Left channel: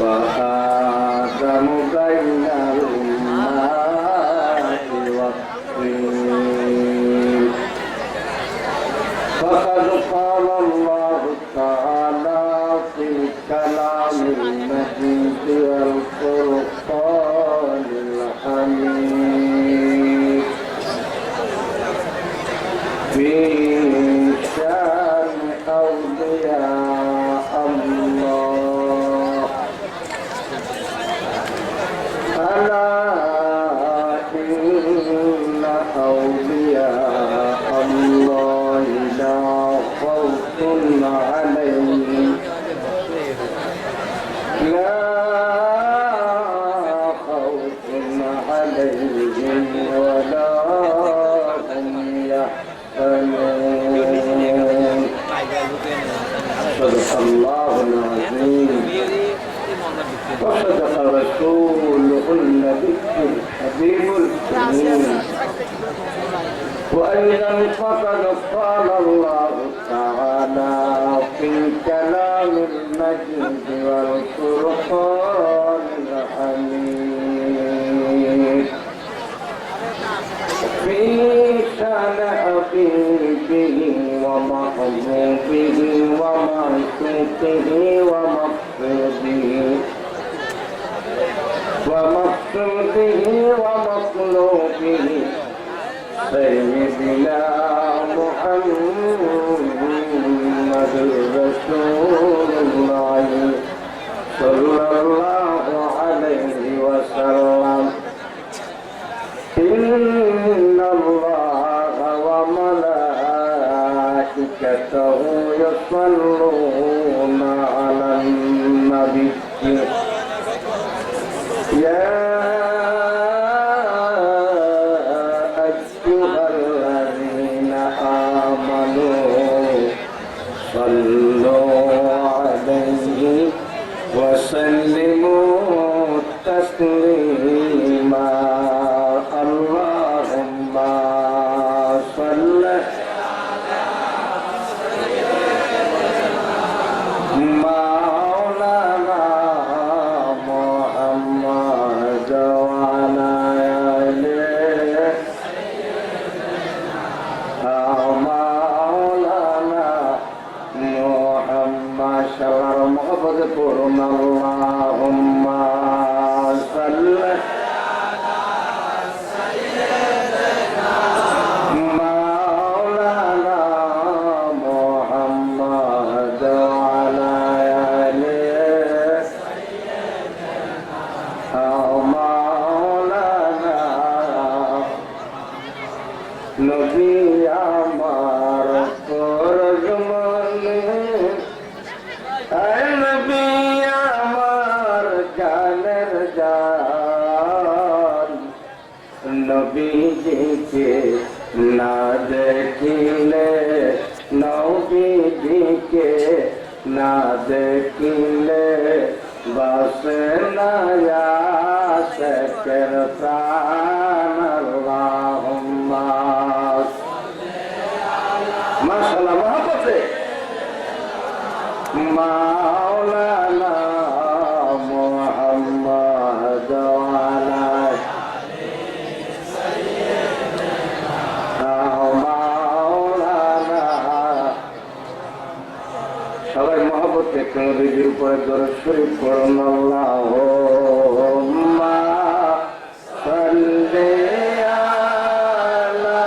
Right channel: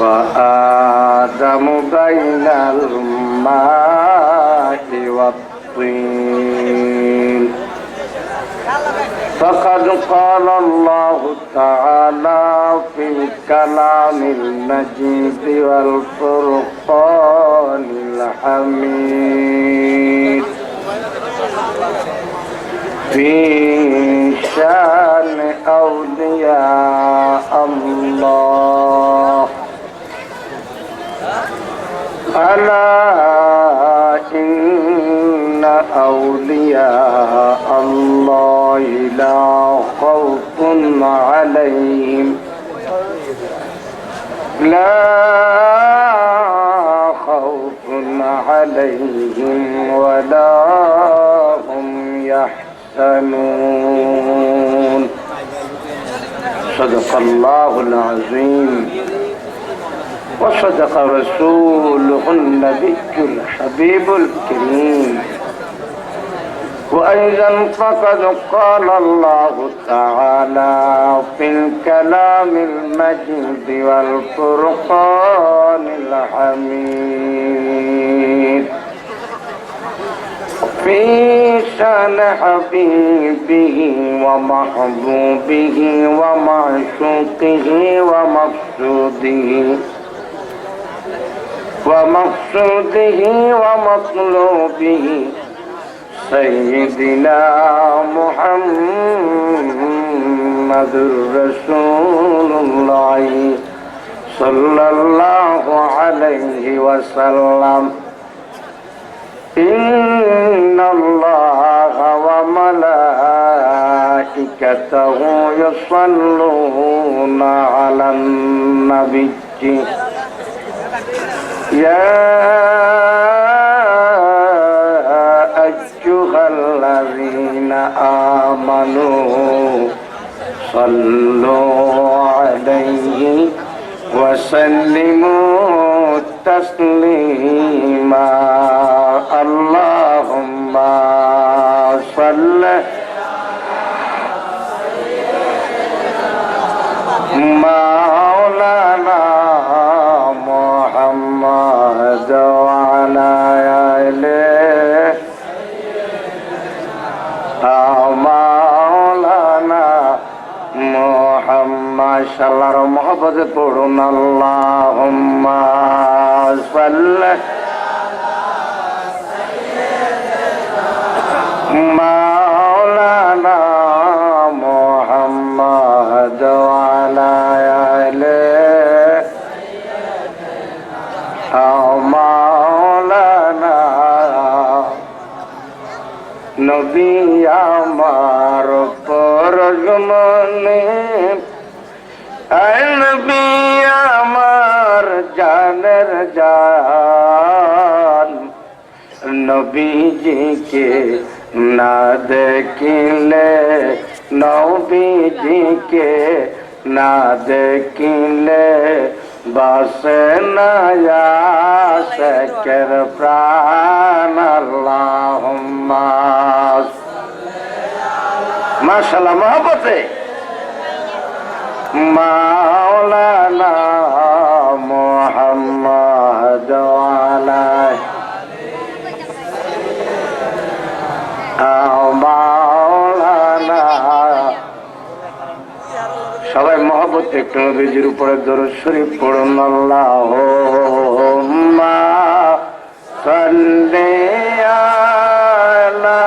وآدم بين الماء والطين فقد قال الله تعالى في الكلام المجيد والفرقان الحميد في شان أولياء الله ألا إن أولياء الله لا خوف عليهم ولا هم يحزنون صدق الله العظيم وصدق رسوله النبي الحبيب الكريم وأيضا فقد قال الله تعالى في الكلام المجيد والفرقان الحميد في شان حبيبه ومحبوبه ومعشوقه ومطلوبه سيدنا محمد رسول الله صلى الله عليه وسلم إن الله وملائكته يصلون على النبي يا أيها الذين آمنوا صلوا عليه وسلموا تسليما اللهم صل مولانا محمد وعلى آله مولانا محمد শাল্লাহর মহব্বতে পড়ুন আল্লাহুম্মা সাল্লি مولانا محمد وعلى آله مولانا নবী আমার পরজমনে নবী আমার জানের জান নবীজিকে না দেখিলে নবীজিকে না দেখিলে বাসে না আশিকের প্রাণ আল্লাহুম্মা মাশাআল্লাহ মহব্বতে মাওলানা মুহাম্মদ ওয়ালা মাওলানা সবাই মহব্বতে একটু নবীজির উপরে দরুদ শরীফ পড়ুন আল্লাহুম্মা সাল্লি আলা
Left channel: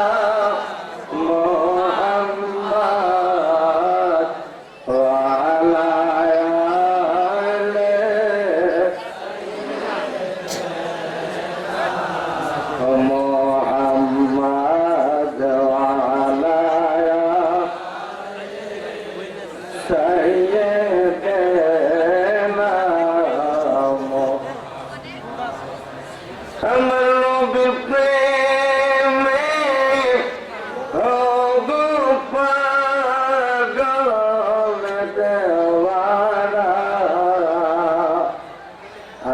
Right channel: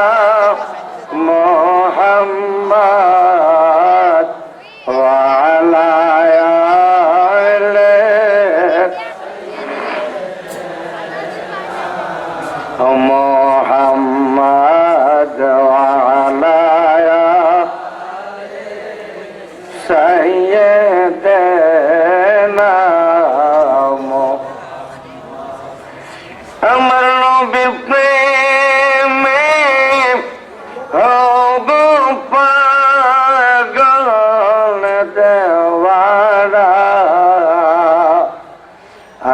মুহাম্মদ ওয়া আলা আলিহি মুহাম্মদ ওয়া আলা সাইয়্যিদানা আমার নবী প্রেমে গো পাগল দেওয়ারা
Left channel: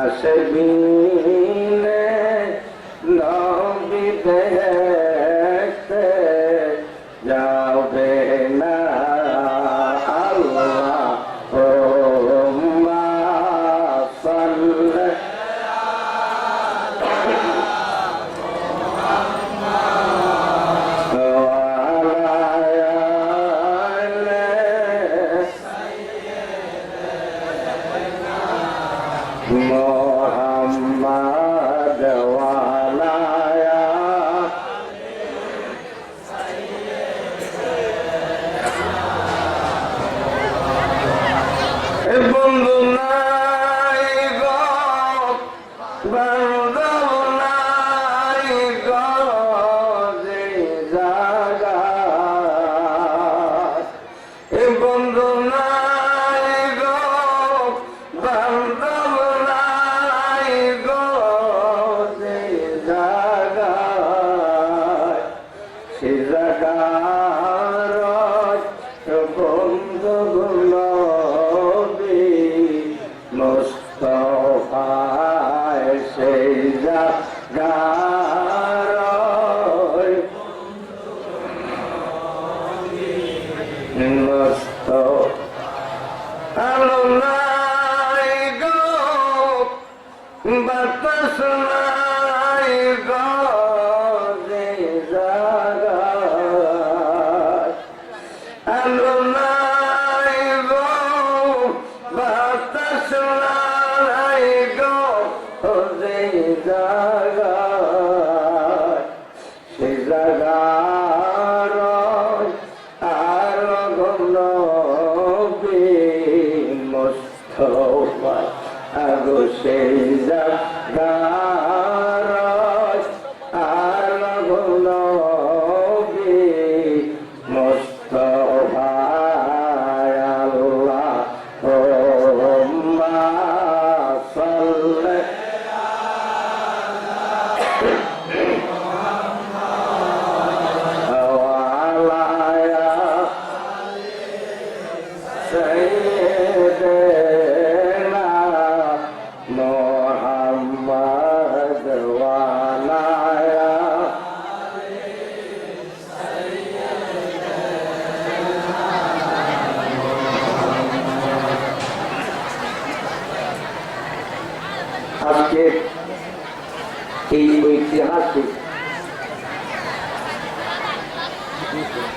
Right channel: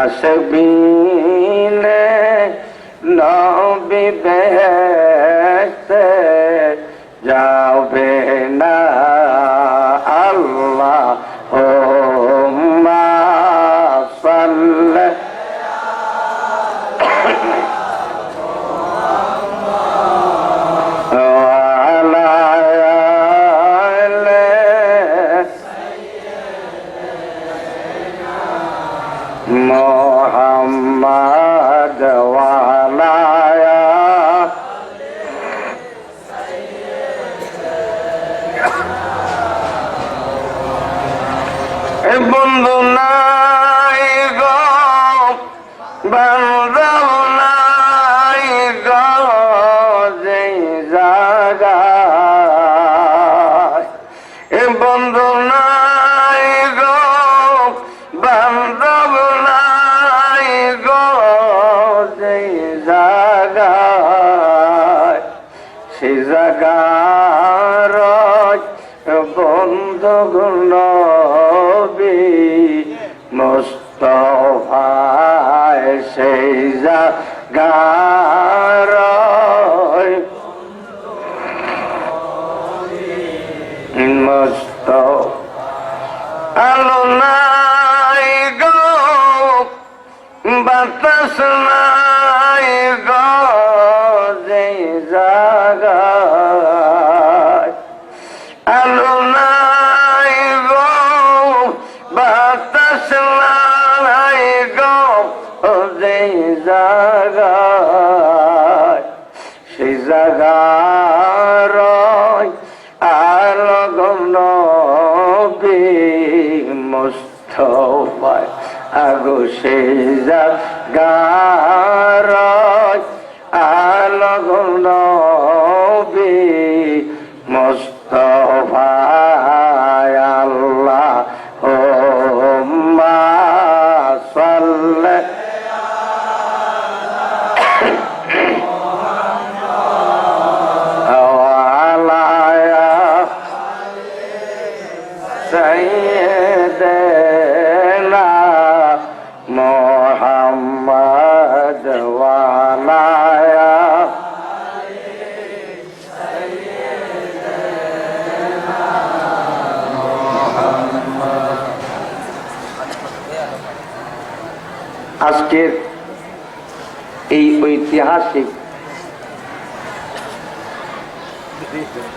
আসবিনে নবী দেখতে যাবে না মোহাম্মদ ওয়ালা বন্ধু নাই গো বান্ধব নাই গো যে জায়গায় বন্ধু নাই গো বান্ধব নাই গো যে জায়গায় সে জায়গার বন্ধু নবী মুস্তাফায় সেই জায়গার মুস্তাফা আলো নাই গো বাতাস নাই গো যে জায়গায় আলো নাই গো বাতাস নাই গো যে জায়গায় সেই জায়গার আলো নবী মুস্তাফায় আগো সেই জায়গার আলো নবী মুস্তাফায় আল্লাহুম্মা সাল্লি সাইয়্যিদিনা মুহাম্মদ ওয়ালা আজকের এই ঐতিহাসিক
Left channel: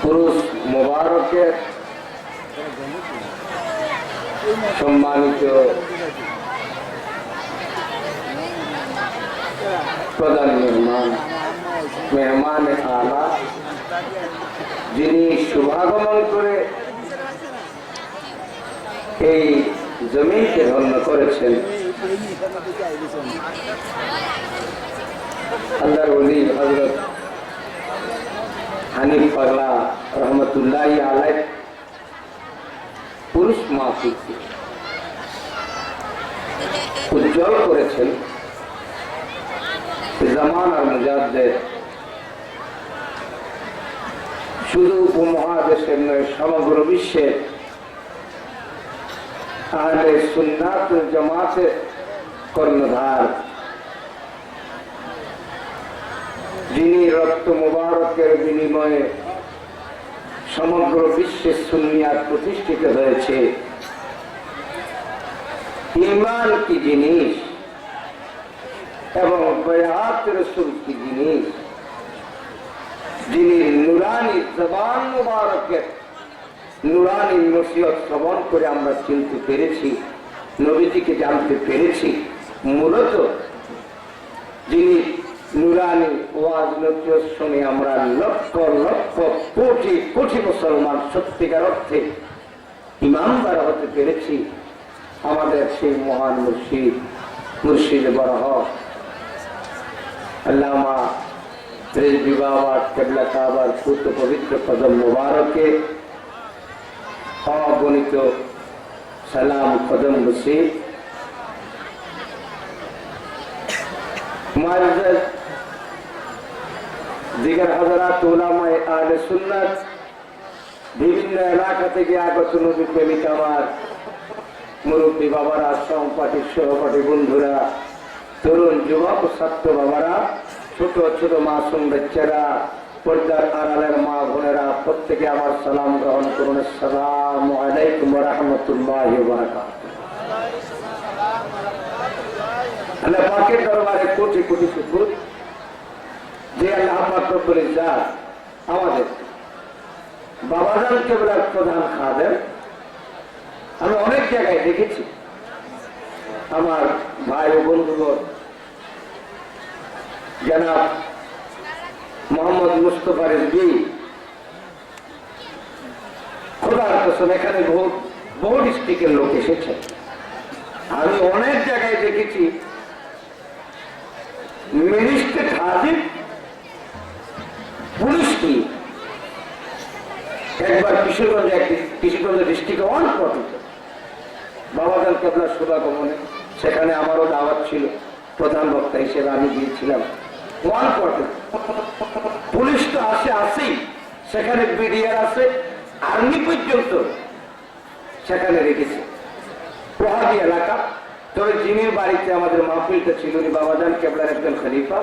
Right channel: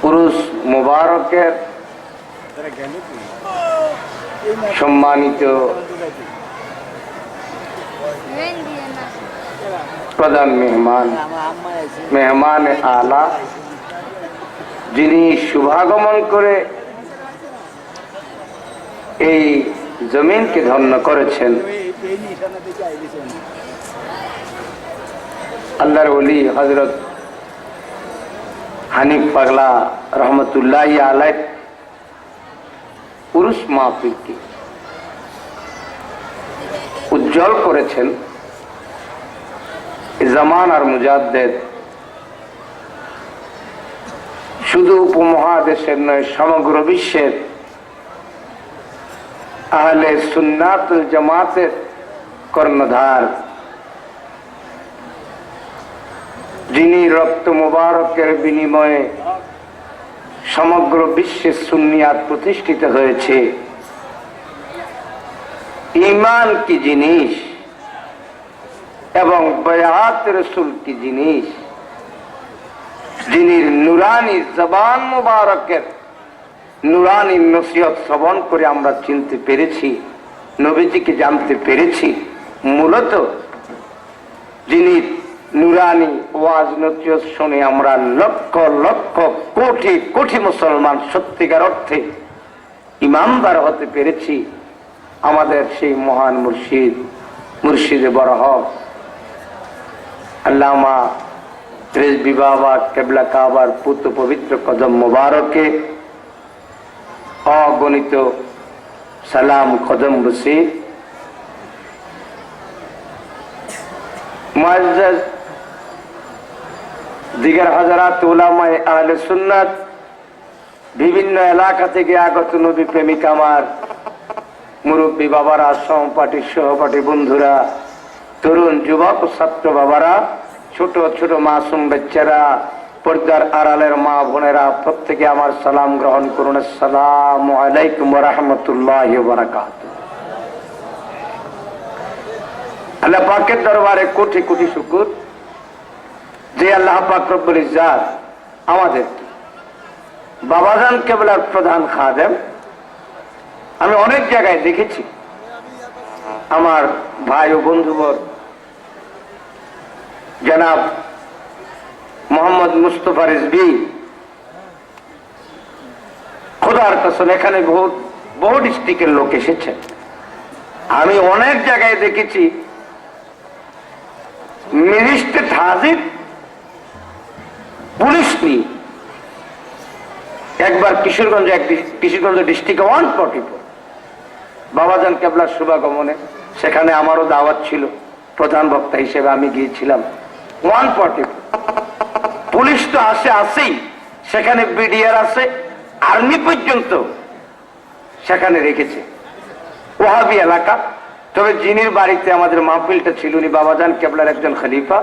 পুরুষ মোবারকের সম্মানিত প্রধান মেহমান আলা যিনি শুভাগমন করে এই জমিনকে ধন্য করেছেন, আল্লাহর ওলি হযরত হানিফ পাগলা রহমতুল্লাহি আলাইহ পুরুষ মাহফিলকে উজ্জ্বল করেছেন। জামানার মুজাদ্দেদ শুধু উপমহাদেশের নয়, সমগ্র বিশ্বের আহলে সুন্নাত ওয়াল জামাতের কর্ণধার, যিনি রক্ত মুবারকের বিনিময়ে সমগ্র বিশ্বে সুন্নিয়াত প্রতিষ্ঠিত হয়েছে। ঈমান কি জিনিস এবং বায়াত রাসূল কি জিনিস, যিনি নুরানি জবান মুবারকের নুরানি নসিহত শ্রবণ করে আমরা চিনতে পেরেছি, নবীজিকে জানতে পেরেছি। মূলত যিনি নুরানি ওয়াজ নসিহত শুনে আমরা লক্ষ লক্ষ কোটি কোটি মুসলমান সত্যিকার অর্থে ইমানদার হতে পেরেছি, আমাদের সেই মহান মুর্শিদে বরহ আল্লামা রিজভী বাবা কেবলা কাবার পুত্র পবিত্র কদম মুবারকে অগণিত সালাম কদম বসির। মুআজ্জাজ দিগার হাজারাত উলামায়ে আহলে সুন্নাত, বিভিন্ন এলাকা থেকে আগত নবী প্রেমিক আমার মুরব্বী বাবারা, সহপাঠী বন্ধুরা, তরুণ যুবক ছাত্র বাবারা, ছোট ছোট মাসুম বাচ্চারা, পর্দার আড়ালের মা বোনেরা, প্রত্যেকে আমার সালাম গ্রহণ করুন। আসসালামু আলাইকুম ওয়া রাহমাতুল্লাহি ওয়া বারাকাতুহু। আল্লাহ পাকের দরবারে কোটি কোটি শুকর যে আল্লাহ পাক রব্বুল ইজ্জাত আমাদের বাবাজান কেবলার প্রধান খাদেম। আমি অনেক জায়গায় দেখেছি আমার ভাই ও বন্ধুবর জনাব মোহাম্মদ মুস্তফা রিজভী, খোদার কসম এখানে বহু ডিস্ট্রিক্টের লোক এসেছেন। আমি অনেক জায়গায় দেখেছি ম্যাজিস্ট্রেট হাজির পুলিশ নিয়ে। একবার কিশোরগঞ্জ ডিস্ট্রিক্টে 140 বাবাজান কেবলার শুভাগমনে, সেখানে আমারও দাওয়াত ছিল, প্রধান বক্তা হিসেবে আমি গিয়েছিলাম। 140 পুলিশ তো আসেই, সেখানে বিডিআর আছে, আর্মি পর্যন্ত সেখানে রেখেছে। ওয়াহাবি এলাকা। তবে যিনি বাড়িতে আমাদের মাহফিলটা ছিল উনি বাবাজান কেবলার একজন খলিফা।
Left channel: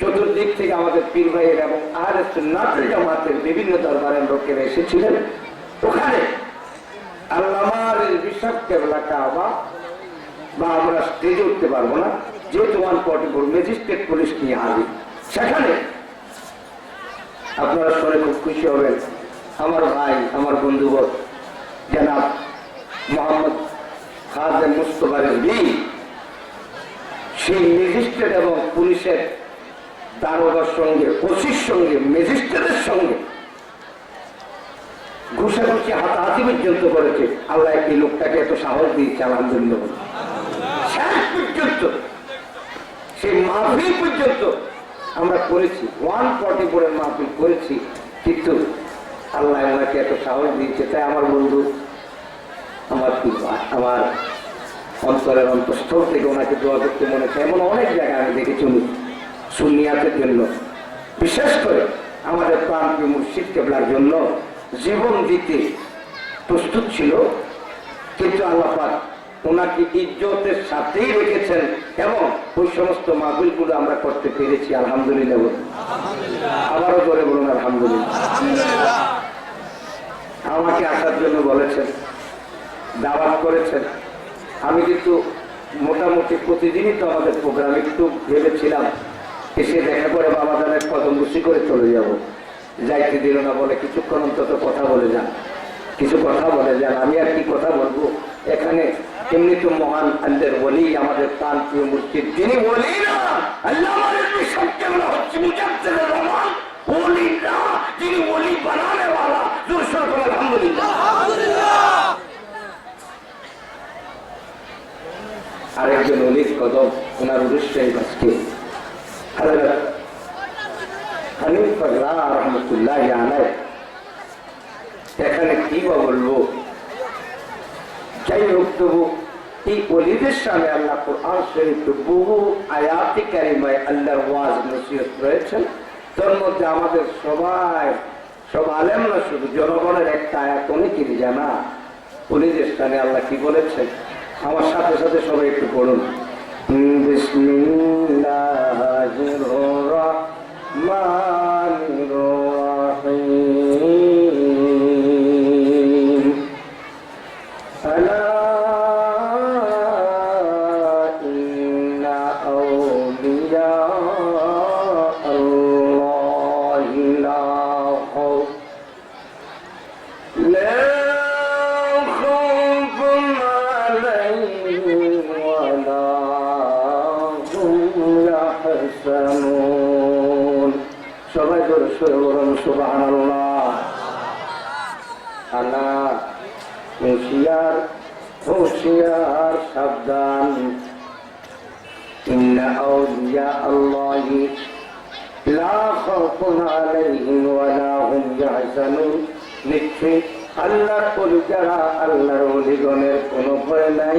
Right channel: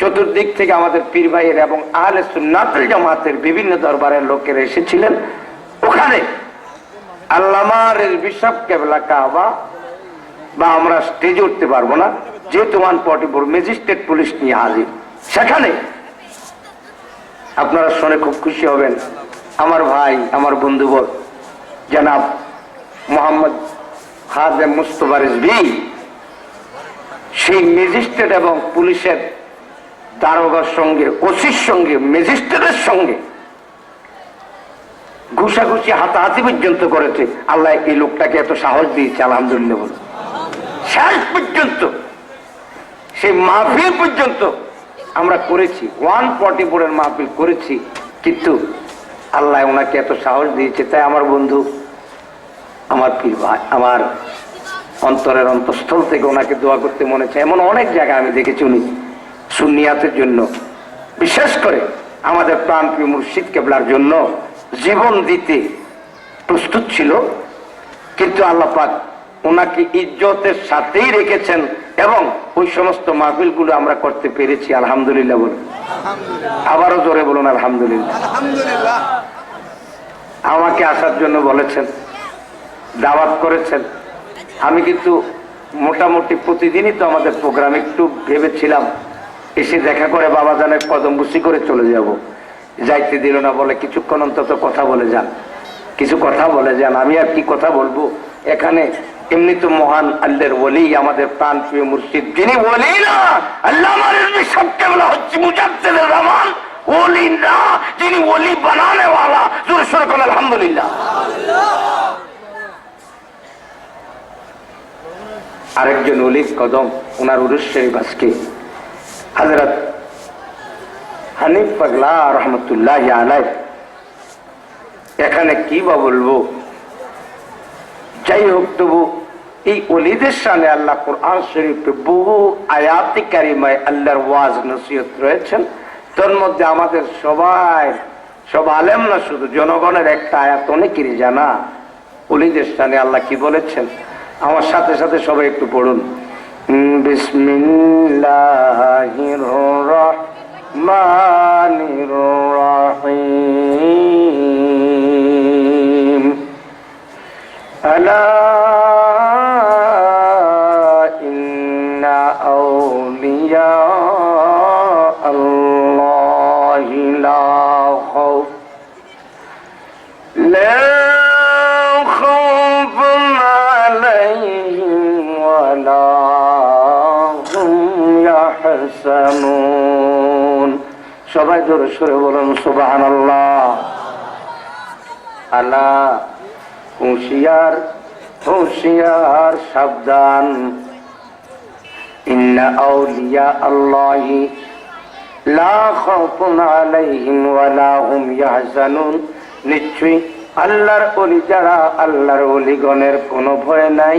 চতুর্দিক থেকে আমাদের পীর ভাইয়ের এবং আহলে সুন্নাতুল জামাতের বিভিন্ন দরবারের লোকেরা এসেছিলেন। ওখানে আল্লামা রিজভী সাহেব কেবলা কাবা বা আমরা স্টেজে উঠতে পারবো না, যেহেতু 144 ম্যাজিস্ট্রেট পুলিশ নিয়ে হাজির। সেখানে আপনারা শুনে খুব খুশি হবেন, আমার ভাই আমার বন্ধুবর জনাব মোহাম্মদ খাদেম মুস্তফা রিজভী সেই ম্যাজিস্ট্রেট এবং পুলিশের দারোগার সঙ্গে, ওসির সঙ্গে, ম্যাজিস্ট্রেটের সঙ্গে ঘুষাঘুষি হাতাহাতি পর্যন্ত করেছে। আল্লাহ এই লোকটাকে এত সাহস দিয়েছে, আলহামদুলিল্লাহ। শেষ পর্যন্ত সেই মাহফিল পর্যন্ত আমরা করেছি, 144 মাহফিল করেছি, কিন্তু আল্লাহ ওনাকে এত সাহস দিয়েছে। তাই আমার বন্ধু, আমার পীর ভাই, আমার অন্তরের অন্তঃস্থল থেকে ওনাকে দোয়া করতে মনে চায়। এমন অনেক জায়গায় আমি দেখেছি উনি সুন্নিয়াতের জন্য, বিশেষ করে আমাদের প্রাণপ্রিয় মুর্শিদ কেবলার জন্য জীবন দিতে প্রস্তুত ছিল। কিন্তু আল্লাহ পাক ওনাকে ইজ্জতের সাথেই রেখেছেন এবং ওই সমস্ত মাহফিলগুলো আমরা করতে পেরেছি, আলহামদুলিল্লাহ বলুন। আবারও জোরে বলুন আলহামদুলিল্লাহ। আমাকে আসার জন্য বলেছেন, দাওয়াত করেছেন। আমি কিন্তু মোটামুটি প্রতিদিনই তো আমাদের প্রোগ্রাম, একটু ভেবেছিলাম এসে দেখা করে বাবাজানের কদম বুসি করে চলে যাব, যাইতে দিল না, বলে কিছুক্ষণ অন্তত কথা বলে যান, কিছু কথা বলে যান। আমি আর কি কথা বলবো এখানে? এমনি তো মহান আল্লাহর ওলি, আমাদের প্রাণ প্রিয় মুর্শিদ, যিনি ওলি না, আল্লামা রিজভী সাহেব কেবলা হচ্ছে মুজাদ্দিদুর রহমান, ওলি না, যিনি ওলি বানানে ওয়ালা। জোরে সোরে বলেন আলহামদুলিল্লাহ। আরেকজন ওলির কদম, ওনার উরুস শরীফ আজকে হযরত হানিফ পাগলা রহমতুল্লাহ আলাইহি। এখানে কি বা বলবো, যাই হোক, তবু এই ওলিদের সামনে আল্লাহ কুরআন শরীফে বহু আয়াতে কারিমায় আল্লাহর ওয়াজ নসিহত রয়েছেন। তোর মধ্যে আমাদের সব আলেম না, শুধু জনগণের একটা আয়াত অনেকেরই জানা। ওলিদের সামনে আল্লাহ কি বলেছেন, আমার সাথে সাথে সবাই একটু পড়ুন। বিসমিল্লাহির রহমানির রহিম। আলা ইন্না আউলিয়া আল্লাহি লা খাউফ সবাই জোরে সরে বলুন সুবহানাল্লাহ। আলা, হুঁশিয়ার হুঁশিয়ার, সাবধান। ইন্না আউলিয়া আল্লাহি লা খাউফুন আলাইহিম ওয়া লা হুম ইয়াহজানুন। নিশ্চয়ই আল্লাহর ওলি যারা, আল্লাহর ওলিগণের কোনো ভয় নাই,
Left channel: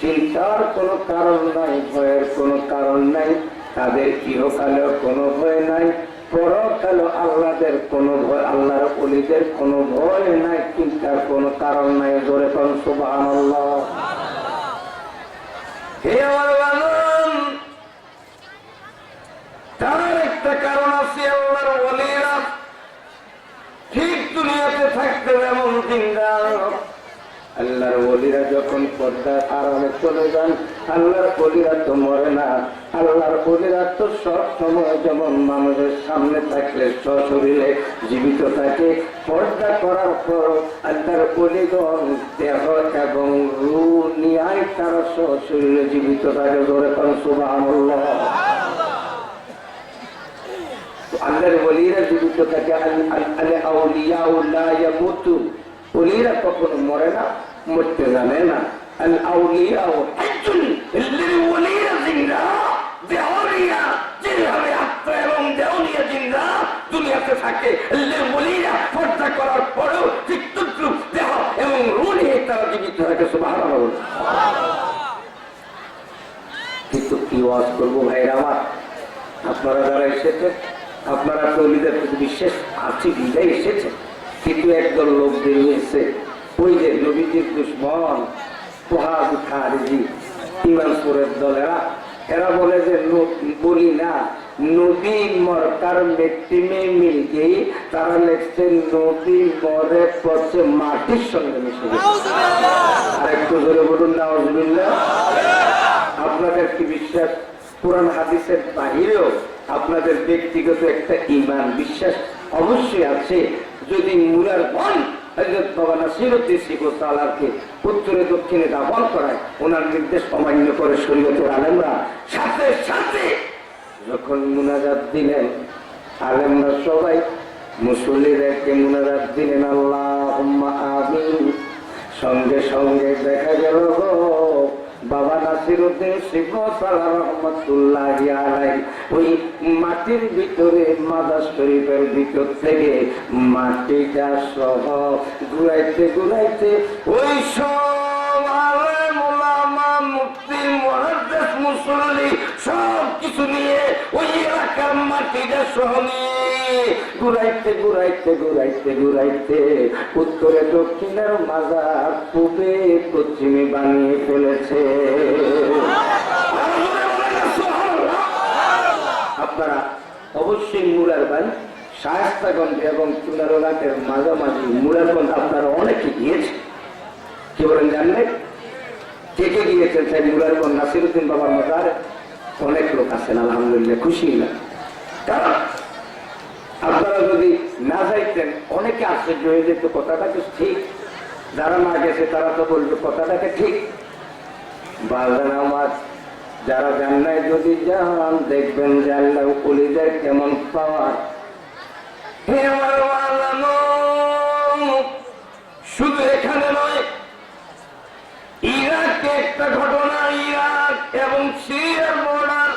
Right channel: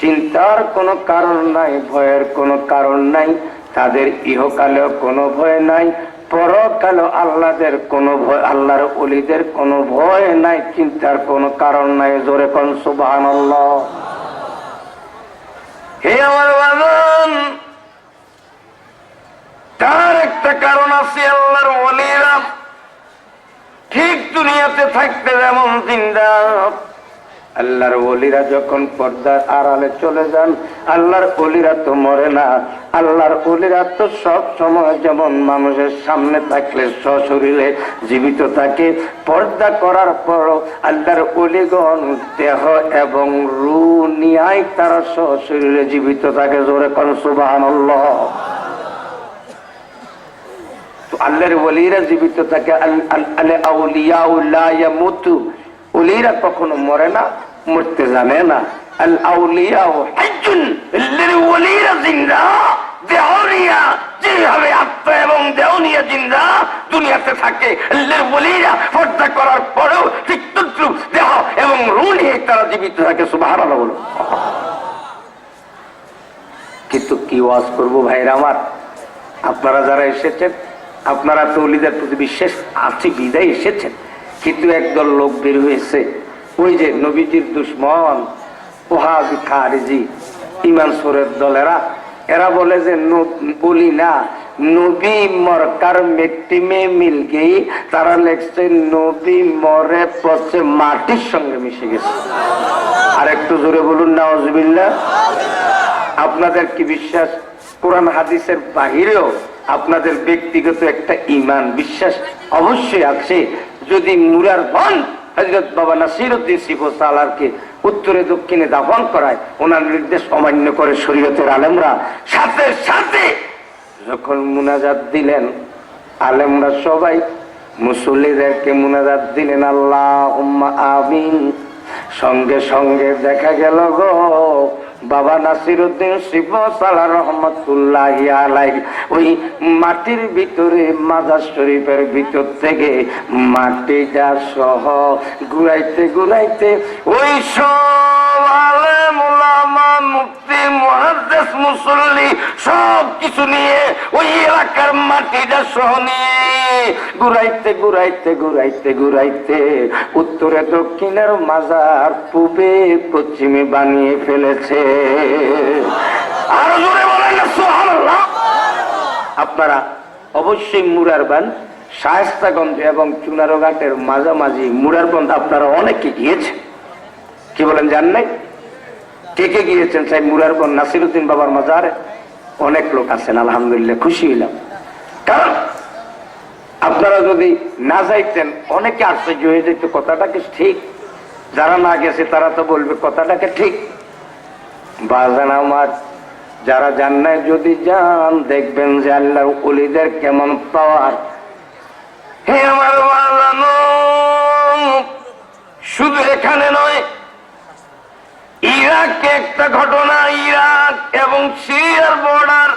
চিন্তার কোনো কারণ নাই, ভয়ের কোনো কারণ নাই। তাদের ইহকালেও কোনো ভয় নাই, পরকালেও আল্লাহদের কোনো ভয়, আল্লাহর ওলিদের কোনো ভয় নাই, চিন্তার কোনো কারণ নাই। জোরে কোন সুবহানাল্লাহ। হে আমার বাজান, তার একটা কারণ আছে। আল্লাহর ওলিরা ঠিক দুনিয়াতে থাকতে যেমন জিন্দা, আল্লাহর ওলিরা যখন পর্দার আড়ালে চলে যান, আল্লাহর ওলিরা তো মরে না। আল্লাহর ওলিরা তো সব সময় যেমন মানুষের সামনে থাকলে সশরীরে জীবিত থাকে, পর্দা করার পর আল্লাহর ওলিগণ দেহ এবং রূহ নিয়াই তারা সশরীরে জীবিত থাকে। জোরে কোন সুবহানাল্লাহ। আল্লাহর ওলিরা জীবিত থাকে। আল আউলিয়াউ লা ইয়ামুতু, ওলিরা কখনো মরে না, মরতে জানে না। আল আউলিয়াউ হাজ্জুন, আল্লাহর ওলিরা জিন্দা, দেহরিয়া যেভাবে আত্মা এবং দেহ নিয়ে জিন্দা দুনিয়াতে থাকে, আল্লাহর ওলিরা পর্দা করার পরেও ঠিক তদ্রুপ দেহ এবং রূহ নিয়ে তারা জীবিত থাকে। সুবহানাল্লাহ। কিন্তু কি ওয়াজ করবো ভাইরা আমার, আপনারা যারা এসেছেন, আপনারা তো ওলিদের প্রতি বিশ্বাস আছে বিদায় এসেছেন, কিন্তু একদল লোক বের হয়েছে, ওই যে নবীজির দুশ্মন ওয়াহাবি খারিজি ইমানসুরের দলেরা, এরা বলে যে বলি না নবী মরকার মিট্টি মে মিল গেই, তারা লেখছে নবী মরে পচে মাটির সঙ্গে মিশে গেছে। আর একটু জোরে বলুন নাউজুবিল্লাহ। আপনাদের কি বিশ্বাস কোরআন হাদিসের বাহিরেও আপনাদের ব্যক্তিগত একটা ঈমান বিশ্বাস অবশ্যই আছে? যদি মুরার ধন হযরত বাবা নাসিরউদ্দিন সিফাসালারকে উত্তরে দক্ষিণে দাফন করায়, ওনার নির্দেশ অমান্য করে শরীয়তের আলেমরা, সাথে সাথে যখন মুনাজাত দিলেন আলেমরা সবাই মুসল্লিদেরকে মুনাজাত দিলেন আল্লাহুম্মা আমিন, সঙ্গে সঙ্গে দেখা গেল গো বাবা নাসিরউদ্দিন সিফাসালার রহমাতুল্লাহি আলাইহি ওই মাটির ভিতরে মাজার শরীফের ভিতর থেকে মাটিটা সহ ঘুরাইতে ঘুরাইতে ওই সব আলেম ওলামা মুফতি মুহাদ্দিস মুসল্লি সব কিছু নিয়ে ওই এলাকার মাটিটা সহ নিয়ে ঘুরাইতে ঘুরাইতে ঘুরাইতে ঘুরাইতে উত্তরে দক্ষিণের মাজার পূবে পশ্চিমে বানিয়ে ফেলেছে। আরো জোরে বলেন না সুবহানাল্লাহ। আপনারা অবশ্যই মুরারবান শায়েস্তাগঞ্জ এবং চুনারঘাটের মাঝামাঝি মুরারগঞ্জ আপনারা অনেকে গিয়েছেন, কি বলেন জান নাই? কে কে গিয়েছেন? সাহেব মুরারগঞ্জ নাসিরউদ্দিন বাবার মাজারে অনেক লোক আছেন, আলহামদুলিল্লাহ খুশি হইলাম। কারণ আপনারা যদি না যাইতেন অনেকে আশ্চর্য হয়ে যেত, কথাটাকে ঠিক, যারা না গেছে তারা তো বলবে কথাটাকে ঠিক। বাজান আমার, যারা যান নাই যদি যান, দেখবেন যে আল্লাহর ওলিদের কেমন পাওয়ার। হে আমার বাজানো, শুধু এখানে নয়, ইরাকে একটা ঘটনা, ইরাক এবং সিরিয়ার বর্ডার,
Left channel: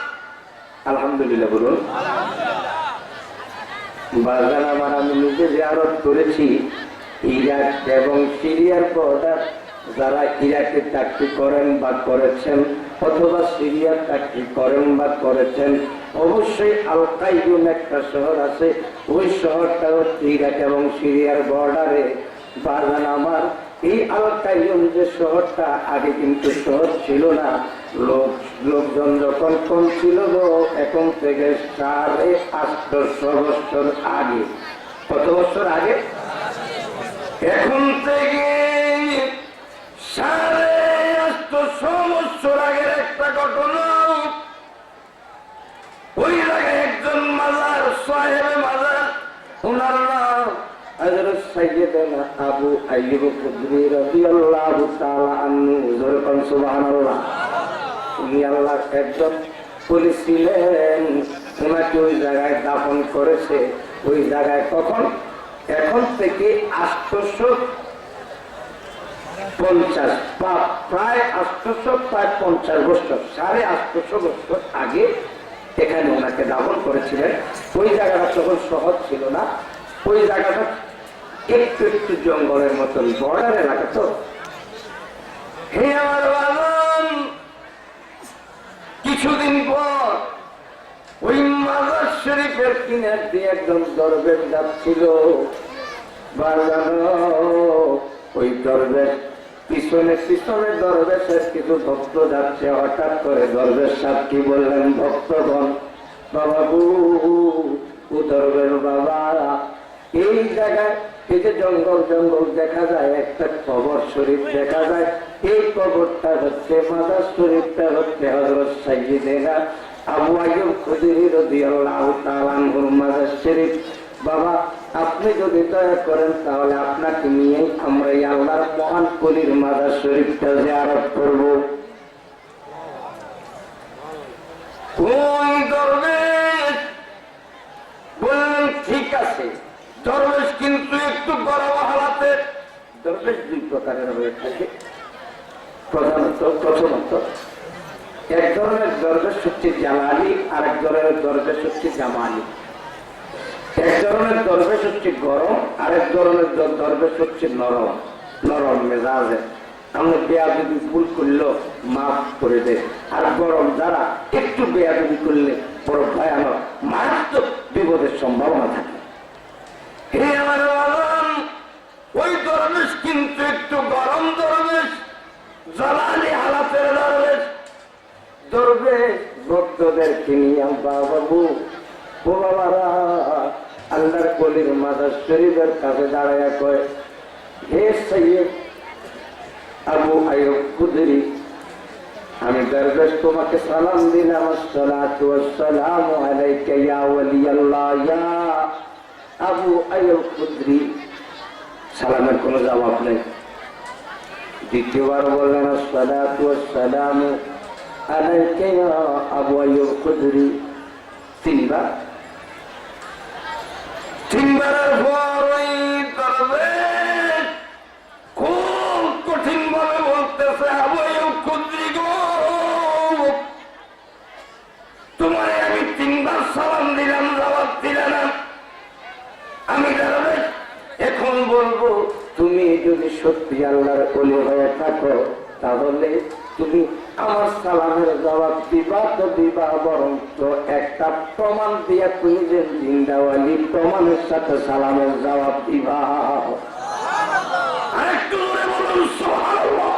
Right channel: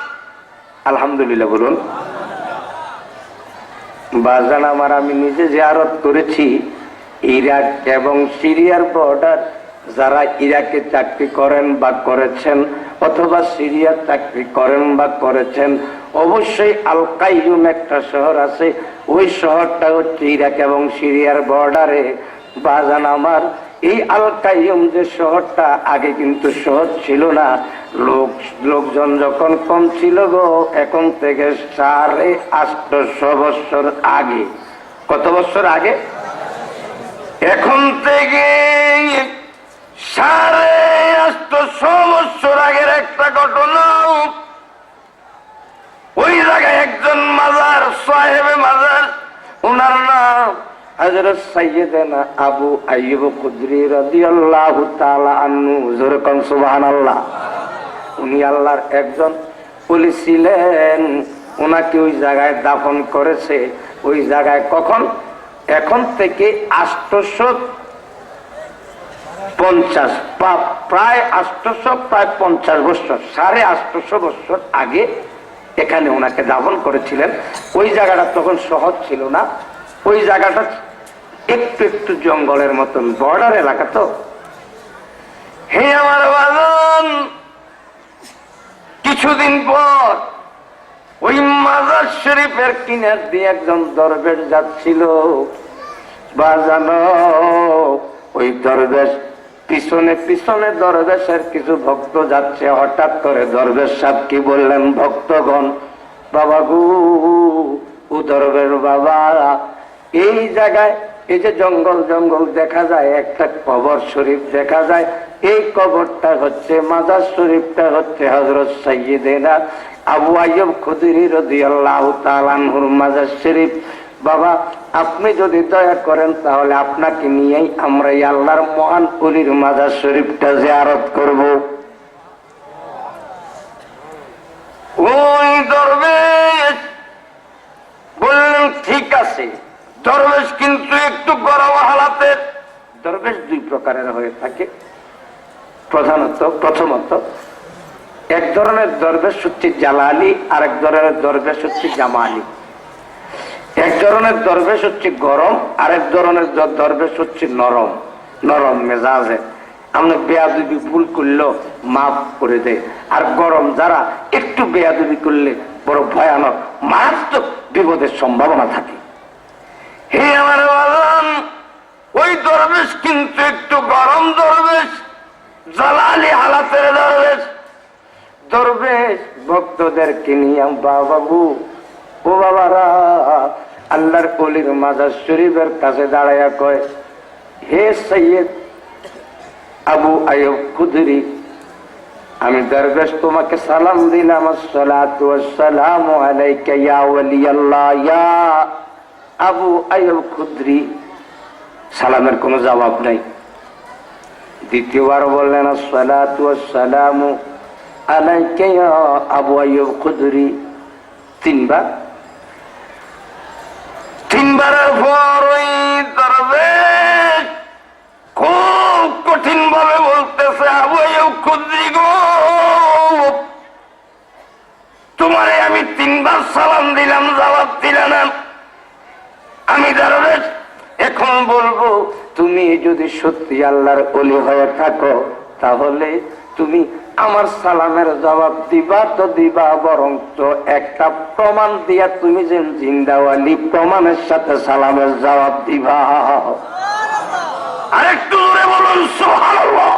আলহামদুলিল্লাহ বলুন। বাজান আমার, আমি নিজে জিয়ারত করেছি ইরাক এবং সিরিয়ার বর্ডার। যারা ইরাকে চাকরি করেন বা করেছেন অথবা সিরিয়ার চাকরি করেন বা করেছেন, অবশ্যই আল কাইয়ুম একটা শহর আছে, ওই শহরটা হচ্ছে ইরাক এবং সিরিয়ার বর্ডারে। বাজান আমার, এই আল কাইয়ুম যে শহরটা আগে কিন্তু শহর ছিল না, লোকজন যখন কম ছিল গো, এখন থেকে 850 বছর আগে। কত বছর আগে? এখন থেকে 850 বছর আগের একটা ঘটনা। ওই জায়গায় একজন মাজার, সাহেবে মাজার, ওনার নাম হযরত সাইয়্যিদানা আবু আইয়ুব খুদরি রাদিয়াল্লাহু তাআলা আনহু। জোরে কোন সুবহানাল্লাহ। উনি আল্লাহর একজন ওলি ছিলেন, ওনাকে ওই জায়গায় দাফন করেছে। ওই জায়গায় কখন? এখন থেকে 850, প্রায় 850 বছর, 850 বছর আগে এখানে ওনাকে দাফন করেছিলেন। ওই জায়গাটা তখন সহজ ছিল না, ওই জায়গাটা একটু একটু জঙ্গলের মতন, বর্ডার এলাকা তো। হে আমার বাজন, কিছুদিন পর ওই মাজার শরীফের কিনার দিয়ে একজন দরবেশ যাচ্ছিল। বাজানো, ওই দরবেশ পিছনে পিছনে দরবেশের কিছু ভক্ত যাচ্ছে। হঠাৎ করে দরবেশ সাহেব কি বললেন, ভক্তগণ, বাবা গু, ও দরবেশ বাবা, এই জায়গায় এই যে জঙ্গল জঙ্গল দেখা যায়, একটা কবর শরীফ দেখা যায়, এই কবরটা হচ্ছে মাজার শরীফটা হচ্ছে হযরত সাইয়্যিদেনা আবু আইয়ুব খুদরি রাদিয়াল্লাহু তাআলা আনহুর মাজার শরীফ। বাবা, আপনি যদি দয়া করেন তাহলে আপনাকে নিয়েই আমরা এই আল্লাহর মহান ওলির মাজার শরীফটা জিয়ারত করব। ওই দরবেশ বললেন ঠিক আছে। দরবেশ কিন্তু একটু গরম হালাতে। দরবেশ দুই প্রকারের হয়ে থাকে। প্রথমত এক ধরনের দরবেশ হচ্ছে জালালি, আর এক ধরনের দরবেশ হচ্ছে জামালি। এক ধরনের দরবেশ হচ্ছে গরম, আর এক ধরনের দরবেশ হচ্ছে নরম, নরম মেজাজে। আমরা বেয়াদবি ভুল করলেও মাফ করে দেয়। আর গরম যারা একটু বেয়াদবি করলে বড় ভয়ানক মারাত্মক বিপদের সম্ভাবনা থাকে। হে আমার বাজান, ওই দরবেশ কিন্তু একটু গরম দরবেশ, জালালি হালাতের দরবেশ। দরবেশ ভক্তদেরকে নিয়ে বাবু ও বাবারা আল্লাহর ওলির মাজার শরীফের কাছে দাঁড়াইয়া কয়, হে সৈয়দ আবু আইয়ুব খুদরি, আমি দরবেশ তোমাকে সালাম দিলাম। আসসালাতু ওয়াসসালামু আলাইকা ইয়া ওয়ালিয়াল্লাহ ইয়া আবু আইয়ুব খুদরি। সালামের কোনো জবাব নাই। দ্বিতীয়বার বললেন আসসালাতু ওয়াসসালামু আলাইকা ইয়া আবু আইয়ুব খুদরি। তিনবারের পর ওই দরবেশ খুব কঠিন ভাবে বলতেছে, আবু আইয়ুব খুদরি গো, তোমারে আমি তিনবার সালাম দিলাম, জবাব দিলে না। আমি দরবেশ এখন বলবো, তুমি যদি সত্যি আল্লাহর ওলি হয়ে থাকো তাহলে তুমি আমার সালামের জবাব দিবা তো দিবা, বরং তো একটা প্রমাণ দিয়া তুমি যে জিন্দাওয়ালি প্রমাণের সাথে সালামের জবাব দিবা। আরেকটু জোরে বলুন সুবহানাল্লাহ।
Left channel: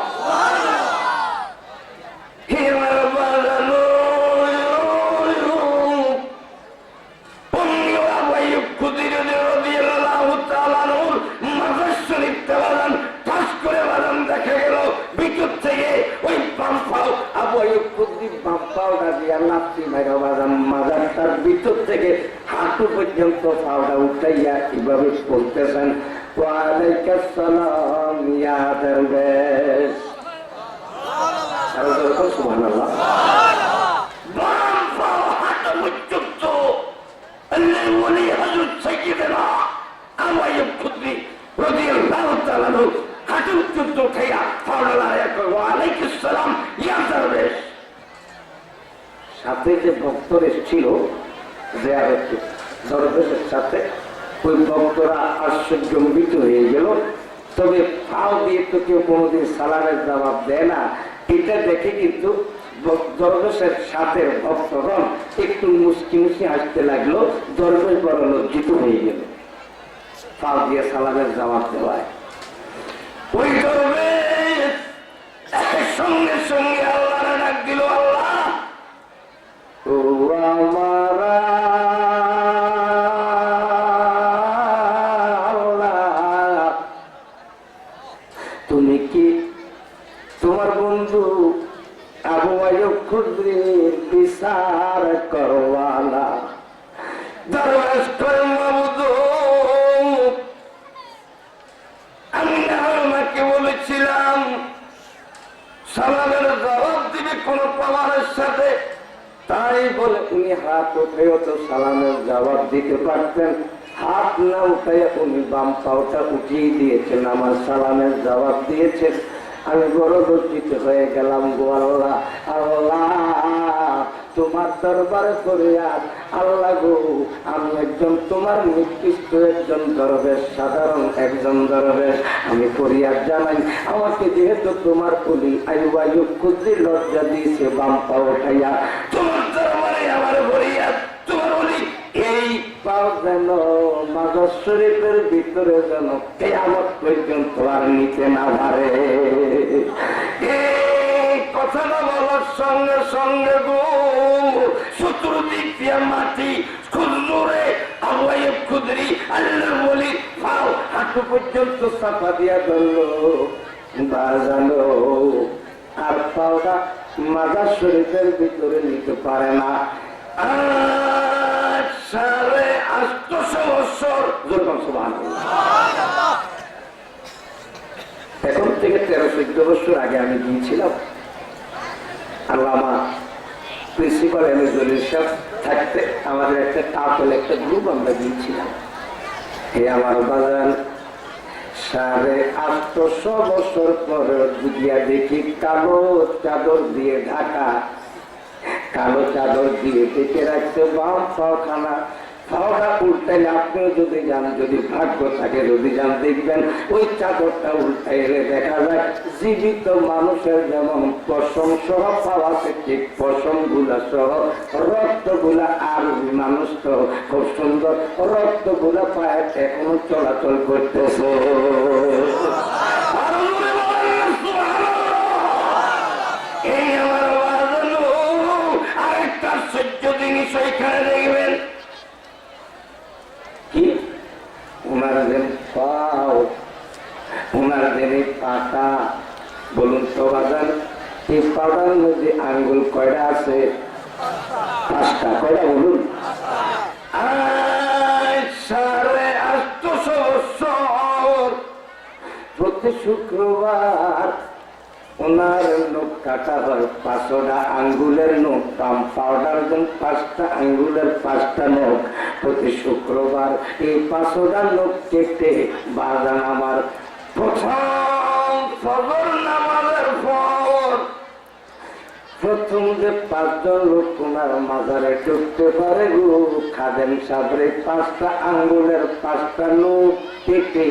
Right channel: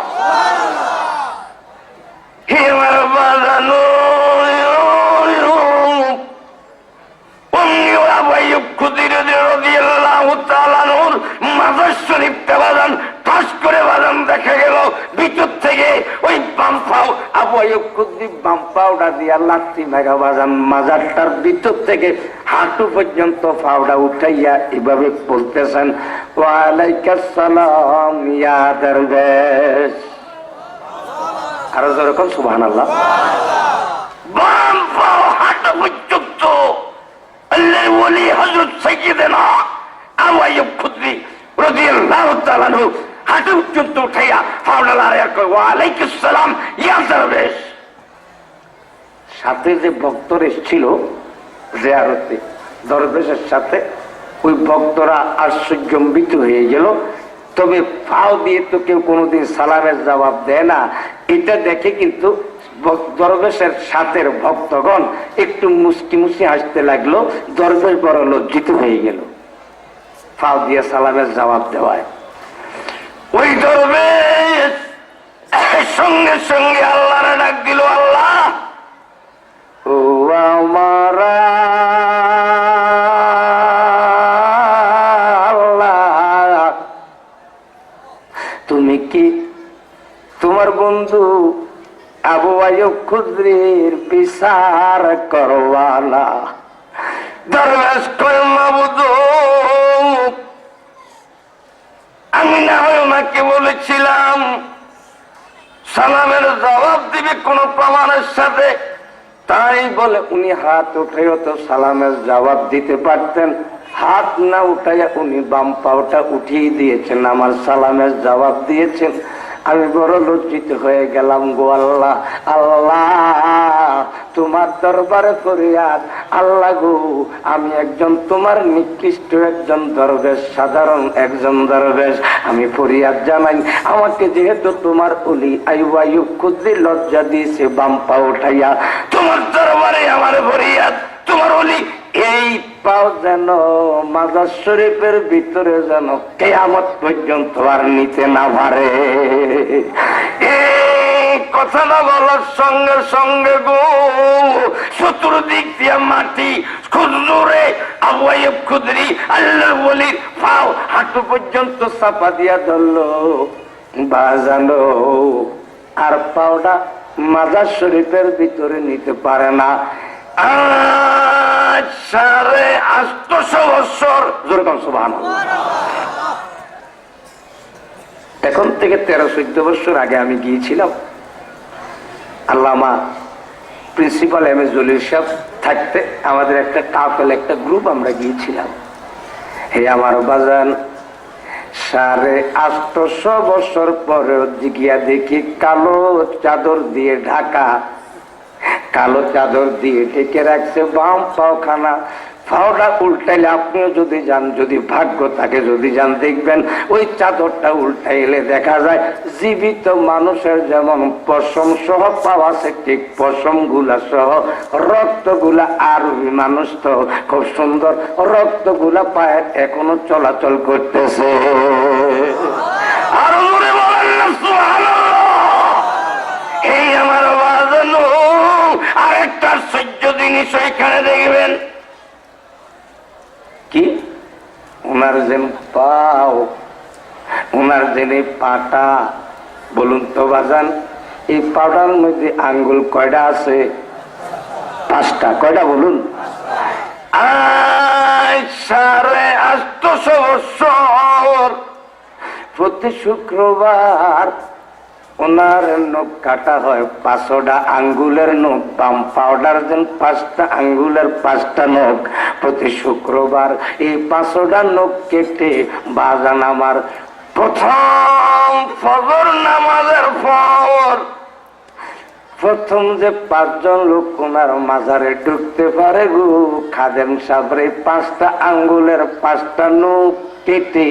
হে আমার বাজানো, আবু আইয়ুব খুদরি রাদিয়াল্লাহু তাআলা আনহুর মাজার শরীফটা বাজান ঠাস করে বাজান দেখা গেল ভিতর থেকে ওই বাম পাও আবু আইয়ুব খুদরি বাম পাওটা দিয়া লাথি মারা বাজান মাজারটার ভিতর থেকে হাঁটু পর্যন্ত পাওটা উঠাইয়া এভাবে বলতেছেন, ওয়া আলাইকাস সালাম ইয়া দরবেশ। আরো যেরকম সুবহানাল্লাহ। বাম পাও হাঁটু পর্যন্ত আল্লাহর ওলি হযরত সাইয়্যিদেনা আবু আইয়ুব খুদরি রাদিয়াল্লাহু তাআলা আনহু হাঁটু পর্যন্ত উঠাইয়া পাওটা লাড়াইয়া কয়, ওয়া আলাইকুস সালাম ইয়া দরবেশ। সাথে যে ভক্তরা এসেছিল জিয়ারতে দরবেশের সাথে, ওই ভক্তরা আশ্চর্যম্বিত হয়ে গেল। তবে পাও দিয়ে তো কেউ কোনোদিন সালামের জবাব দেয় না, এটা দেখে কিন্তু দরবেশের সাথে ভক্তগণ একটু মুস্কি মুস্কি হাসতে লাগলো। দরবেশ বড় লজ্জিত হয়ে গেল পাও দিয়ে সালামের জবাব দেওয়ায়। ওই দরবেশ সঙ্গে সঙ্গে আল্লাহরে ডাক দিল, আল্লাহ ও আমার আল্লাহ, তুমি কি তোমার বন্ধু আবু আইয়ুব খুদরির বিচার করওয়ালা? দরবেশ কয়, মাবুদ, আমি না হয় ওনাকে বলেছিলাম সালামের জবাব দিবে কোন প্রমাণের সাথে, তাই বলে উনি হাত উঠেও তো সালামের জবাব দিতে পারতেন। হাত না উঠাইয়া উনি বাম পাওটা উঠিয়ে দিয়েছেন, আমার সালামের জবাব দিয়েছেন। আমি বড় লজ্জিত হয়ে গেলাম গো আল্লাহ। আল্লাহ তোমার দরবারে ফরিয়াদ, আল্লাহ গো, আমি একজন তোমার নিকৃষ্ট একজন দরবেশ, সাধারণ একজন দরবেশ, আমি ফরিয়াদ জানাই, আমাকে যেহেতু তোমার ওলি আইয়ুব খুদরি লজ্জা দিয়েছে বাম পা উঠাইয়া, তোমার দরবারে আমার ফরিয়াদ, তোমার ওলি এই পাও যেন মাজার শরীফের ভিতরে যেন কিয়ামত পর্যন্ত আর নিতে না পারে। এই কথাটা বলার সঙ্গে সঙ্গে গো চতুর্দিক দিয়ে মাটি খুদরে আবু আইয়ুব খুদরি আল্লাহর ওলির পাও হাঁটু পর্যন্ত চাপা দিয়া ধরলো বাজানো আর পাওটা মাজার শরীফের ভিতরে নিতে পারে না। 850 বছর যেরকম সুবহানাল্লাহ। এখন থেকে 13-14 বছর আগে আমি গিয়েছিলাম আল্লামা প্রিন্সিপাল এম এ জলিল সাহেব থাকতে আমাদের একটা কাফেলা একটা গ্রুপ আমরা গিয়েছিলাম। হে আমার বাজান 850 বছর পরে গিয়া দেখি কালো চাদর দিয়ে ঢাকা, কালো চাদর দিয়ে ঢেকে রাখছে বাম পাওখানা। পাওটা উল্টাইলে আপনিও যদি যান, যদি ভাগ্য থাকে যদি যান, দেখবেন ওই চাদরটা উল্টাইলে দেখা যায় জীবিত মানুষের যেমন পশম সহ পাওয়া আছে, ঠিক পশম গুলা সহ রক্ত গুলা। আর মানুষ তো খুব সুন্দর রক্ত গুলা পায়ে এখনো চলাচল করতেছে। আর এই আমার বাজানো আরেকটা সহ্য জিনিস এখানে দেখবেন কি ওনার যে পাও, ওনার যে পাটা, বলুন তো বাজান এই পাটার মধ্যে আঙ্গুল কয়টা আছে? 5টা। কয়টা বলুন? 850 বছর প্রতি শুক্রবার ওনার নখ কাটা হয় 5টা আঙ্গুলের নখ। বাম পাউডার দেন 5টা আঙ্গুলের 5টা নখ প্রতি শুক্রবার। এই 5টা নখ কেটে বাজান আমার প্রথম ফজর নামাজের পর প্রথম যে 5 জন লোক ওনার মাজারে ঢুকতে পারে গো খাদেম সাবরে 5টা আঙ্গুলের 5টা নখ কেটে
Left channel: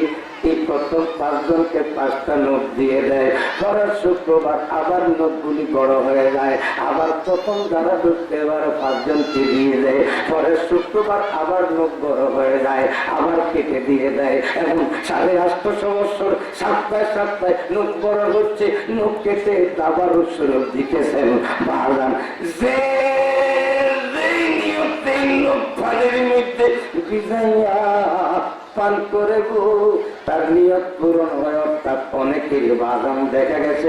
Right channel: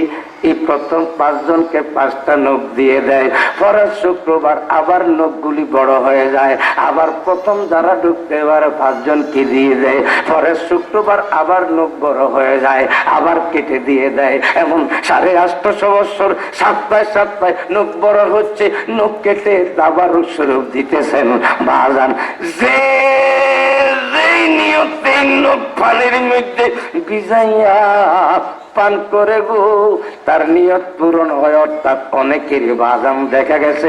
এই প্রথম 5 জনকে 5টা নখ দিয়ে দেয়। পরের শুক্রবার আবার নখগুলি বড় হয়ে যায়, আবার প্রথম যারা ঢুকতে পারে 5 জনকে দিয়ে দেয়। পরের শুক্রবার আবার নখ বড় হয়ে যায়, আবার কেটে দিয়ে দেয়। এবং 850 বছর সপ্তাহে সপ্তাহে নখ বড় হচ্ছে, নখ কেটে আবার স্বরূপ দিতেছেন বাজান। যে নিয়তে নখ পানির মধ্যে ভিজাইয়া পান করে গো তার নিয়ত পূরণ হয়। অর্থাৎ অনেকেরই বাজাম দেখা গেছে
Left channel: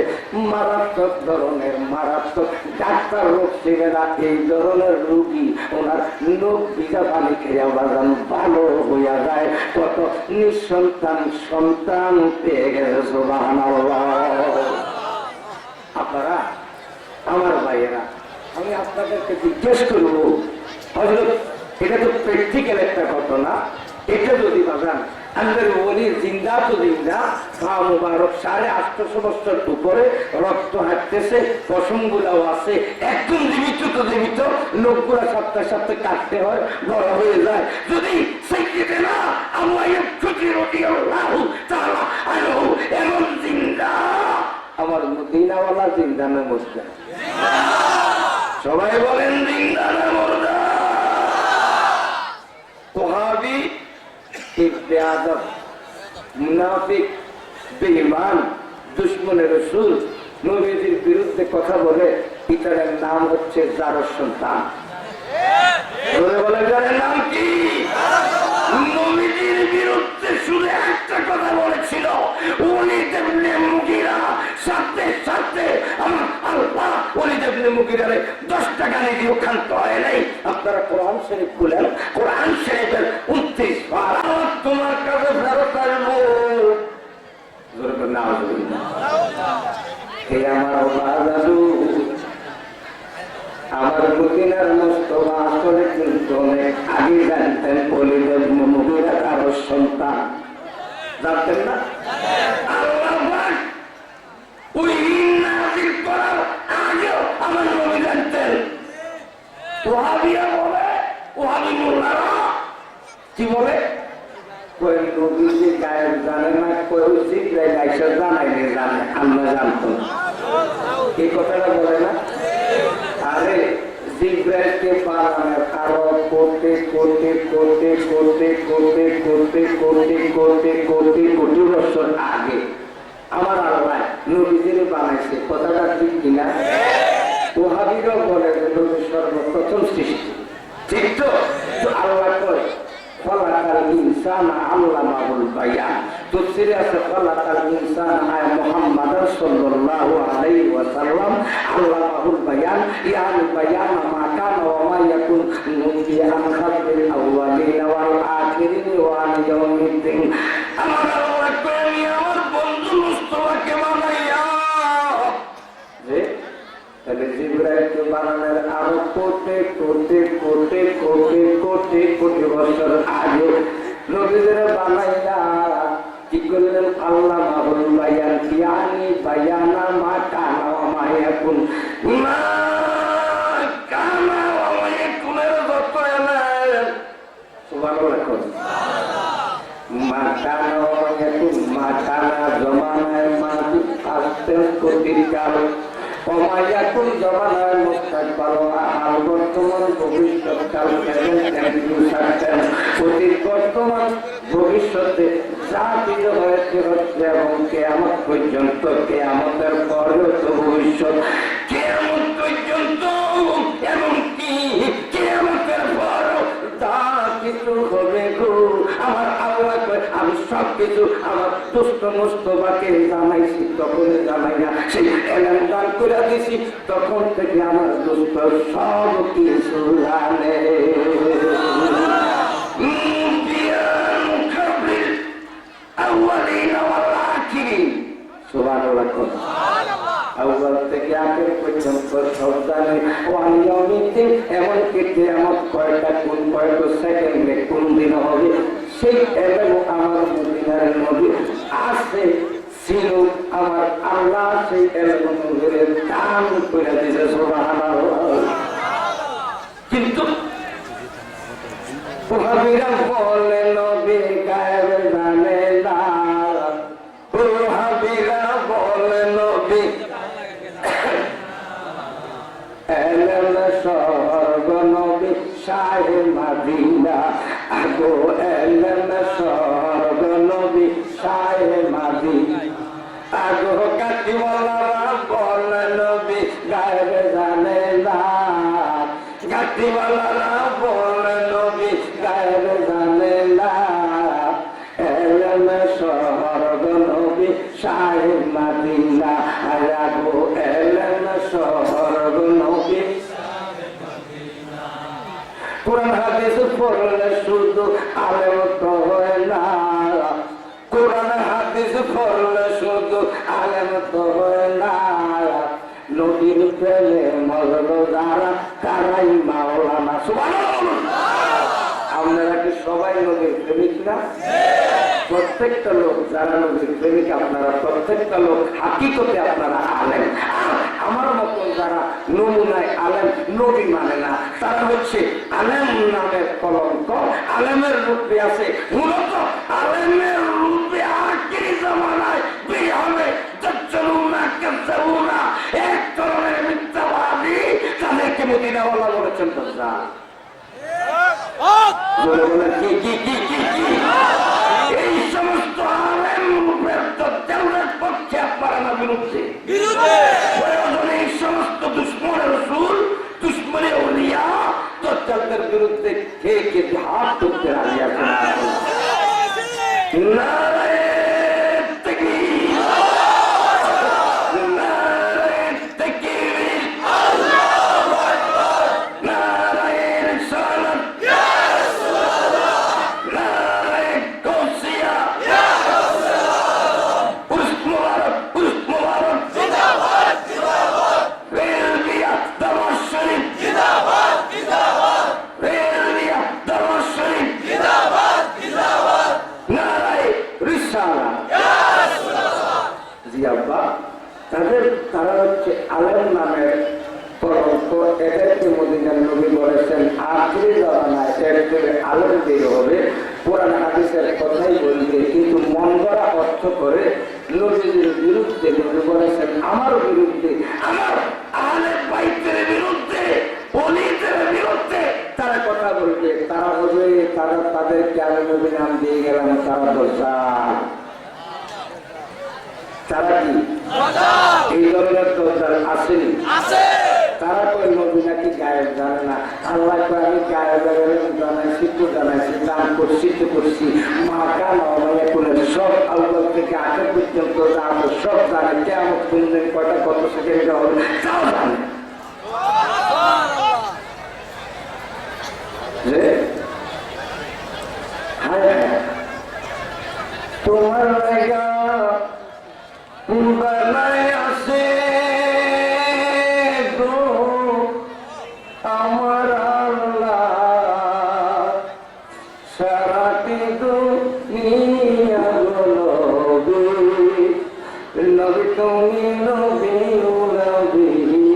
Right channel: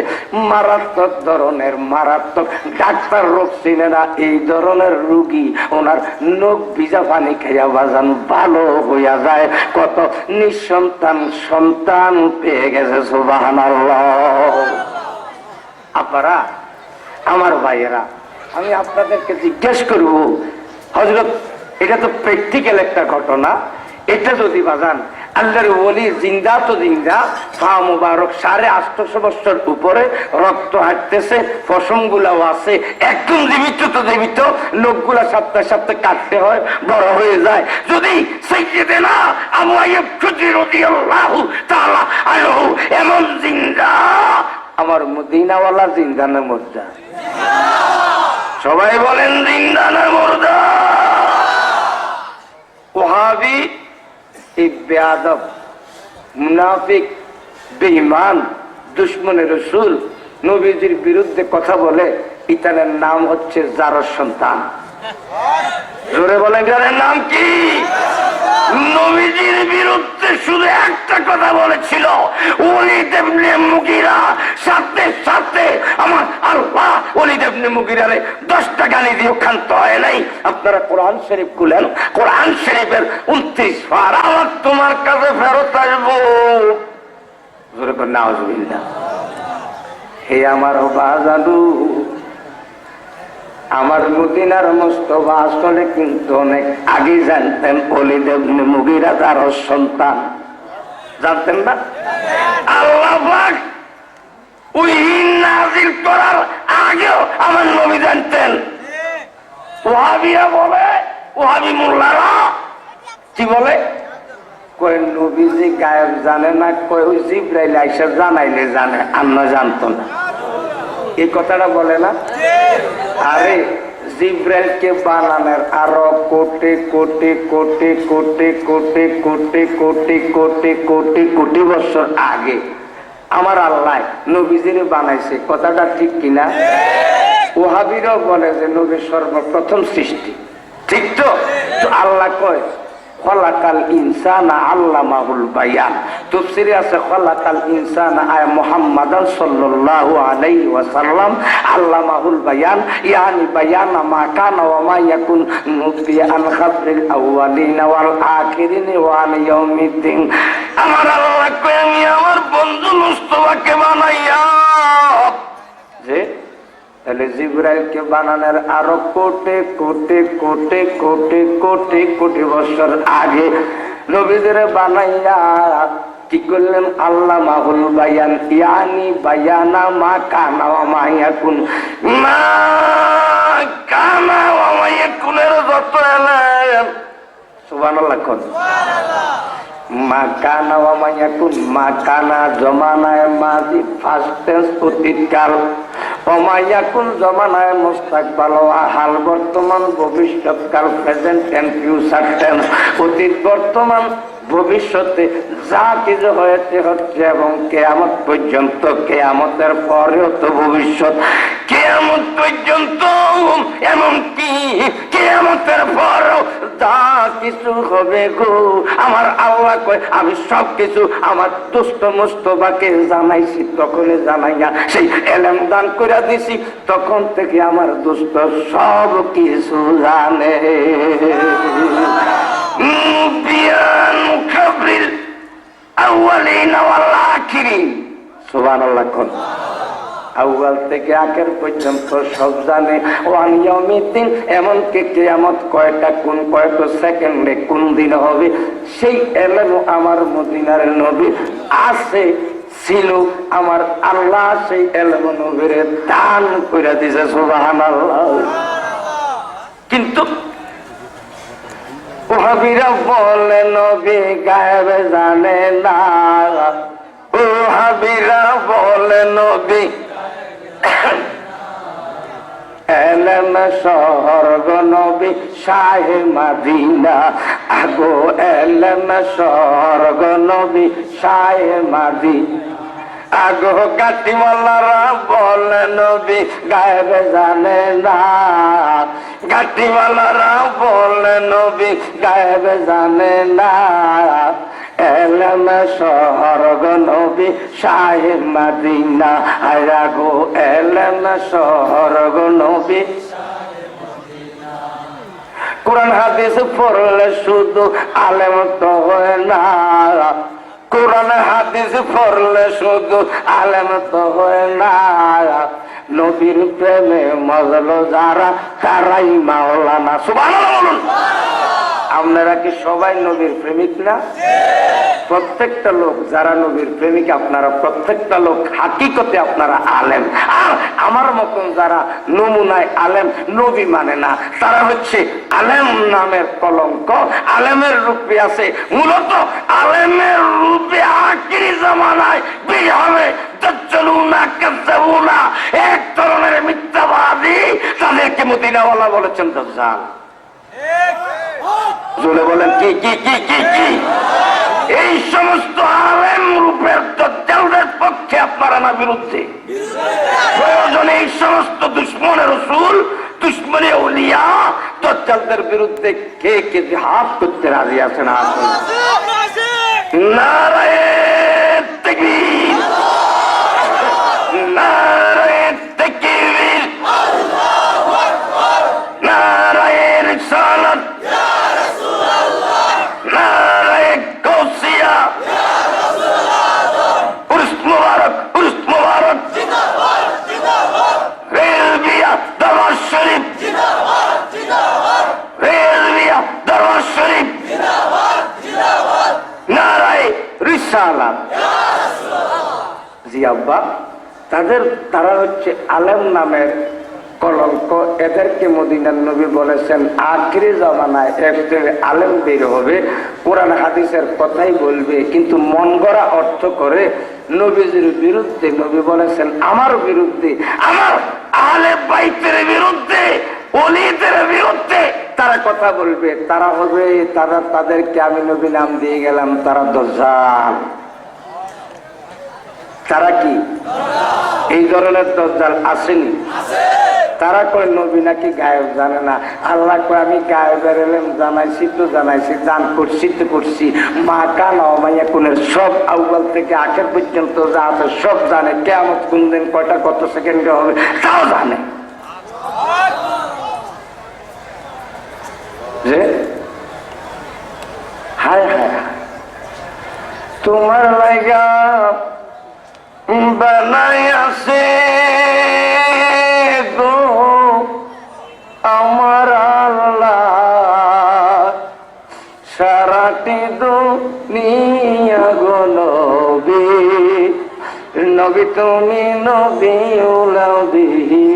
মারাত্মক ধরনের, মারাত্মক ডাক্তার রোগ চিনে না এই ধরনের রুগী ওনার নখ ভিজা পানি খেয়া বাজান ভালো হইয়া যায়। কত নিঃসন্তান সন্তান পেয়ে গেছে সুবহানাল্লাহ। আপনারা আমার ভাইয়েরা, আমি আপনাদেরকে জিজ্ঞেস করব হযরত, এটা তো প্র্যাকটিক্যাল একটা ঘটনা। এটা যদি বাজান আল্লাহর ওলি জিন্দা তো জিন্দা, পা মুবারক 850 বছর উপরে রক্ত হাঁটতেছে, পশম গুলাও আছে, একদম জীবিত তো জীবিত, লোকগুলা সপ্তাহে সপ্তাহে কাটতে হয়, বড় হয়ে যায়। যদি সাইয়্যিদানা আবু আইয়ুব খুদরি রাদিয়াল্লাহু তাআলা আনহু এমন জিন্দা, আমার মদিনাওয়ালা জিন্দা না মুর্দা? সবাই বলেন জিন্দা না মুর্দা? ওহাবি বেয়াদব মুনাফিক বেঈমান দুশমনে রাসূল নবীজির বিরুদ্ধে কথা বলে, ইতানের নাম হচ্ছে জারস সন্তান। জোরে বলেন এর নাম কি? নবীজির বিরুদ্ধে শুধু একটা কথা বলেছিল, ওলীদ ইবনে মুগীরা, সাথে সাথে আমার আল্লাহ ওলীদ ইবনে মুগীরারে 10টা গালি দিয়ে ক্ষান্ত হয় নাই। আপনারা কোরআন শরীফ খুলেন, কোরআন শরীফের 29 বার আমার তোমার কাছে ফেরত আসবো। জোরে বলেন নাউজুবিল্লাহ। হে আমার বাজাদু, আমার মদিনার মুস্তাফা আসলে কিন্তু অনেক আগে জানতেন ওলীদ ইবনে মুগীরা তার সন্তান। জানতেন না? আল্লাহ পাক ওহী নাযিল করার আগেও আমার নবী জানতেন। ওয়াহাবিরা বলে, ওয়াহাবি মোল্লারা কি বলে, কয় নবীজি গায়েব জানে না, কয় ওই জিবরাইল আইসা জানাইলে জানে, আমরা জানতো না। এই কথাটা বলে না? আরে জিব্রাইলকে বানানোর আরো কোটি কোটি কোটি কোটি কোটি কোটি কোটি কোটি কোটি কোটি বছর আগে আমার আল্লাহ নবীজিরে বানাইছে, কথাটা ঠিক কিনা? ওহাবিরাও বলে যে নবী সর্বপ্রথম সৃষ্টি, ঠিক তো? আল্লাহ কয় খলাকাল ইনসানা আল্লামাহুল বায়ান। তাফসীরে আছে খলাকাল ইনসানা আয় মুহাম্মাদান সাল্লাল্লাহু আলাইহি ওয়াসাল্লাম আল্লামাহুল বায়ান, ইয়ানি বায়ানা মা কানা ওয়া মা ইয়াকুন মুবিয়ান খাবরিল আউয়ালিন ওয়াল আখিরিন ওয়া ইয়াউমিদ্দিন। আমার আল্লাহ কয় আমি আমার বন্ধু মুস্তাফাকে বানাইয়া যে তাহলে জিবরাইলকে বানানোর আরো কোটি কোটি কোটি কোটি কোটি কোটি বছর আগে নবীদের বানাইয়া কি করলেন? আল্লাহ মাহুল বায়ান, ইয়ানি বায়ানা মা কানা ওয়া মা ইয়াকুন। মা কানা ওয়া মা ইয়াকুনের যত এলেন, সুবহানাল্লাহ কোন মা কানা ওয়া মা ইয়াকুন, মা কানা জমানায় মাদি ফার্স্ট টেন্স অতীতকাল, ওমাইয়াকুন জমানায় মুস্তাকবাল হাল বর্তমান ভবিষ্যৎকাল প্রেজেন্ট এন্ড ফিউচার টেন্স, অতীত বর্তমান ভবিষ্যতে যা কিছু হয়েছে হচ্ছে এবং কিয়ামত পর্যন্ত, কিয়ামতের পরেও তো ভবিষ্যৎ, কিয়ামত পর্যন্ত এমনকি কিয়ামতের পরেও যা কিছু হবে গো আমার আল্লাহ কয় আমি সব কিছু আমার দুষ্ট মুস্তফাকে জানাইছি, তখনই জানাইয়া সেই এলেম দান করে দিছি, তখন থেকে আমার দুষ্ট সব কিছু জানে। সুবহানাল্লাহ কোন আউয়াল থেকে আখের পর্যন্ত সব জানে। ওয়ান ইয়াউমিদ্দিন, এমনকি কিয়ামত কয়টা কোন কয়টা সেকেন্ডে কোন দিন হবে সেই এলেম আমার মদিনার নবী আছে ছিল, আমার আল্লাহ সেই এলেম নবীরে দান করে দিয়েছে। সুবহানাল্লাহ। কিন্তু ওহাবিরা বলে নবী গায়েব জানে না, ওহাবিরা বলে নবী এলেম স্বর্গ নবী শাহে মাদিনা, আগো এলেম স্বর্গ নবী শাহে মাদিনা, আগো গাটিওয়ালারা বলে নবী গায়েব জানে না, গাটিওয়ালারা বলে নবী গায়েব জানে না, এলেম স্বর্গ নবী শাহে মাদিনা, আগো এলেম স্বর্গ নবী। কোরআন হাদিস পড়লে শুধু আলেম তো হয় না, কোরআন হাদিস পড়লে শুধু আলেম তো হয় না, নবীর প্রেমে মজলো যারা তারাই মাওলানা। সুবহানাল্লাহ বলুন। আপনারা কি সবাই নবীর প্রেমিক না? প্রত্যেকটা লোক যারা নবীর প্রেমিক আপনারা প্রত্যেকটা লোক হাকিকতে আপনারা আলেম। আর আমার মতন যারা নমুনায় আলেম, নবী মানে না, তারা হচ্ছে আলেম নামের কলঙ্ক, আলেমের রূপে আছে, মূলত আলেমের রূপে আখিরি জামানায় বের হবে এক ধরনের মিথ্যাবাদী, তাদেরকে মদিনাওয়ালা বলেছেন দাজ্জাল। বলে বলেন কি কি কি কি কি এই সমস্ত আলেম রূপের দাজ্জালদের পক্ষে আপনারা না বিরুদ্ধে? প্রয়োজনে এই সমস্ত দুশ্মনের রাসূল, দুশ্মনে আউলিয়া, দাজ্জালদের বিরুদ্ধে কে কে জিহাদ করতে রাজি আছেন? নারায়ে তাকবীর, নারায়ে তাকবীর, আল্লাহু আকবার, নারায়ে রিসালাত, ইয়া রাসূলুল্লাহ, নারায়ে গাউসিয়া, ইয়া রাসূলুল্লাহ, উরস মুবারক, উরস মুবারক, জিন্দাবাদ জিন্দাবাদ, রেলবিয়া দরবার শরীফ, জিন্দাবাদ জিন্দাবাদ, রেলবিয়া দরবার শরীফ, জিন্দাবাদ জিন্দাবাদ, নারায়ে রিসালাত, ইয়া রাসূলুল্লাহ। জি আব্বা, তারা হচ্ছে আলেম নামের কলঙ্ক। এদেরকে মদিনার নবী বলেছেন আখিরি জামানায় একজন আলেম বের হবে, কোরআন হাদিসের কথাই বলবে, কিন্তু মন গড়া অর্থ করে নবীজির বিরুদ্ধে। নবী বলেছেন আমার বিরুদ্ধে, আমার আহলে বাইতের বিরুদ্ধে, ওলিদের বিরুদ্ধে তারা কথা বলবে। তারা হবে, তাদেরকে আমি নবী নাম দিয়ে গেলাম, তারা দাজ্জাল। তারা কি এই ধরনের দজ্জাল আসেনি? তারা কয় নবী নাকি গায়েব জানে না। আল্লাহ কয় আমি গায়েবের এলেম জানাইছি তো জানাইছি, দান করছি তো করছি। মা কানা মাইয়া কুলের সব আউ্বাল থেকে আখের পর্যন্ত যা আছে সব জানে। কেমন কোন দিন কয়টা কত সেকেন্ডে হবে তাও জানে। যে হায় হায় তোমার লাইগা বানাই আছে গো আমার আল্লাহ, সারাটি দুনিয়া গো নবী, নবী তুমি নবী উলাউদিয়া,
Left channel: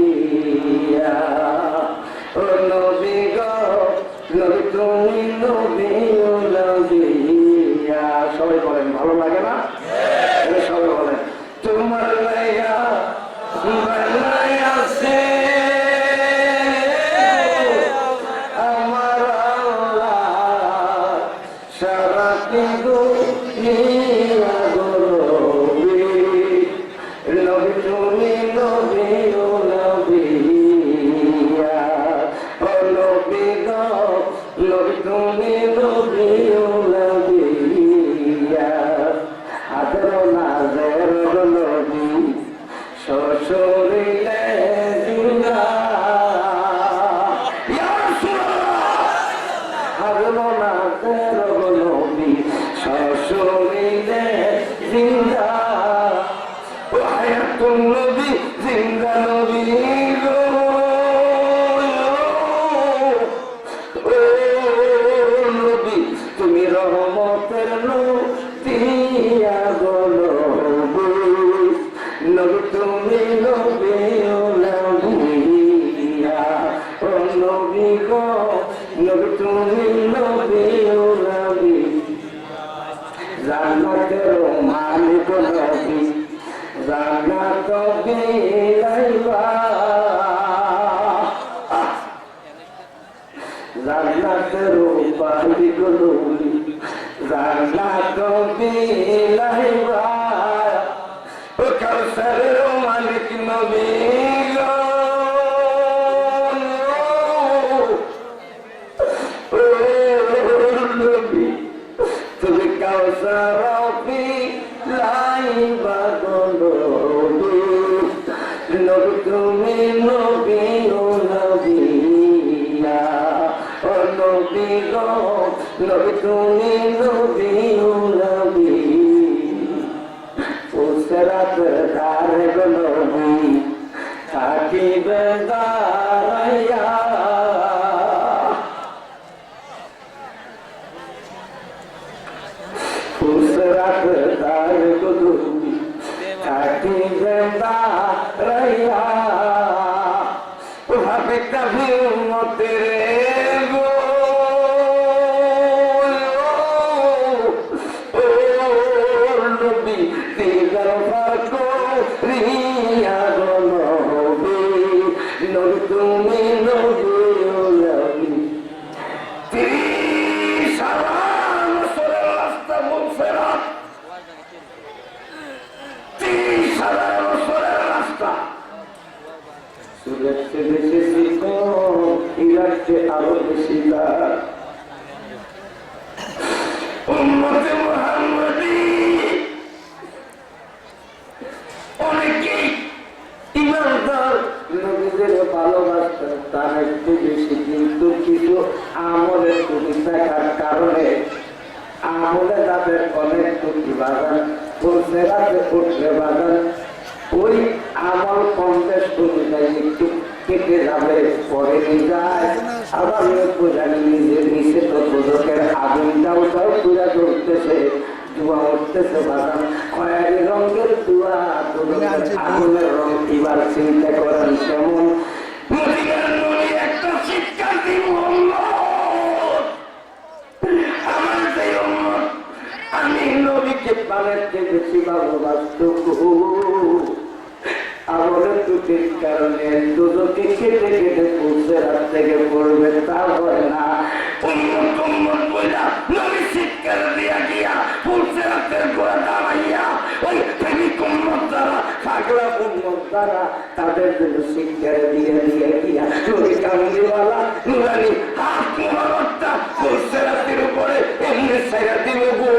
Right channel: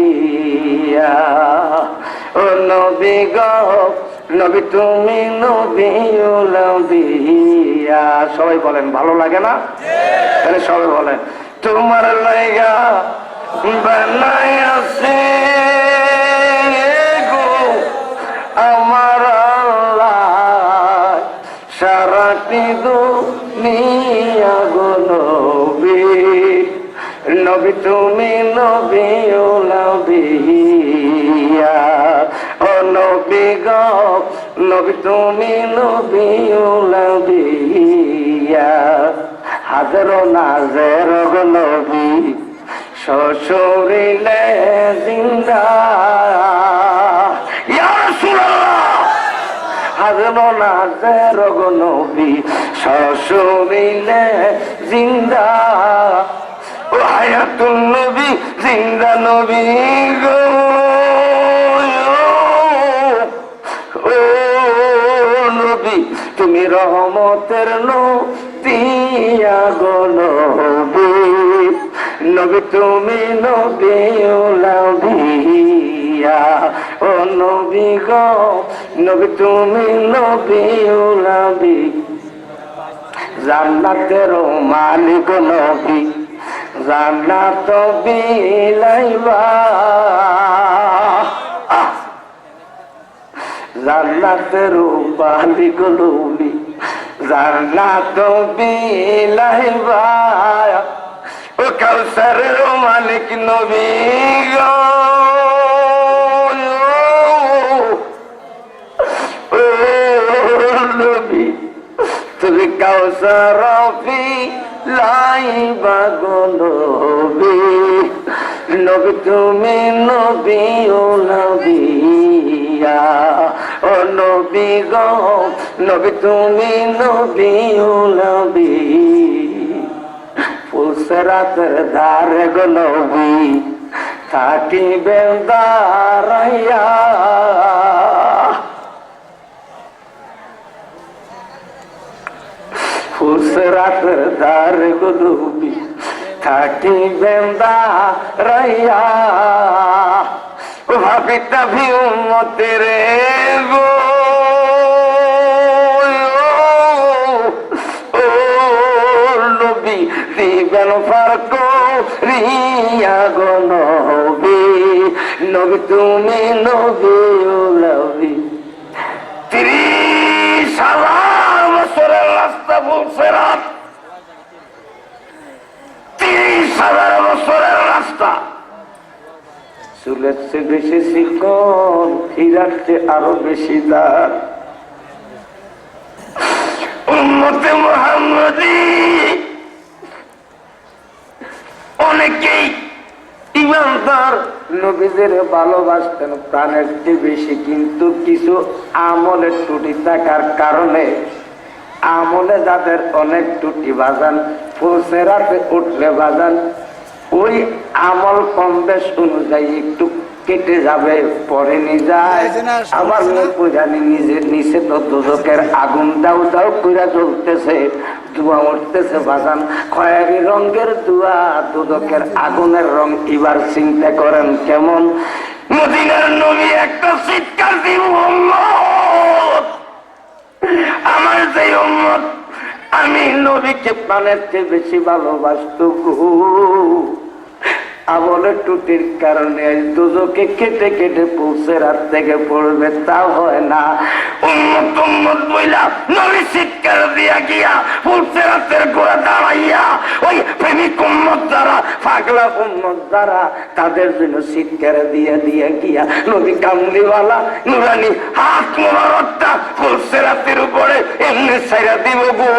ও নবী গো নবী তুমি নবী উলাউদিয়া। সবাই বলেন ভালো লাগে না? সবাই বলেন তোমার লাইগা বানাই আছে গো আমার আল্লাহ, সারাটি দুনিয়া গো নবী, নবী তুমি নবী উলাউদিয়া, ও নবী গো নবী তুমি নবী উলাউদিয়া। হাজারো নাজের নবী শ্বশুরিলে জিন্দা, ইয়া রাসূলুল্লাহ। হাজারো নাজের নবী শ্বশুরিলে জিন্দা, ও হায়াতুল নবী জিন্দা নবী গো, ও নবী তুমি রহমতের নবিয়া গো নবী, নবী তুমি নবী উলাউদিয়া, ও নবী গো নবী তুমি নবী উলাউদিয়া। জান্নাতের মালিক নবী, জান্নাত বিলাইবা, জান্নাতের মালিক নবী, জান্নাত বিলাইবা, ও কাউসারের মালিক নবী গো, ও নবী তুমি কাউসার বিলাইবা গো নবী, নবী তুমি নবী উলাউদিয়া, ও নবী গো নবী তুমি নবী উলাউদিয়া। ফুলসরাত ধারে গো নবী থাকিবে দাঁড়াইয়া, ফুলসরাত ধারে গো নবী থাকিবে দাঁড়াইয়া, ভাবিতা ভি উম্মতের গো, ও নবী দিবেন ফারক রিয়া গো নবী, নবী তুমি নবী উলাউদিয়া। 30,000 বছরের রাস্তা ফুলসরাত, 30,000 বছরের রাস্তা। চুলের চেয়ে বেশি চিকন, হীরার চেয়ে আরো বেশি দাম। উম্মতে মুহাম্মদী অনেকেই ইমানদার নবীদের ভালোবাসতেন প্রাণের চেয়ে বেশি, কিন্তু কিছু আমলের ত্রুটি থাকার কারণে আমলে যাদের অনেক ত্রুটি বাজান, ফুলসরাতে উঠলে বাজান ওই আমল কম বেশ অনুযায়ী একটু কেটে যাবে, পরে নিয়ে যায়। আবার জানি নিজের নিচে তো দুদকের আগুন দাও দাও করে জ্বলতেছে, ধোঁয়া উঠতেছে বাগান, খয়েরি রঙের ধোঁয়া, দুদকের আগুনের রং। এবার চিন্তা করেন কেমন। মদিনার নবী একটা চিৎকার দিব, আমার যে উম্মত আমি নবীকে প্রাণের চেয়ে বেশি ভালোবাসত, আমলের ত্রুটির কারণে দুজকে কেটে কেটে ফুলসরাত থেকে পড়বে, তা হয় না। উম্মত উম্মত বইলা নবী চিৎকার দিয়া গিয়া ফুলসেরাতের গোড়া দাঁড়াইয়া ওই প্রেমিক উম্মত যারা পাগলা উম্মত যারা তাদের জন্য চিৎকার দিয়া দিয়া গিয়া নবী কামলিওয়ালা নুরানি হাত মোবারকটা ফুলসেরাতের উপরে এমনি ছাইরা দিব গো।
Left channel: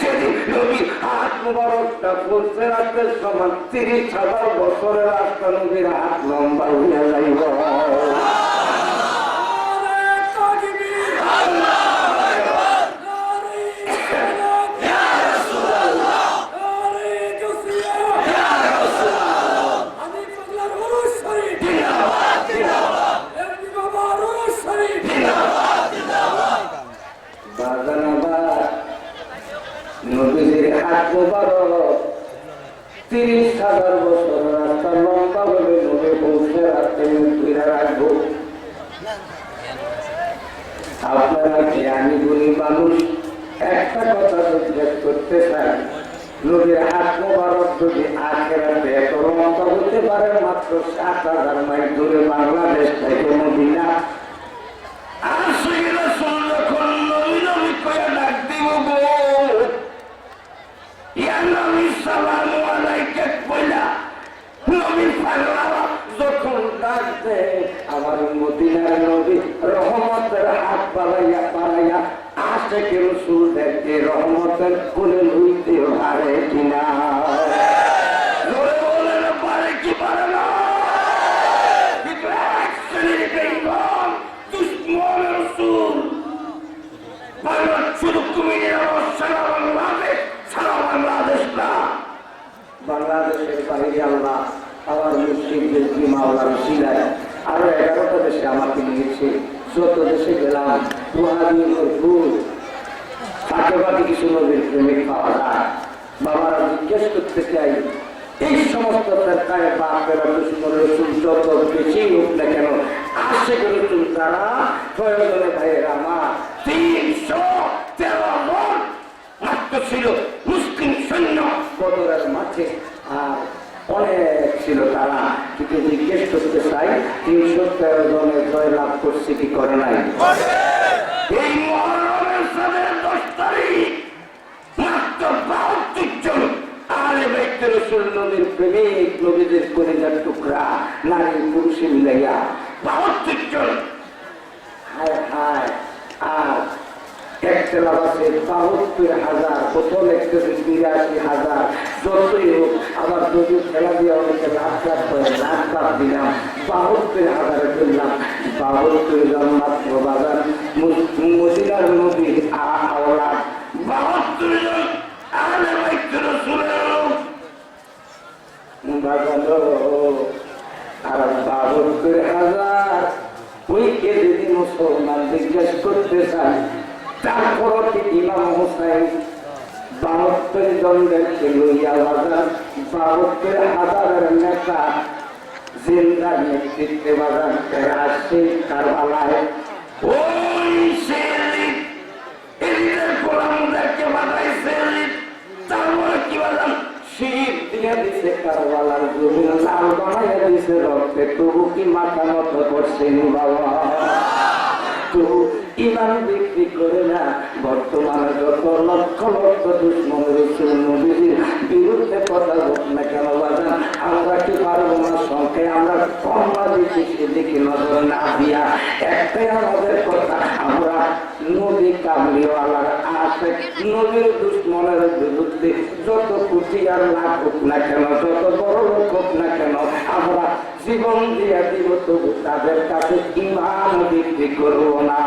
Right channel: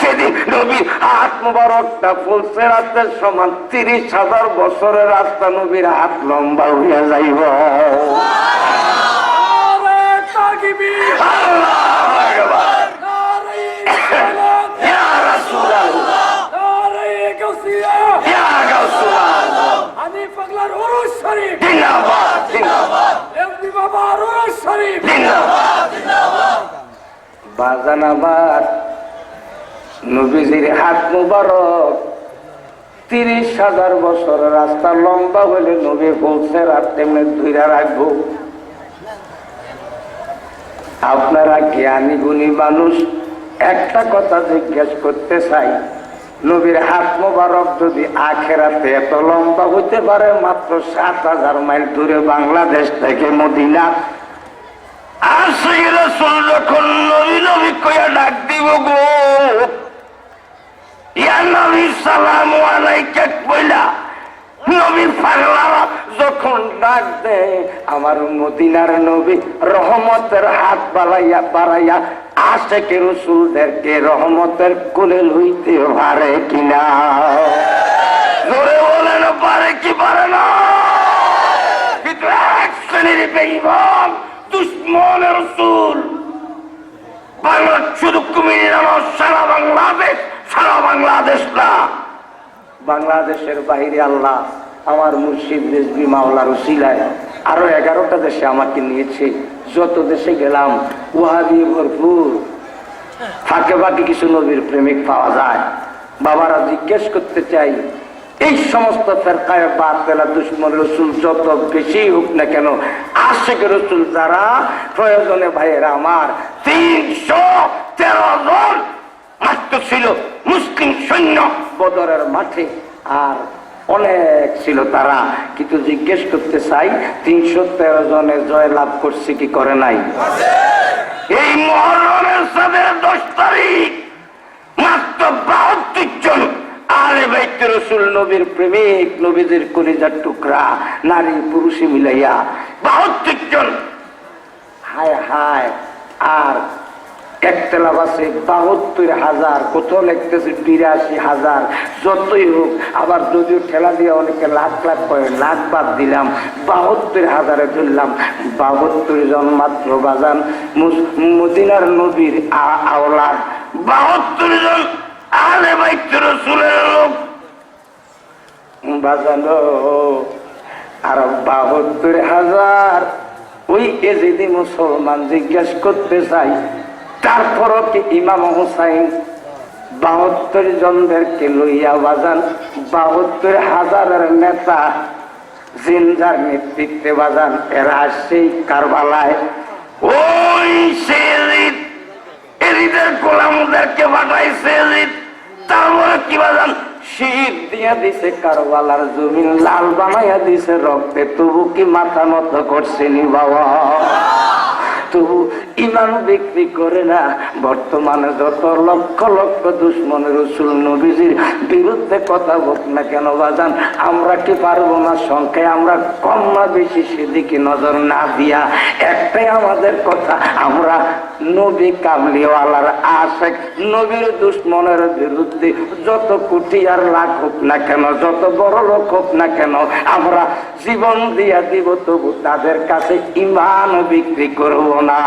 সেদিন নবীর হাত মোবারকটা ফুলসেরাতের সমান 30,000 বছরের রাস্তা নবীর হাত লম্বা হইয়া যাইব। বাজানাবাদ নবীজির হাত মুবারক 30,000 বছর রাস্তা লম্বা হলে নবী বলছে রাস্তে ধুইরা রাখবো। আপনারা জ্ঞানী গুণী মানুষ, একটা কথা জিজ্ঞেস করতে চাই, নবীর হাত মোবারক যদি আখেরাতে এত লম্বা হতে পারে মাত্র 7,000 মাইল দূরে বাংলাদেশ থেকে মদিনা, আর সেই রাসূল যখন নবী নবী কইয়া ডাক দিব গো, ইয়া নবী সালামু আলাইকা কইলা নবী পাগলারা যখন ডাক দেয় আমার মদিনার নবী রহমতের হাত বাড়াইয়া বাড়াইয়া আশেকে রাসূলদেরকে রহমতের কোলে লইতে পারে কিনা? জোরে বলেন পারে কি পারে না? এক শ্রেণীর বেঈমান দুশমনের রাসূল বাংলা শুধু কুমিল্লা সারা বাংলাদেশ, সারা বাংলাদেশ না, বাংলাদেশের বাইরে আল্লাহ আমার মুর্শিদের মাওলার উসিলায় আরো 11টা দেশে আমাকে নিয়েছে। যত দেশে গেলাম ওয়াহাবি ভরপুর, ফাঁকে ফাঁকে কিছু নবীর প্রেমিক পাওয়া যায়। বাবারা জিজ্ঞেস করতে চাই, এই সমস্ত ফেরকায়ে বাতিলা দুশমনের রাসূল যত বেশি হোক না কেন, আশিকের রাসূল যারা প্রয়োজনে ভাইয়েরা আমার 313 জন মাত্র ছিল মুসলিম সৈন্য বদরের মাঠে, আর অনেক ছিল তারা। কিন্তু জিজ্ঞেস করতে চাই 313 জনের জয় লাভ করছে কি করে নাই? এই মুহররমের সাদের 10 তারিখ মাত্র 72 জন আলে বাইত রাসূল নবীর প্রেমিক, নবীজির কলিজার টুকরা নারী পুরুষে মিলাইয়া 72 জন। হায় হায়, আর একতলাপ আছে 72,000, কোথাও লিখতেছে 82,000। যতই হোক, আবার দুটো ঠেলা দিয়ে অনেকে লাখ লাখ করে, লাখ বাদ দিলাম, 72,000-এ ধরলাম। 72 জন মাত্র বাজান মদিনার নবীর আওলাদ, 72 জন আহলে বাইত রাসূলের লোক বাজানো। আর 72,000 ওই এজিদি মুসলমান জিজ্ঞেস করতে চাই, তারপরও কি ইমাম হুসাইন 72 জনদেরকে লইয়া বাজান 72,000-এর নেতা জিন্দার নেতৃত্বে বাজান এরা আসছে কারবালায়। ওই এরিদের গোলামদেরকে পাঠাইছে, তারপরে কি বাজান শীত দিয়া দিছে কারবালার জমিন লাল বানাইয়া দিছে রক্তে, তবু কি মাথা নত করছেনি বাবা? তবু ইমান বিক্রি করে না। বর্তমানে যত লক্ষ লক্ষ দুশমনের রাসূল নবীজির বিরুদ্ধে কথা বল না কেন বাজান, আমরা কি পারবো না? সংখ্যায় আমরা কম না বেশি সেদিকে নজর না দিয়া একটাই আমাদের কথা, আমরা নবী কামলিওয়ালার আশিক, নবীর দুশমনের বিরুদ্ধে যত কোটি আর লাখ হোক না কেন, যত বড় লোক হোক না কেন, আমরা জীবন দিয়া দিব, তবু তাদের কাছে ইমান বিক্রি করব না।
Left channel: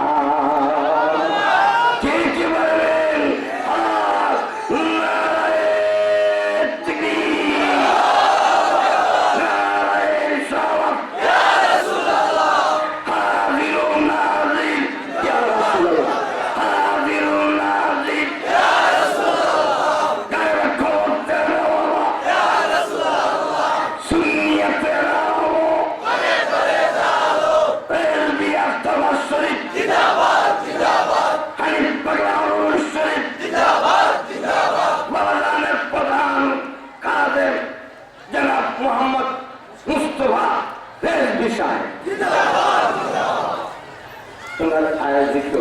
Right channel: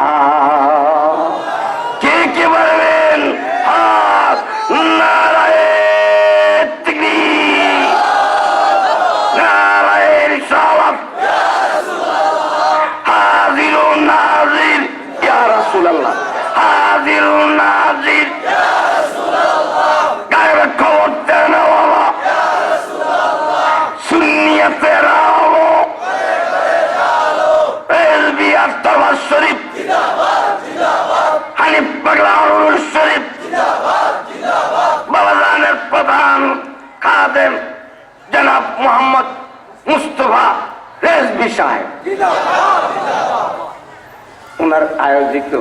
কে কে বলবেন? নারায়ে তাকবীর, নারায়ে রিসালাত, ইয়া রাসূলুল্লাহ, হাজিরুন নাজির, ইয়া রাসূলুল্লাহ, হাজিরুন নাজির, ইয়া রাসূলুল্লাহ, গায়ব খবর দেন ওয়ালা, ইয়া রাসূলুল্লাহ, সুন্নিয়তের আলো, করে করে আলো, এলবিয়াত তাওয়াজ শরীফ জিন্দাবাদ জিন্দাবাদ, হানিফ পাগলার শরীফ জিন্দাবাদ জিন্দাবাদ, বাবাজানের প্রধান খাদেম জনাব মোহাম্মদ মুস্তাফা রেজভী সাহেব জিন্দাবাদ জিন্দাবাদ, ওনার আয়োজিত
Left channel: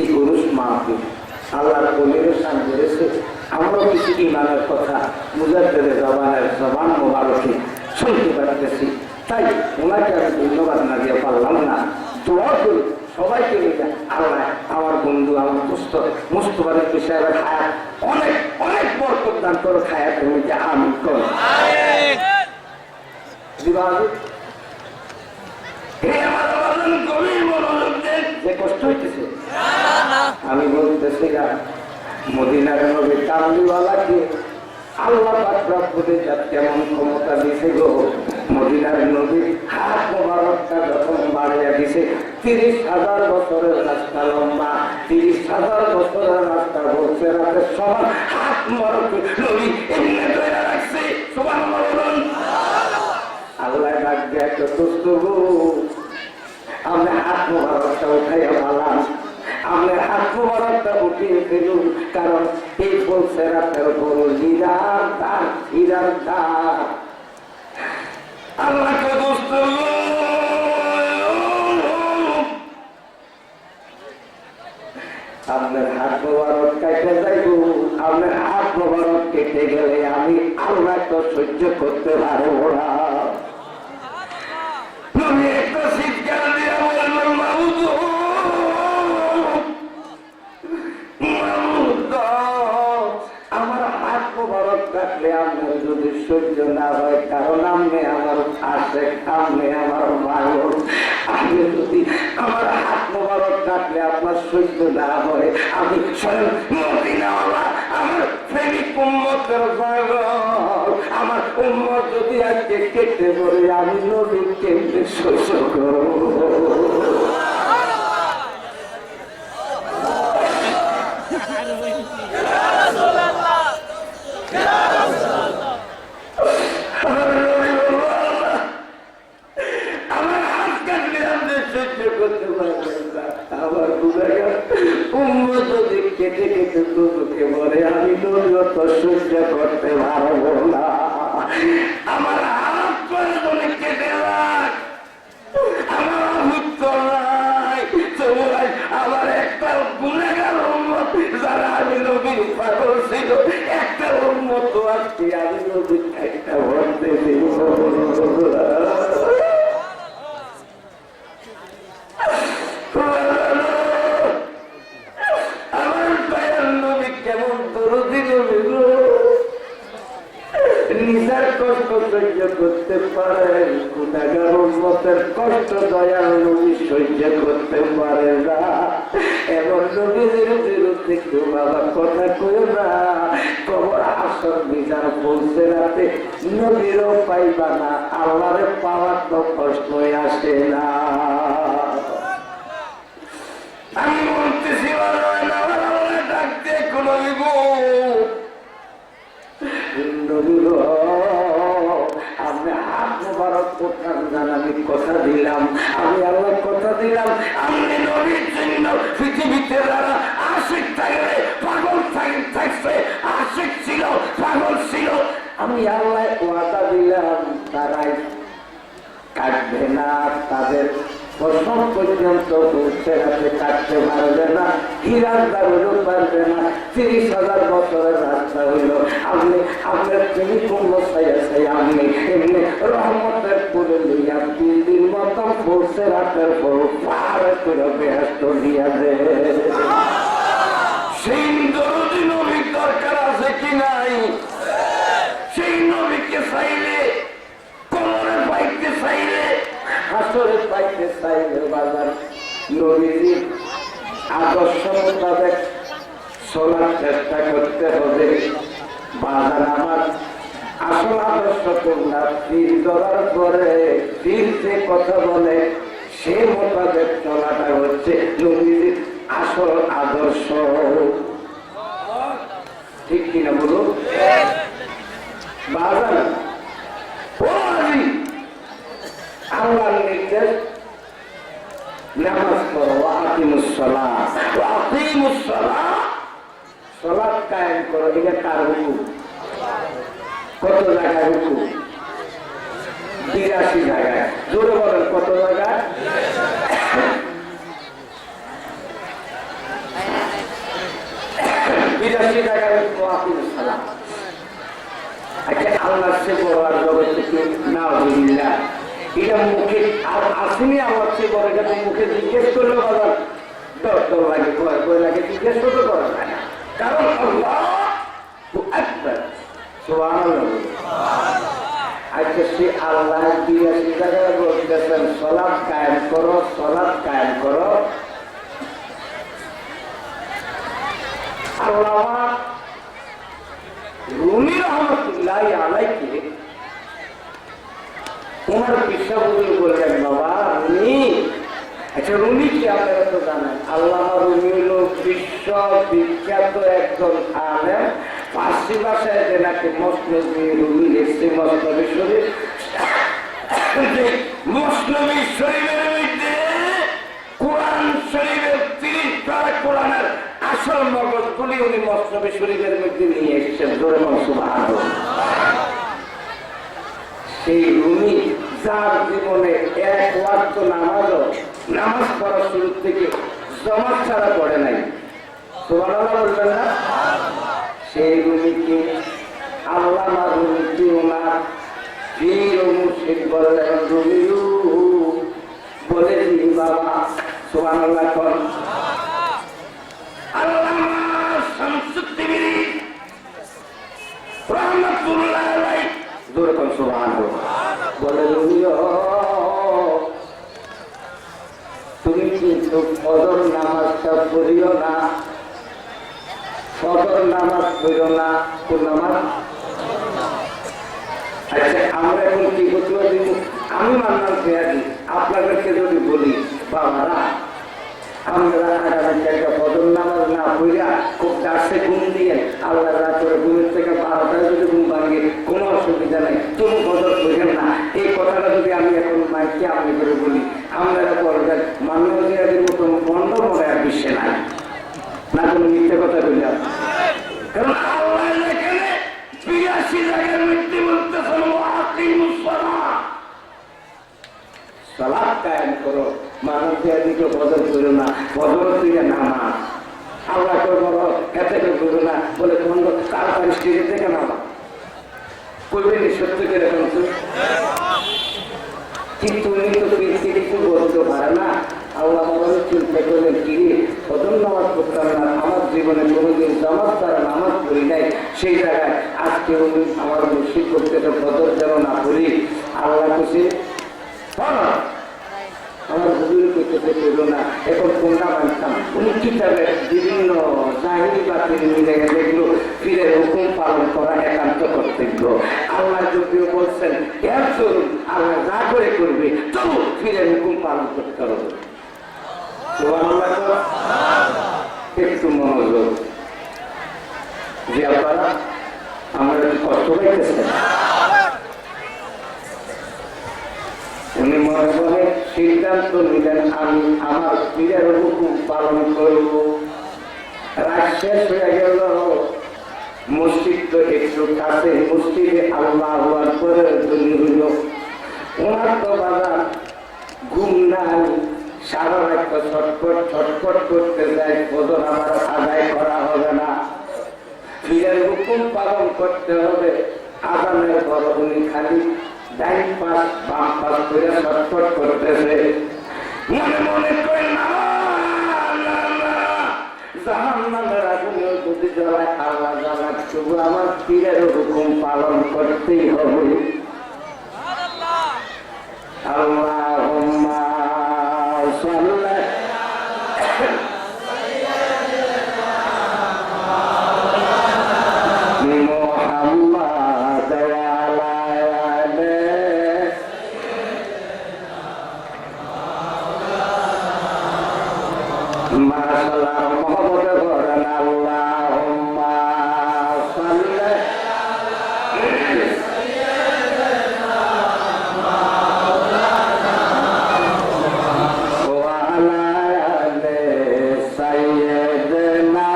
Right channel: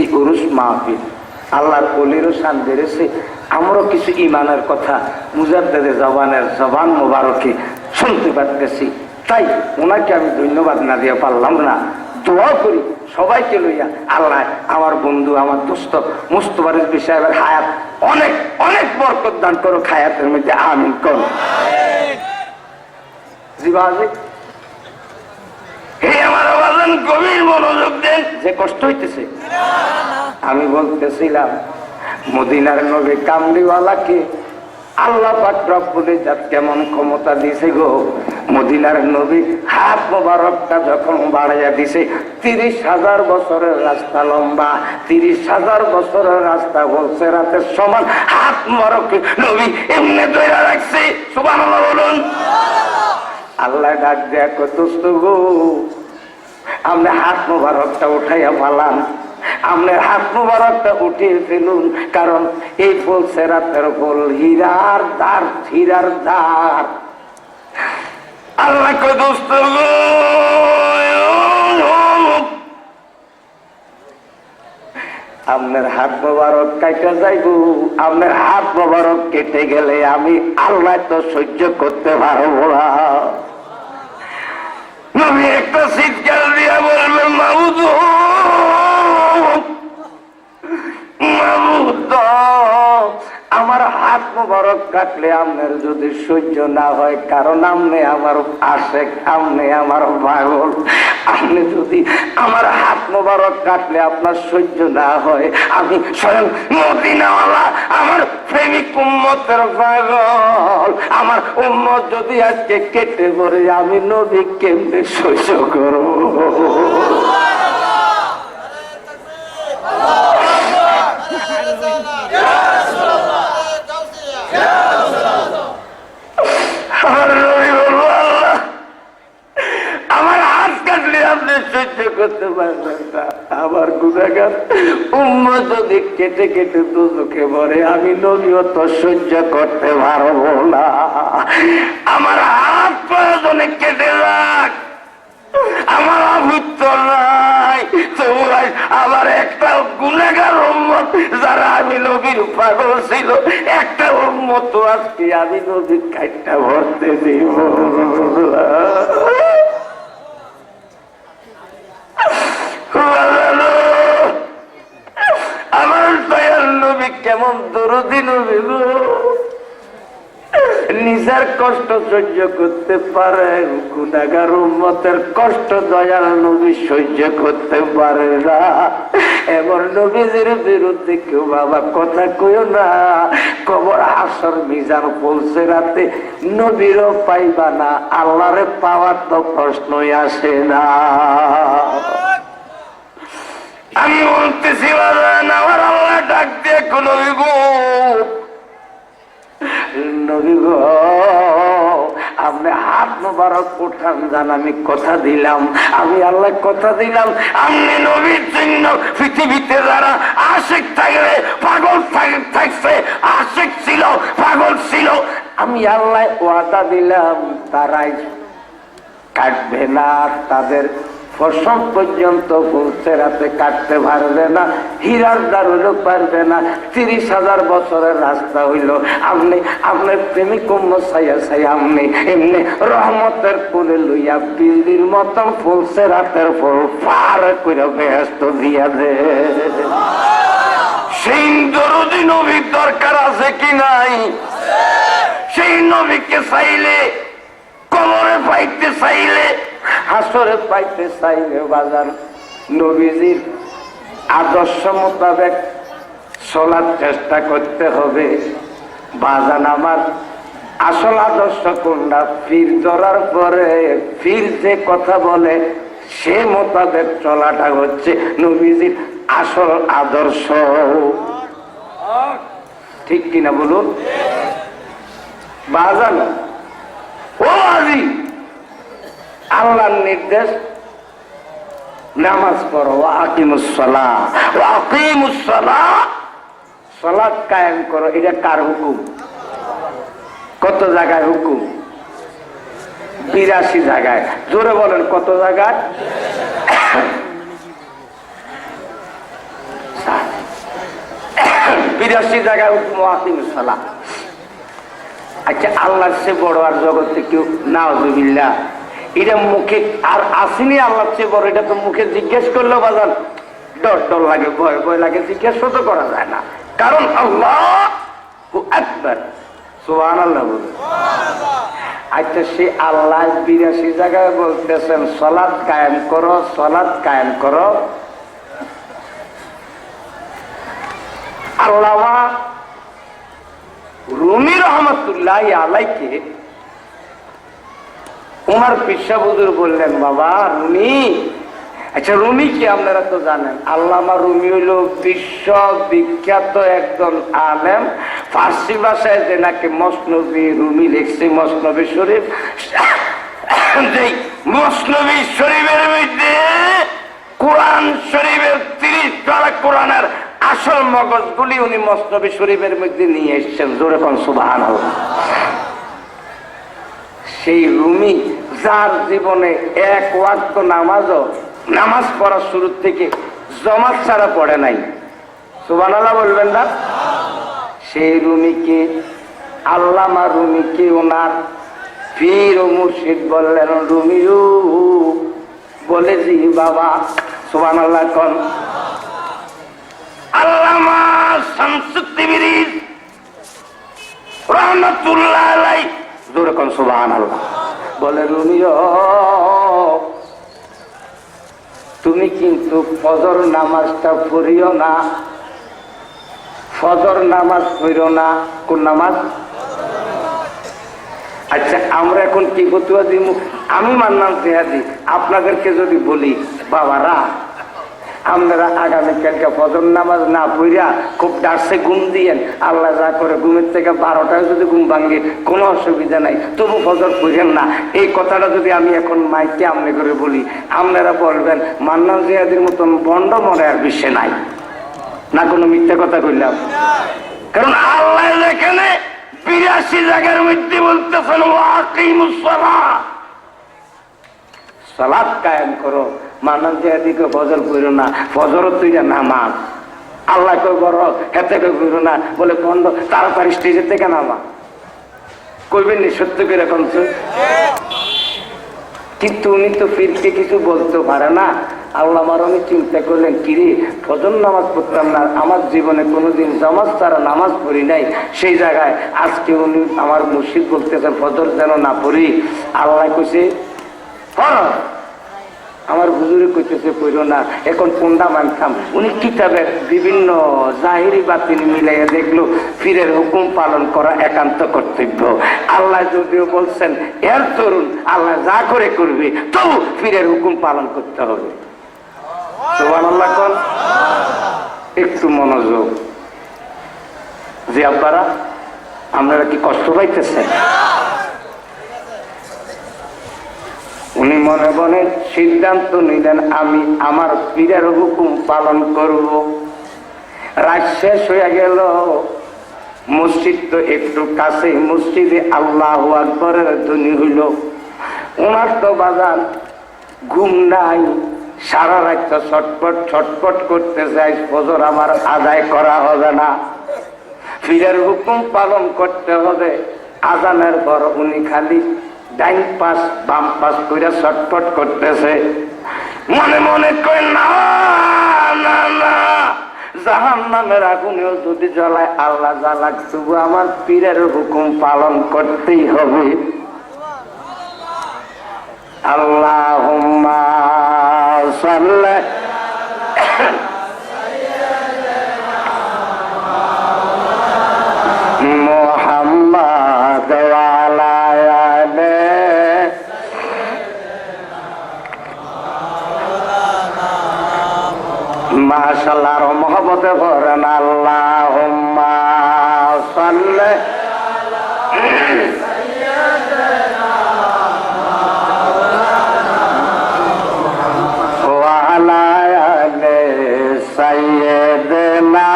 এই উরুস মাহফিল আল্লাহর ওলিরও শান বেড়েছে। আমরাও কিছু ইমানের কথা মুজাদ্দেদে জবান মোবারকে শুনতে পারতেছি। তাই ওনাকে আমি ধন্যবাদ না দিয়ে পারলাম না। দোয়া করি সবাইকে লইয়া আল্লাহ আমার বন্ধু আমার দোস্ত মুস্তফা রিজভী সাহেবের হায়াত অনেক অনেক বরকত দান করো, হায়াতের মধ্যে আমিন করো। গভীর মনোযোগ দেন, যে কষ্ট হইতেছে। আমি বলতেছিলাম মদিনার নবী কামলিওয়ালাকে আল্লাহ পাক রব্বুল ইজ্জত কেমন ক্ষমতা দিছে গো। মদিনার নবী হাত মোবারকটা যখন বাড়াইয়া দিছে, 30,000 বছরের রাস্তা লম্বা, 30,000 বছরের রাস্তা বলছে রাতের সমান। হাত মোবারক নবী এমনি ধরে রাখছে। সুবহানাল্লাহ বলুন। আল্লাহ ডাক দেয়া কত গো, আমরা হাত মোবারকটা উঠাইয়া পালাম, আমরা হাত মোবারকটা উঠিয়ে ফেলুন, কারণ এই ফুল সেরাতের ফুল হীরার দ্বার, হীরার দ্বার। আল্লাহ কয় দোস্ত গো, আপনার হাত মোবারক কাইটা যাইব, আপনার হাত মোবারক কেটে গেলে আমি আল্লাহ তো সহ্য করতে পারবো না। নবী একটা চিৎকার দিয়া বলবেন মাবুদ, আমার হাত মোবারক কাটলে আপনার যদি সহ্য না হয়, কারণ আপনি আমার আশেক, আপনি আমার পাগল, আপনি যদি আমার হাত মোবারক কাটলে আপনার সহ্য না হয়, আমি স্বয়ং মদিনাওয়ালা আমার প্রেমিক উম্মতের পাগল, আমার উম্মত যদি আজকে কেটে পড়ে আমি নবী কেমনে সহ্য করব? আমার হাত কাটলে আপনি সহ্য করতে পারবেন না, আমার গুনাহগার উম্মত যদি কেটে কেটে দুচোখে মরে আমি নবীও তো সহ্য করতে পারবো না। আমার হাত প্রয়োজনে কেটে রাখ, আমার আবুত্ত নাই, তোমরা আবার একটা গুনাহগার উম্মত যারা আমি নবীর পাগল ছিল, একটা উম্মত আজকে আমি নবীর কাইটা ভরতে দিব। আমার দয়াল নবী কেমন দরদি নবী গো, নিজের কষ্ট সহ্য করতে পারেন, গুনাহগার উম্মতের কষ্ট দয়াল নবী সহ্য করতে পারে না। এমন নবীদের বিরুদ্ধে কেউ বাবা কথা কইও না। কবর হাসর মিজান পৌঁছে রাতে নবীরও পাইবা না, আল্লাহরে পাওয়ার তো প্রশ্নই আসে না। আমি বলতেছি আমার আল্লাহ ডাক দিয়ে কোন নবী গো, আপনি হাত মোবারক উঠান যান, আমি কথা দিলাম, আমি আল্লাহ কথা দিলাম, আপনি নবীর জন্য পৃথিবীতে যারা আশিক থাকলে পাগল থাকছে, আশিক ছিল পাগল ছিল, আমি আল্লাহ ওয়াদা দিলাম তারাই কাটবে না, তাদের প্রসব পর্যন্ত পৌঁছে রাতে কাটতে পারবে না, হীরার দ্বারও পারবে না। 30,000 বছরের রাস্তা হইল, আপনি আপনার প্রেমিক সাইয়া সাইয়া আপনি এমনি রহমতের ফুলে লইয়া বিল্ডির মতন পৌঁছে রাতের ফুল পার করে ব্যস্ত দিয়া দে। সেই দরদি নবীর দরকার আছে কি নাই? সেই নবীকে চাইলে, কবরে পাইতে চাইলে, হাসরে পাইতে চাইলে বাজার নবীজির আদর্শ মোতাবেক চলার চেষ্টা করতে হবে। বাজান আমার আসল আদর্শ কোনটা? পীর ধরার পরে পীর যে কথা বলে সে মোতাবেক চলাটা হচ্ছে নবীজির আসল আদর্শ। ঠিক কিনা বলুন বাজান? ও আজি আল্লাহর নির্দেশ, নামাজ পড়ো, আকিমুস সালাহ, আকিমুস সালাহ, সালাত কায়েম করো। এটা কার হুকুম? কত জায়গায় হুকুম? 82 জায়গায়। জোরে বলেন কত জায়গায়? সালাম। আচ্ছা, আল্লাহর চেয়ে বড় আর জগতে কেউ নাউজুবিল্লাহ, এটা মুখে আর আসেনি আল্লাহর চেয়ে বড়, এটা তো মুখে জিজ্ঞেস করলেও বাজার ডর ডর লাগে, ভয় ভয় লাগে, জিজ্ঞেস তো করা যায় না, কারণ আল্লাহু আকবার, সুবহানাল্লাহ বলে। আচ্ছা, সে আল্লাহ 82 জায়গায় বলতেছেন সালাত কায়েম করো, সালাত কায়েম করো। আল্লামা রুমি রহমতুল্লাহ আলাইকে উমার পিসা হুজুর বললেন, বাবা রুমি, আচ্ছা রুমি কি আপনারা তো জানেন, আল্লামা রুমি হইল বিশ্ব বিখ্যাত একজন আলেম, ফার্সি ভাষায় যে নাকি মসনবী রুমি লিখছে, মসনবী শরীফ, মসনবী শরীফের মধ্যে কোরআন শরীফের 30 পারা কোরআনের আসল মগজগুলি উনি মসনবী শরীফের মধ্যে নিয়ে এসেছেন, জোরে কোন সুবহানাল্লাহ। সেই রুমি যার জীবনে এক ওয়াক্ত নামাজ পড়ার শুরু থেকে জমাত ছাড়া পড়ে নাই, সুবহানাল্লাহ বলবেন না? সেই রুমিকে, আল্লামা রুমিকে ওনার পীর ও মুর্শিদ বললেন, রুমিও বলে দি বাবা, সুবহানাল্লাহ কোন। আল্লামা শামসুদ্দিন রহমাতুল্লাহ আলাইহি জোরে কোন সুবহানাল্লাহ বলে, রুমিও তুমি কিন্তু ফজর নামাজটা পড়িও না, ফজর নামাজ পড়িও না। কোন নামাজ? আচ্ছা, আমরা এখন কি ফতুয়া দিব? আমি মানলাম জিহাদি, আপনাদেরকে যদি বলি বাবারা আপনারা আগামীকালকে ফজর নামাজ না পড়িয়া খুব ডার্সে ঘুম দিয়েন, আল্লাহ যা করে ঘুমের থেকে 12টায় যদি ঘুম ভাঙে কোনো অসুবিধা নাই, তবু ফজর পড়েন না, এই কথাটা যদি আমি এখন মাইকে আমনে করে বলি, আপনারা বলবেন মান্নান জিহাদির মতন বন্ড মনে আর বিশ্বে নাই, না কোনো মিথ্যা কথা কইলাম? কারণ আল্লাহ এখানে 82 জায়গার মধ্যে বলতেছেন ওয়াকিমুস সালাত, সালাত কায়েম করো। মান্নান জিহাদিকে ফজর পড়ো না, ফজর তুই নামাজ, আল্লাহ কই বড় এতে কই পড়ো না, বলে বন্ধ তাড়াতাড়ি স্টেজের থেকে নামা, কইবেন নি সত্য করে এখন? কিন্তু উনি তো পীরকে কিছু বলতে পারে না। আল্লাহ আমার অনেক চিন্তা করলেন, কিরে ফজর নামাজ পড়তাম না, আমার জীবনে কোনোদিন জামাত ছাড়া নামাজ পড়ি নাই, সেই জায়গায় আজকে উনি আমার মুর্শিদ বলতেছেন ফজর যেন না পড়ি। আল্লাহ কইছে আমার হুজুরে কইতেছে পড়ো না, এখন কোনটা মানতাম? উনি কিতাবের বিভিন্ন জাহিরি বাতিল মিলাইয়া দেখলো পীরের হুকুম পালন করা একান্ত কর্তব্য। আল্লাহ যদিও বলছেন এর তরুণ আল্লাহ যা করে করবে, তবু পীরের হুকুম পালন করতে হবে। সুবহানাল্লাহ কোন। একটু মনোযোগ, যে আপনারা কি কষ্ট পাইতেছেন? উনি মনে মনে সিদ্ধান্ত নিলেন, আমি আমার পীরের হুকুম পালন করব। রাত শেষ হয়ে গেল, মসজিদ তো একটু কাছে, মসজিদে আল্লাহু আকবারের ধ্বনি হইল। ওনার তো বাজার ঘুম নাই, সারা রাত ছটপট ছটপট করতে চাই, ফজর আমার আদায় করা হবে না, পীরের হুকুম পালন করতে হবে। আজানের পর উনি খালি ডাইন পাশ বাম পাশ করে ছটপট করতেছে, মনে মনে কই না না না, জাহান্নামের আগুনেও যদি জ্বলায় আল্লাহ জ্বালাক, তবু আমার পীরের হুকুম পালন করতেই হবে। আল্লাহুম্মা সাল্লি মুহাম্মাদ ওয়া আলা মাশাআল্লাহ, আর মহব্বতে করেন আল্লাহুম্মা সাল্লি ওয়া আলা আলি সাইয়্যিদিনা।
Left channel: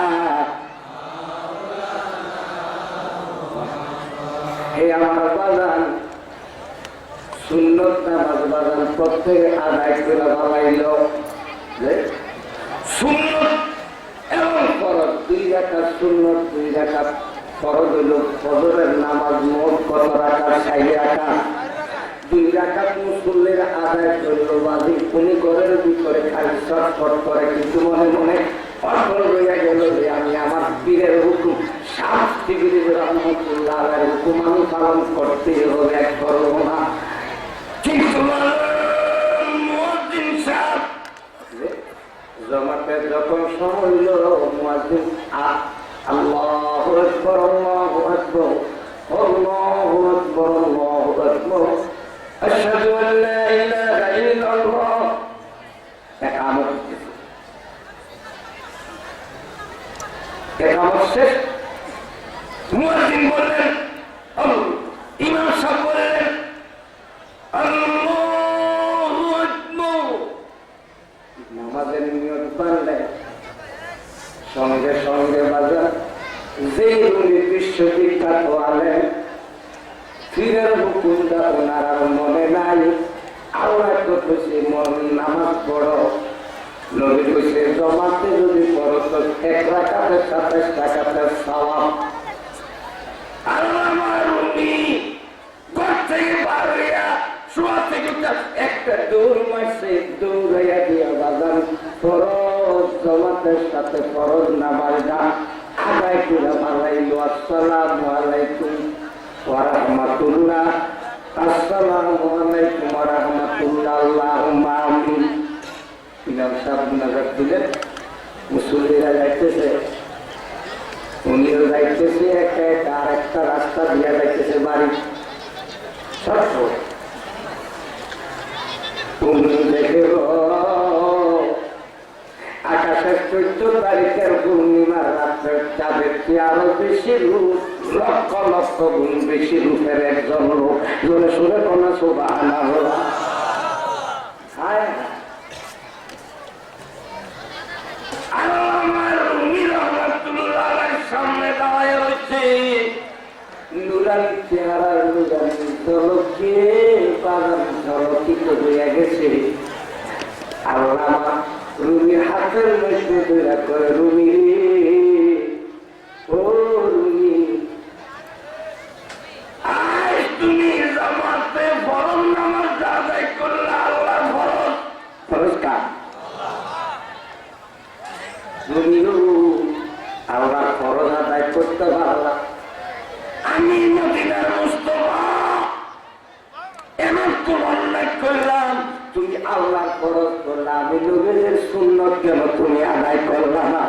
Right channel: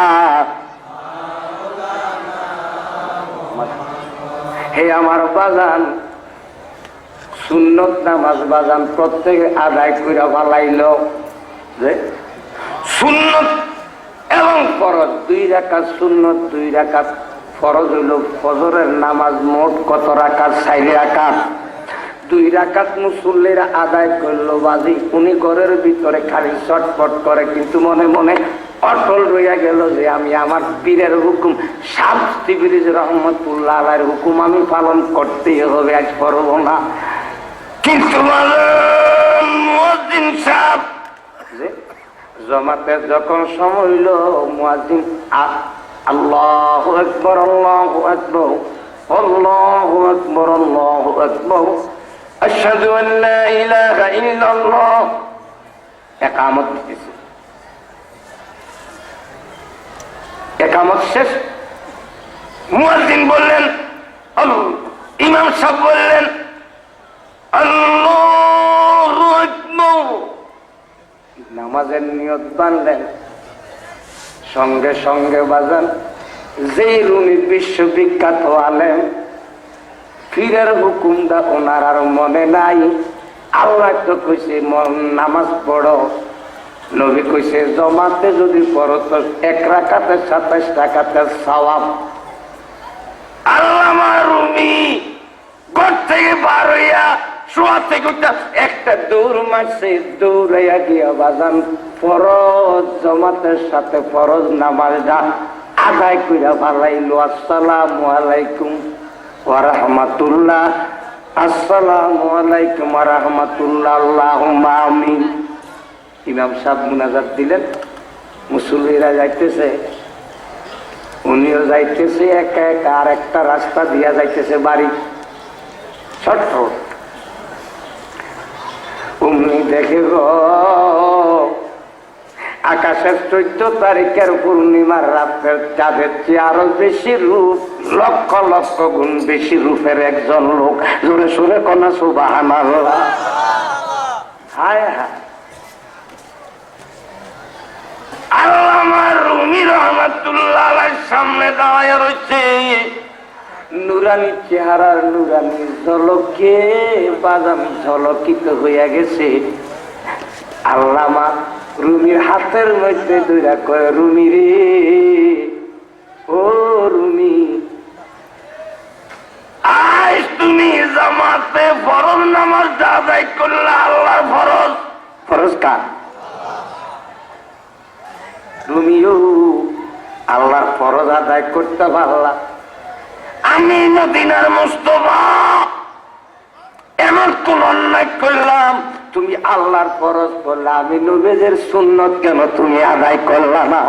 হে আমার বাজান, সুন্নত নামাজ বাজান প্রত্যেকে আদায় করে ভালাইল, যে সুন্নত এবং ফরজ 2 রাকাত, সুন্নত 2 রাকাত, ফরজ হলো ফজরের নামাজ মোট কত রাকাত? 4 রাকাত। 2 রাকাত মুসল্লিরা আদায় করলো বাজি, উনি ঘরের ভিতরে খালি ছটফট করে, কিন্তু মনে মনে অটল রইয়া গেল যে আমি আমার পীরের হুকুম, শামসি বিরিজ রহমতুল্লাহ আলাইহির হুকুম আমি পালন করতেই হবে, আজ করব না। কিন্তু মুয়াজ্জিন সাহেব জমাতের যখন সময় হইল, মুয়াজ্জিন আল্লাহু আকবার, আল্লাহু আকবার, আল্লাহু আকবার, আল্লাহু আকবার, আশহাদু আল্লা ইলাহা ইল্লাল্লাহ, ইকামত দিতেছে। ইকামত শেষ, মুয়াজ্জিন বললেন, ইমাম সাহেব বললেন আল্লাহু আকবার, নামাজের নিয়ত বানলেন। সঙ্গে সঙ্গে বাজান যেই রুনি বিশ্ববিখ্যাত আলেম, পীরের হুকুমটা ওনার আর মনে নাই। আল্লাহ তো কইছে নামাজ পড়ো, নবী কইছে জমাতে যদি পড়ো তো 1 রাকাতে 27 রাকাতের সওয়াব। আল্লামা রুমি ঘর থেকে বার হইয়া শোয়া থেকে একটা দৌড় মারছে, দৌড়াইয়া দিয়া বাজান ফরজ জমাতের সাথে ফরজ নামাজটা আদায় কইরা ভালাইলো। আসসালামু আলাইকুম ওয়া রাহমাতুল্লাহ, আসসালামু আলাইকুম ওয়া রাহমাতুল্লাহ, আল্লাহুম্মা আমিন। ইমাম সাহেব মুনাজাত দিলেন, মুসল্লিরা যাইতেছে, উনিও যাইতেছে একা একা, আর একটা রাস্তা দিয়া যাইতেছে বাড়ি ছোট্ট। উনি দেখে আকাশের 14 তারিখের পূর্ণিমার রাতের চাঁদের চেয়ে আরো বেশি রূপ, লক্ষ লক্ষ গুণ বেশি রূপের একজন লোক। জোরে সুরে কনা সুবহানাল্লাহ। হায় হায়, আল্লামা রুমি রহমাতুল্লাহ আলাইহির সামনে দাঁড়ায় রয়েছে, নুরানি চেহারার নুরানি ঝলকে বাদাম ঝলকিত হইয়া গেছে। আল্লামা রুমির হাতের মধ্যে দইরা করে, রুমি রে, ও রুমি, আজ তুমি জামাতে ফরজ নামাজ আদায় করলে। আল্লাহর ফরজ, ফরজ কার? তুমিও আল্লাহর ফরজ আদায় করতে পারলা। আমি মদিনার মুস্তাফা এমন কোন অন্যায় করলাম, তুমি আল্লাহর ফরজ করলা, আমি নবীর সুন্নত কেন তুমি আদায় করলা না?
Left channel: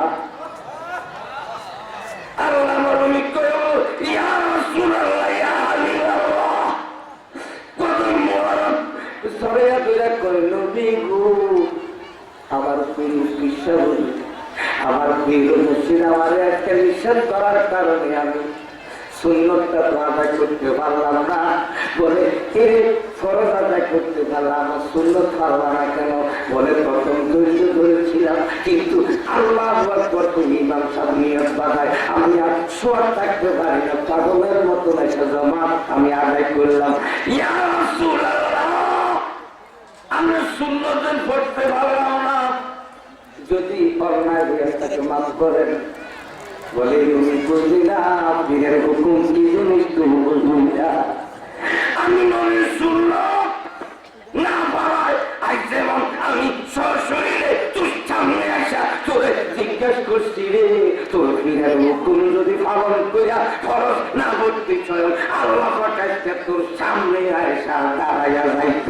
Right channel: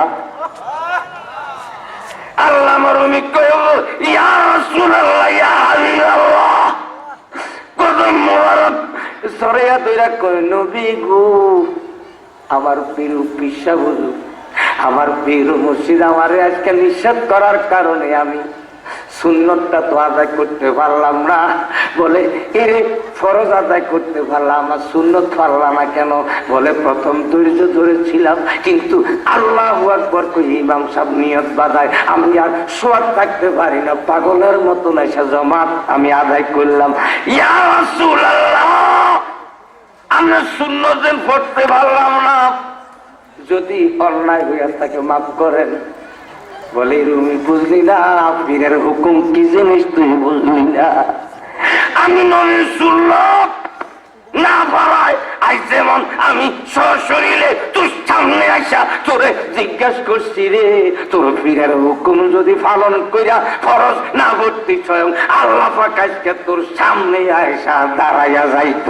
আল্লাহ রুমি কইব, ইয়া রাসূলুল্লাহ, ইয়া হাবিবাল্লাহ, কদম মোবারক সরিয়া দইরা কই, নবী গো, আমার পীর পিসা বলু, আমার পীর মুর্শিদ আমারে আজকে নিষেধ করার কারণে আমি সুন্নতটা তো আদায় করতে পারলাম না। বলে এ ফরজ আদায় করতে পারলাম না, সুন্নত পারলাম না কেন? বলে প্রথম ধৈর্য ধরেছিলাম, কিন্তু আল্লাহু আকবার কই ইমাম সাহেব নিয়ত বাঁধায়, আমি আর শোয়া থাকতে পারি না, পাগলের মতো এসে জমাত আমি আদায় করলাম। ইয়া রাসূলুল্লাহ, আমরা সুন্নতে পড়তে পারলাম না, যদি অন্যায় হইয়া তাকে মাফ করেন। বলে রুমি বুঝলি না পীরের হুকুম কি জিনিস, তুই বুঝলি না। আমি নবীর সুন্নাত না পারায় আজ যেমন আমি সশরীরে তোর সামনে আসা তোরে জিজ্ঞাসা করছি, রে তোর পীরের হুকুম যদি পালন কইরা ফরজ না করতে স্বয়ং আল্লাহ পাক আজকে তোর সামনে আয়সা দাঁড়াইয়া যাইত।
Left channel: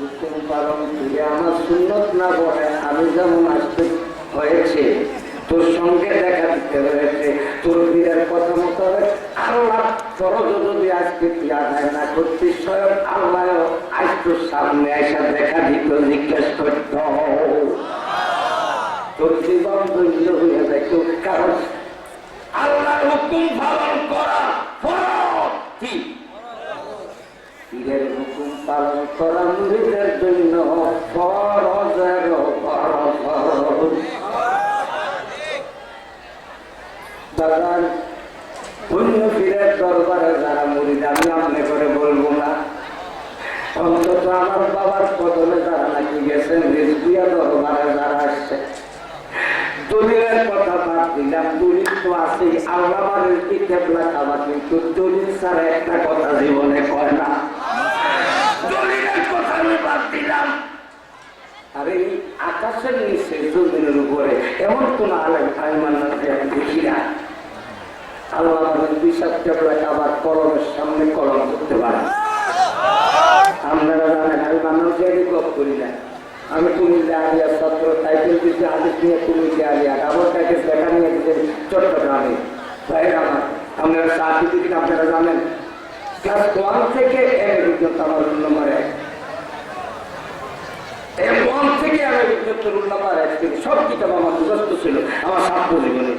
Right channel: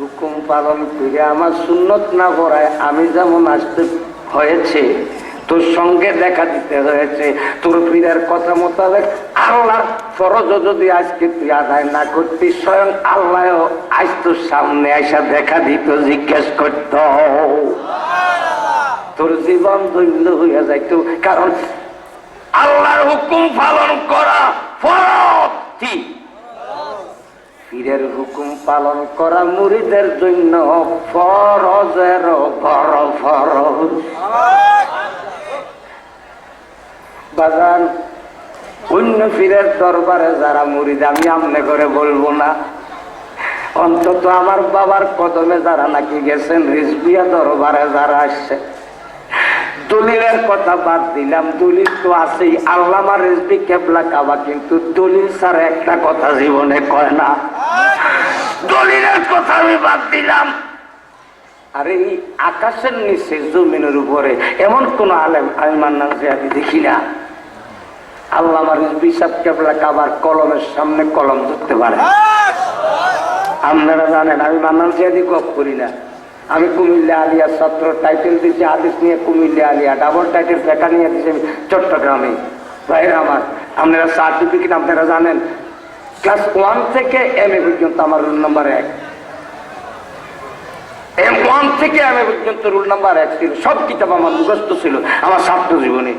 হুকুম পালন করে আমার সুন্নত না পড়ায় আমি যেমন আসতে হয়েছে, তোর সঙ্গে দেখা দিতে হয়েছে, তোর পীরের কথা মোতাবেক আল্লাহর ফরজ যদি আজকে তুই আদায় না করতিস, স্বয়ং আল্লাহ আজ তোর সামনে আসা দেখা দিত, জিজ্ঞেস করত, তোর জীবন দৈন্য হইয়া যাইত। কারণ আল্লাহর হুকুম পালন করা ফরজ। ঠিক, পীরের হুকুম পালন করা মুরিদের জন্য ফরজের বড় ফরজ। বাগান অন্য পীরের দরবারে যারা মুরিদ, আমি আমনে করে বলবো না, অন্তত আমার বাবার কদমে যারা নাকি গেছেন, রিজভিয়া দরবারে যারা আসছে, দলিলের কথা বাদ দিলাম, দলিল তো আছেই, আল্লামা রিজভী কেবলা কাবা কিন্তু দলিল ছাড়া একটা কথা জীবনে কয় না। দলিলের কথা আমি বাদ দিলাম। আর এই আকাশের নিচে জমিনের উপরে এমন কোন আলেম আমি মানলাম যে আমি দেখি না আল্লামা রিজভী সাহেব কেবলা কাবার কলমের সামনে কলম ধরতে পারে। আপনারা জানেন আমি মান্নান জিয়াদি গপ করি না। আমি কুমিল্লা আলিয়া ছাত্র, টাইটেল দিচ্ছি হাদিস নিয়ে কুমিল্লা আলিয়া, ডাবল টাইটেল দেখা নিয়ে দিচ্ছি চট্টগ্রামে। ভাইয়ের আমার, আপনারা সার্টিফিকেট আপনারা জানেন, ক্লাস 1 থেকে MA পর্যন্ত আমার রোল নাম্বার 1, M1 থেকে MA পর্যন্ত রোল নাম্বার 1 ছিল। সব কিতাব আমার মুখস্থ ছিল আমার ছাত্র জীবনে।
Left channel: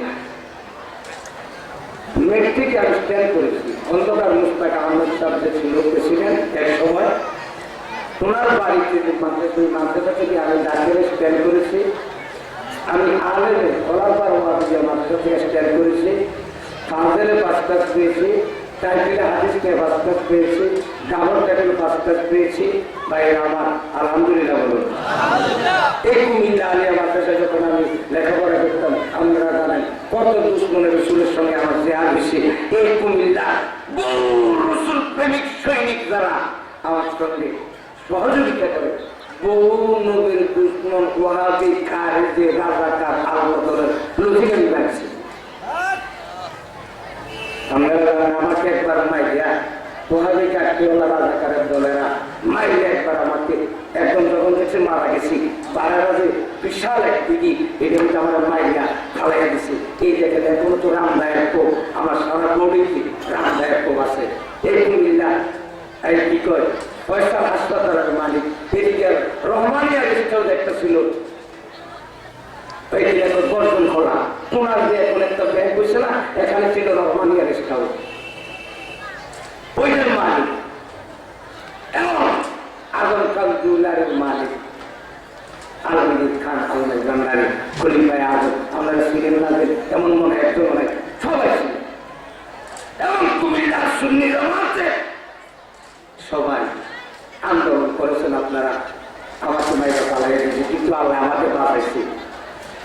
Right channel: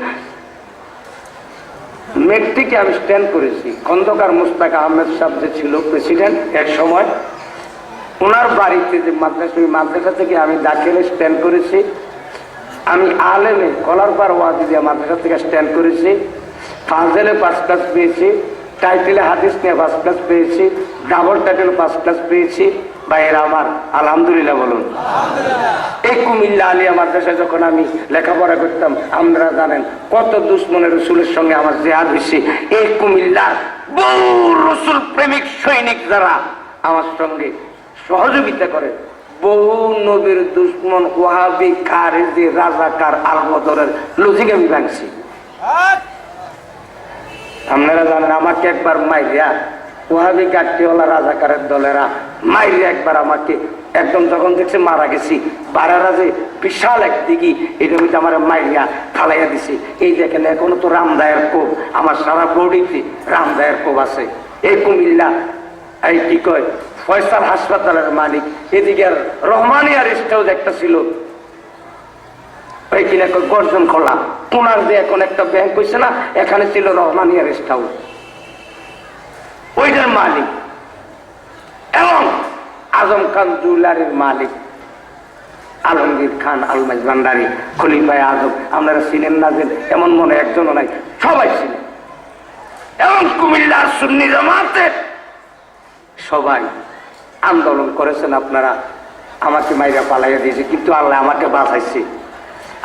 মেট্রিকে আমি স্ট্যান্ড করেছি। খন্দকার মুস্তাক আহমেদ সাহেব যে ছিল প্রেসিডেন্ট এক সময়, ওনার বাড়িতে যে মাদ্রাসা থেকে আমি দাখিলে স্ট্যান্ড করেছি। আমি আলেমে কলারপাড় ওয়াজিয়া মাদ্রাসা থেকে স্ট্যান্ড করেছি। ফাজেলে 5 ক্লাস পেয়েছি, টাইটেলে হাদিস নিয়ে 5 ক্লাস পেয়েছি, ডাবল টাইটেলে 5 ক্লাস পেয়েছি। ভাইয়েরা আমার, আলহামদুলিল্লাহ বলুন। এই কুমিল্লা আলিয়া মাদ্রাসায় যখন আমি লেখাপড়া করতাম, আপনারা জানেন কত দুশ্মনের রসুলের সঙ্গে আমার জেহাদ হয়েছে। এই কুমিল্লার বহু রসুল প্রেমিক সৈনিক যারা আমার সঙ্গে সহযোগিতা করে, বহু নবীর দুশ্মন ওয়াহাবি খারেজি রাজাকার আলমদরের লজিক আমি ভাঙছি। আপনারা জানেন আমাকে একবার মাইরিয়া ওয়াহাবি গাঠিওয়ালা রাজাকারের দলেরা মাইরিয়া একবার আমাকে একদম যখন দেখছে মারা গেছি, বারারা যে বিশাল এক দিঘি, এটা হচ্ছে আমার মাইরিয়া ফালাইয়া দিছে। এই দেখেন এখনো তো রামদায়ের কোপ, আমার সারা বডিতে রামদায়ের কোপ আছে। এই কুমিল্লা এই কি কয় ফয়সাল হাসপাতালের মালিক, এদিকে রহমানিয়া রেস্ট হাউস একটা ছিল, ওইখানে গর্জন খোলা, ওনার যে এখন একটা ব্যাংক হয়েছে না, এখানে ছিল রহমানিয়া রেস্ট হাউস, ওইটার মালিক। এবং আজম খান জুয়েলারির মালিক আলমগীর খান আলমাজ ভান্ডারী, খলিফায়ে আজম, আপনারা ছিলেন না যে এমন মনে একজন নাই, সবাই ছিল। এবং কুমিল্লার সুন্নি জামাতের সবাই আন্দোলন করেছেন। আপনারা আমাকে মাইরা পালাইয়া দিয়েছে, কিন্তু আল্লাহ আমাকে বাঁচাইছে।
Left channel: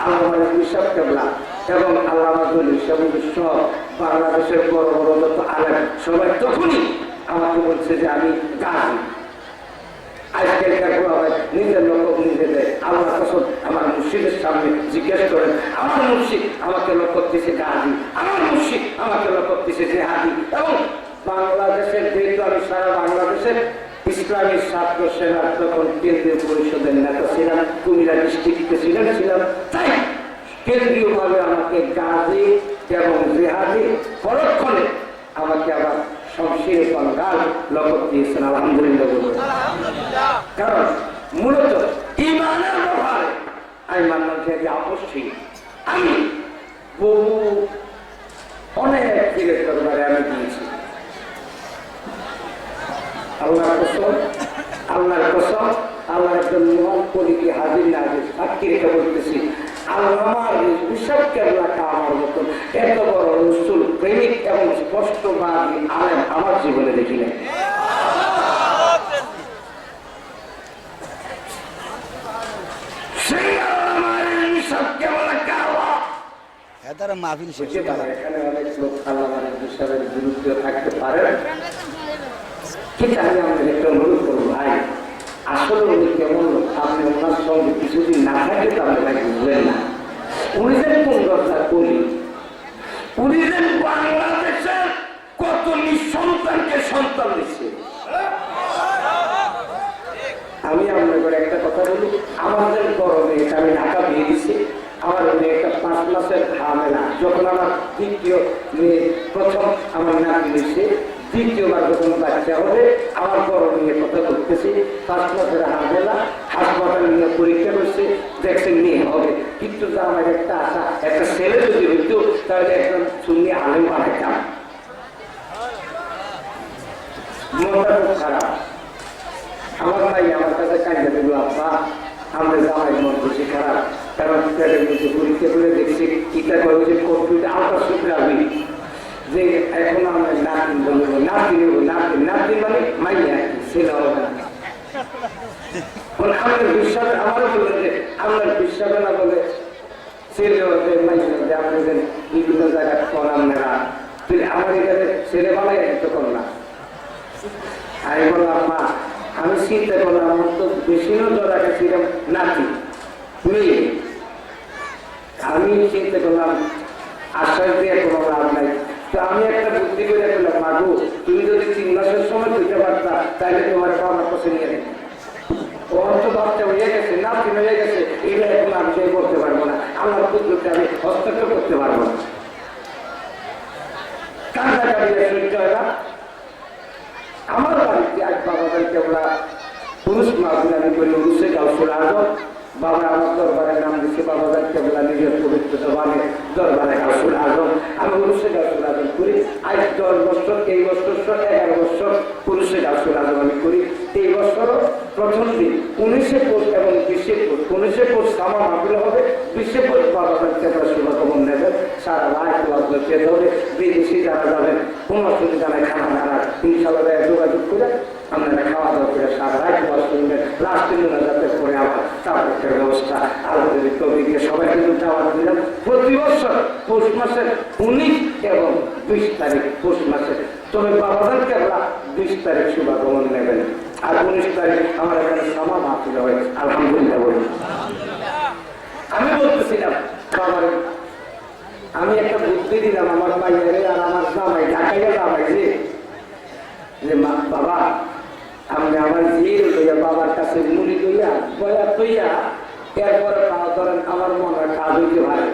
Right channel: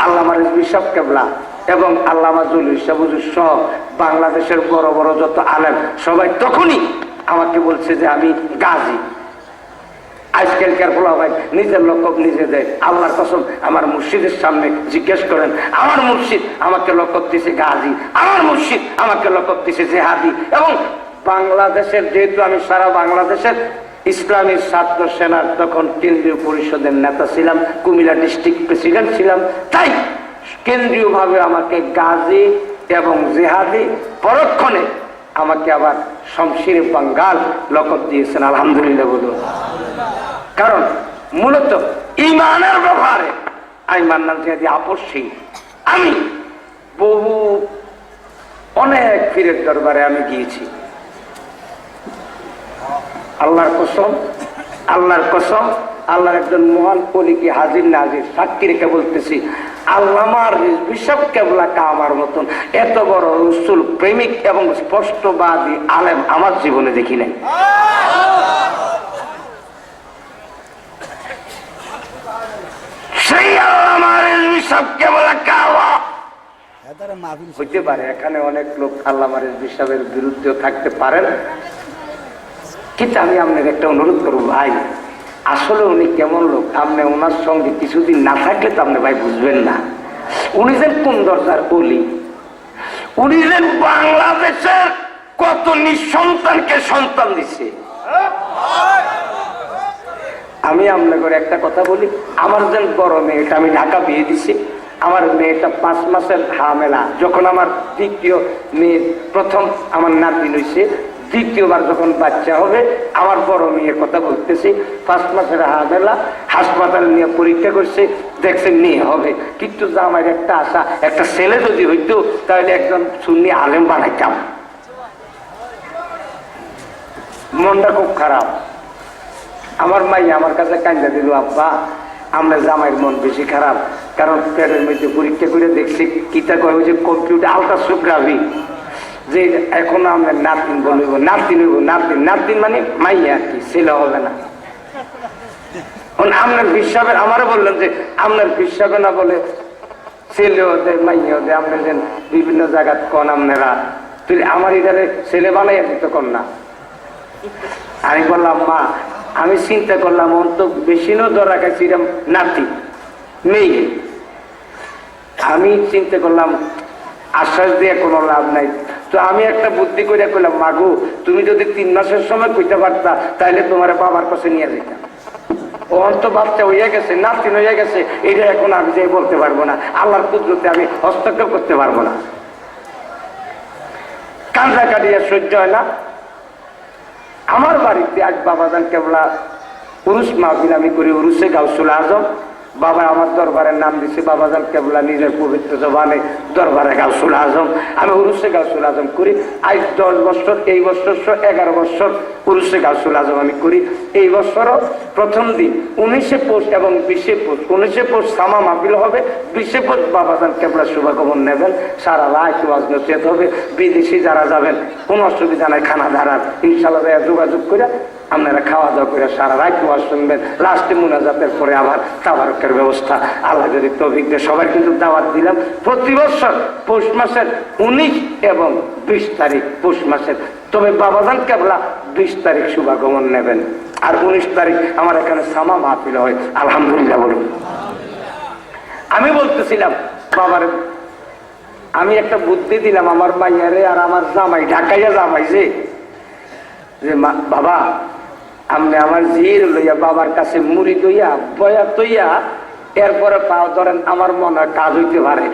আল্লামা রিজভী সাহেব কেবলা এবং আল্লামা জলিল সাহেব সব বাংলাদেশের বড় বড় যত আলেম সবাই তখনই আমাকে বলছে যে আমি গাজী। আজকালকার ভাই নিজের লক্ষ্য নিজে দেয়। আল্লাহর কসম, আমার মুর্শিদের সামনে জিজ্ঞেস করেন, আমার মুর্শিদ আমাকে লক্ষ্য দিছে গাজী, আমার মুর্শিদ আমাকে লক্ষ্য দিছে জেহাদি। এবং বাংলাদেশের, যেহেতু আমি সারা বাংলাদেশের ইসলামী ছাত্র সেনার তখন কেন্দ্রীয় পরিষদের নেতা ছিলাম, কুমিল্লা ডিস্ট্রিক্ট প্রেসিডেন্ট ছিলাম, তাই কেন্দ্রীয় ভাবে আমাকে গাজী এবং জেহাদি, পরক্ষণে আমাকে আবার শমশির বাঙ্গাল লকব দিয়েছেন। আলহামদুলিল্লাহ বলুন। কারণ মূলত ইমানের ব্যাপারে আমি মান্নান জিয়াদি আপসী। আমি বহু অনেক পীরের দরবারে আমি গিয়েছি। আল্লাহর কসম, আল্লাহর কসম, আল্লাহর একজন মহান কলিকে হাজির নাজির সাক্ষী রেখে বলতেছি, আল্লামা রিজভী সাহেব কেবলা কাবার মতন এত বড় রসুল প্রেমিক এবং স্পষ্টবাদী আলেম আমার জীবনে দেখি নাই। সেই আল্লামা রিজভী সাহেব কেবলা কাবা হইতে পারে। এখানে অনেক লোক আল্লামা রিজভী সাহেবের বিরুদ্ধে থাকতে পারে না, কিন্তু আমি আপনাকে একটা অনুরোধ করবো ভাই, আসলে উনি কেমন লোক, আপনি ওনার সঙ্গে কিছুদিন না থাকলে তো আপনি ভাই বুঝবেন না। উনি যেন কোন দরকার বলি, উনি যেন বাংলাদেশের কত নিঃসন্তানকে সন্তান দিচ্ছে। আমি আপনাকে একটা কথা বলি, আমার যেন বড় মেয়েটা আমি ঢাকা বিয়ে দিছি, আমার মেয়েটা 5 মাসের হামেলা, যখন আমার দ্বিতীয় মেয়ে প্রথম আমার নাতি হয়েছে দ্বিতীয়বার যখন বাচ্চা হবে, আমার বড় মেয়ের কথা বলতেছি, 5 মাসের হাবেলা, হাসপাতালে নিয়ে পরীক্ষা করছে, দেখছে মেয়ে হবে। কিন্তু আমার একটা আশা, একটা ছেলে যদি হইতো তাহলে একজন সুন্নি আলেম বানাইতাম। মনটা খুব খারাপ। আমার মাই আমার কাছে কান্দা দিল, আব্বা আমরা জামাইয়ের মন বেশি খারাপ, কারণ পেটের মধ্যে পরীক্ষা করে দেখছি কিতা কয় যে কম্পিউটার আলট্রাসোগ্রাফি, যে এখন আমরা নাতিন বলব, নাতিন নাতিন নাতিন মানে মাইয়া আর কি, ছেলে হবে না। আপনার বিশ্বাসে আমারও বললেন যে আপনার বিশ্বাসে না বলে ছেলে হতে মাইয়া হতে আপনি যেন বিভিন্ন জায়গায় কন আপনারা, তুই আমার এখানে ছেলে বানাইয়া দিতে কন না। আমি বললাম মা, আমি চিন্তা করলাম আমার তো বেশি নজর রাখাচ্ছি নাতি নেই, আমি চিন্তা করলাম আশ্বাস দিয়ে কোনো লাভ নাই। তো আমি একটা বুদ্ধি করে করলাম, মাগু তুমি যদি 3 মাসের সময় কইতে পারতা তাহলে তোমার বাবার কাছে নিয়ে যেত। ওর তো বাচ্চা হয়ে গেছে, নাতি হয়ে গেছে, এটা এখন আমি যে বলতে পারবো না, আল্লাহর কুদরতে আমি হস্তক্ষেপ করতে পারবো না। কান্দা কাটিয়ে সহ্য হয় না। আমার বাড়িতে আজ বাবাজান কেবলা পুরুষ মাহফিল আমি করি, উরুসে গাউসুল আজম। বাবা আমার দরবারের নাম দিচ্ছে বাবাজান কেবলা, নিজের পবিত্র জবানে দরবারে গাউসুল আজম। আমি উরুসে গাউসুল আজম করি আজ 10 বছর, এই বছর 11 বছর উরুসে গাউসুল আজম আমি করি। এই বছরও প্রথম দিন 19শে পৌষ এবং 20শে পৌষ, 19শে পৌষ সামা মাহফিল হবে, 20শে পৌষ বাবাজান কেবলা শুভাগমন নেবেন, সারা রাত ওয়াজ নসিহত হবে। বিদেশি যারা যাবেন কোনো অসুবিধা নাই, খানা দাঁড়ান ইনশাআল্লাহ যোগাযোগ করে আপনারা খাওয়া দাওয়া করে সারা রাত ওয়াজ শুনবেন। লাস্টে মুনাজাতের পরে আবার তাবারকের ব্যবস্থা, আল্লাহ যদি তৌফিক দেয়। সবাই কিন্তু দাওয়াত দিলাম প্রতি বছর পৌষ মাসের 19 এবং 20 তারিখ পৌষ মাসের। তবে বাবাজান কেবলা 20 তারিখ শুভাগমন নেবেন, আর 19 তারিখ আমার এখানে সামা মাহফিল হয়। আলহামদুলিল্লাহ বলুন। আমি বলতেছিলাম বাবার, আমি একটা বুদ্ধি দিলাম আমার মাইয়ারে আর আমার জামাই, ঢাকাইয়া জামাই যে বাবা আমি আমার জির লইয়া বাবার কাছে মুড়ি দইয়া বয়া তৈয়া এরপরে পাও ধরেন আমার মনে কাজ হইতে পারে।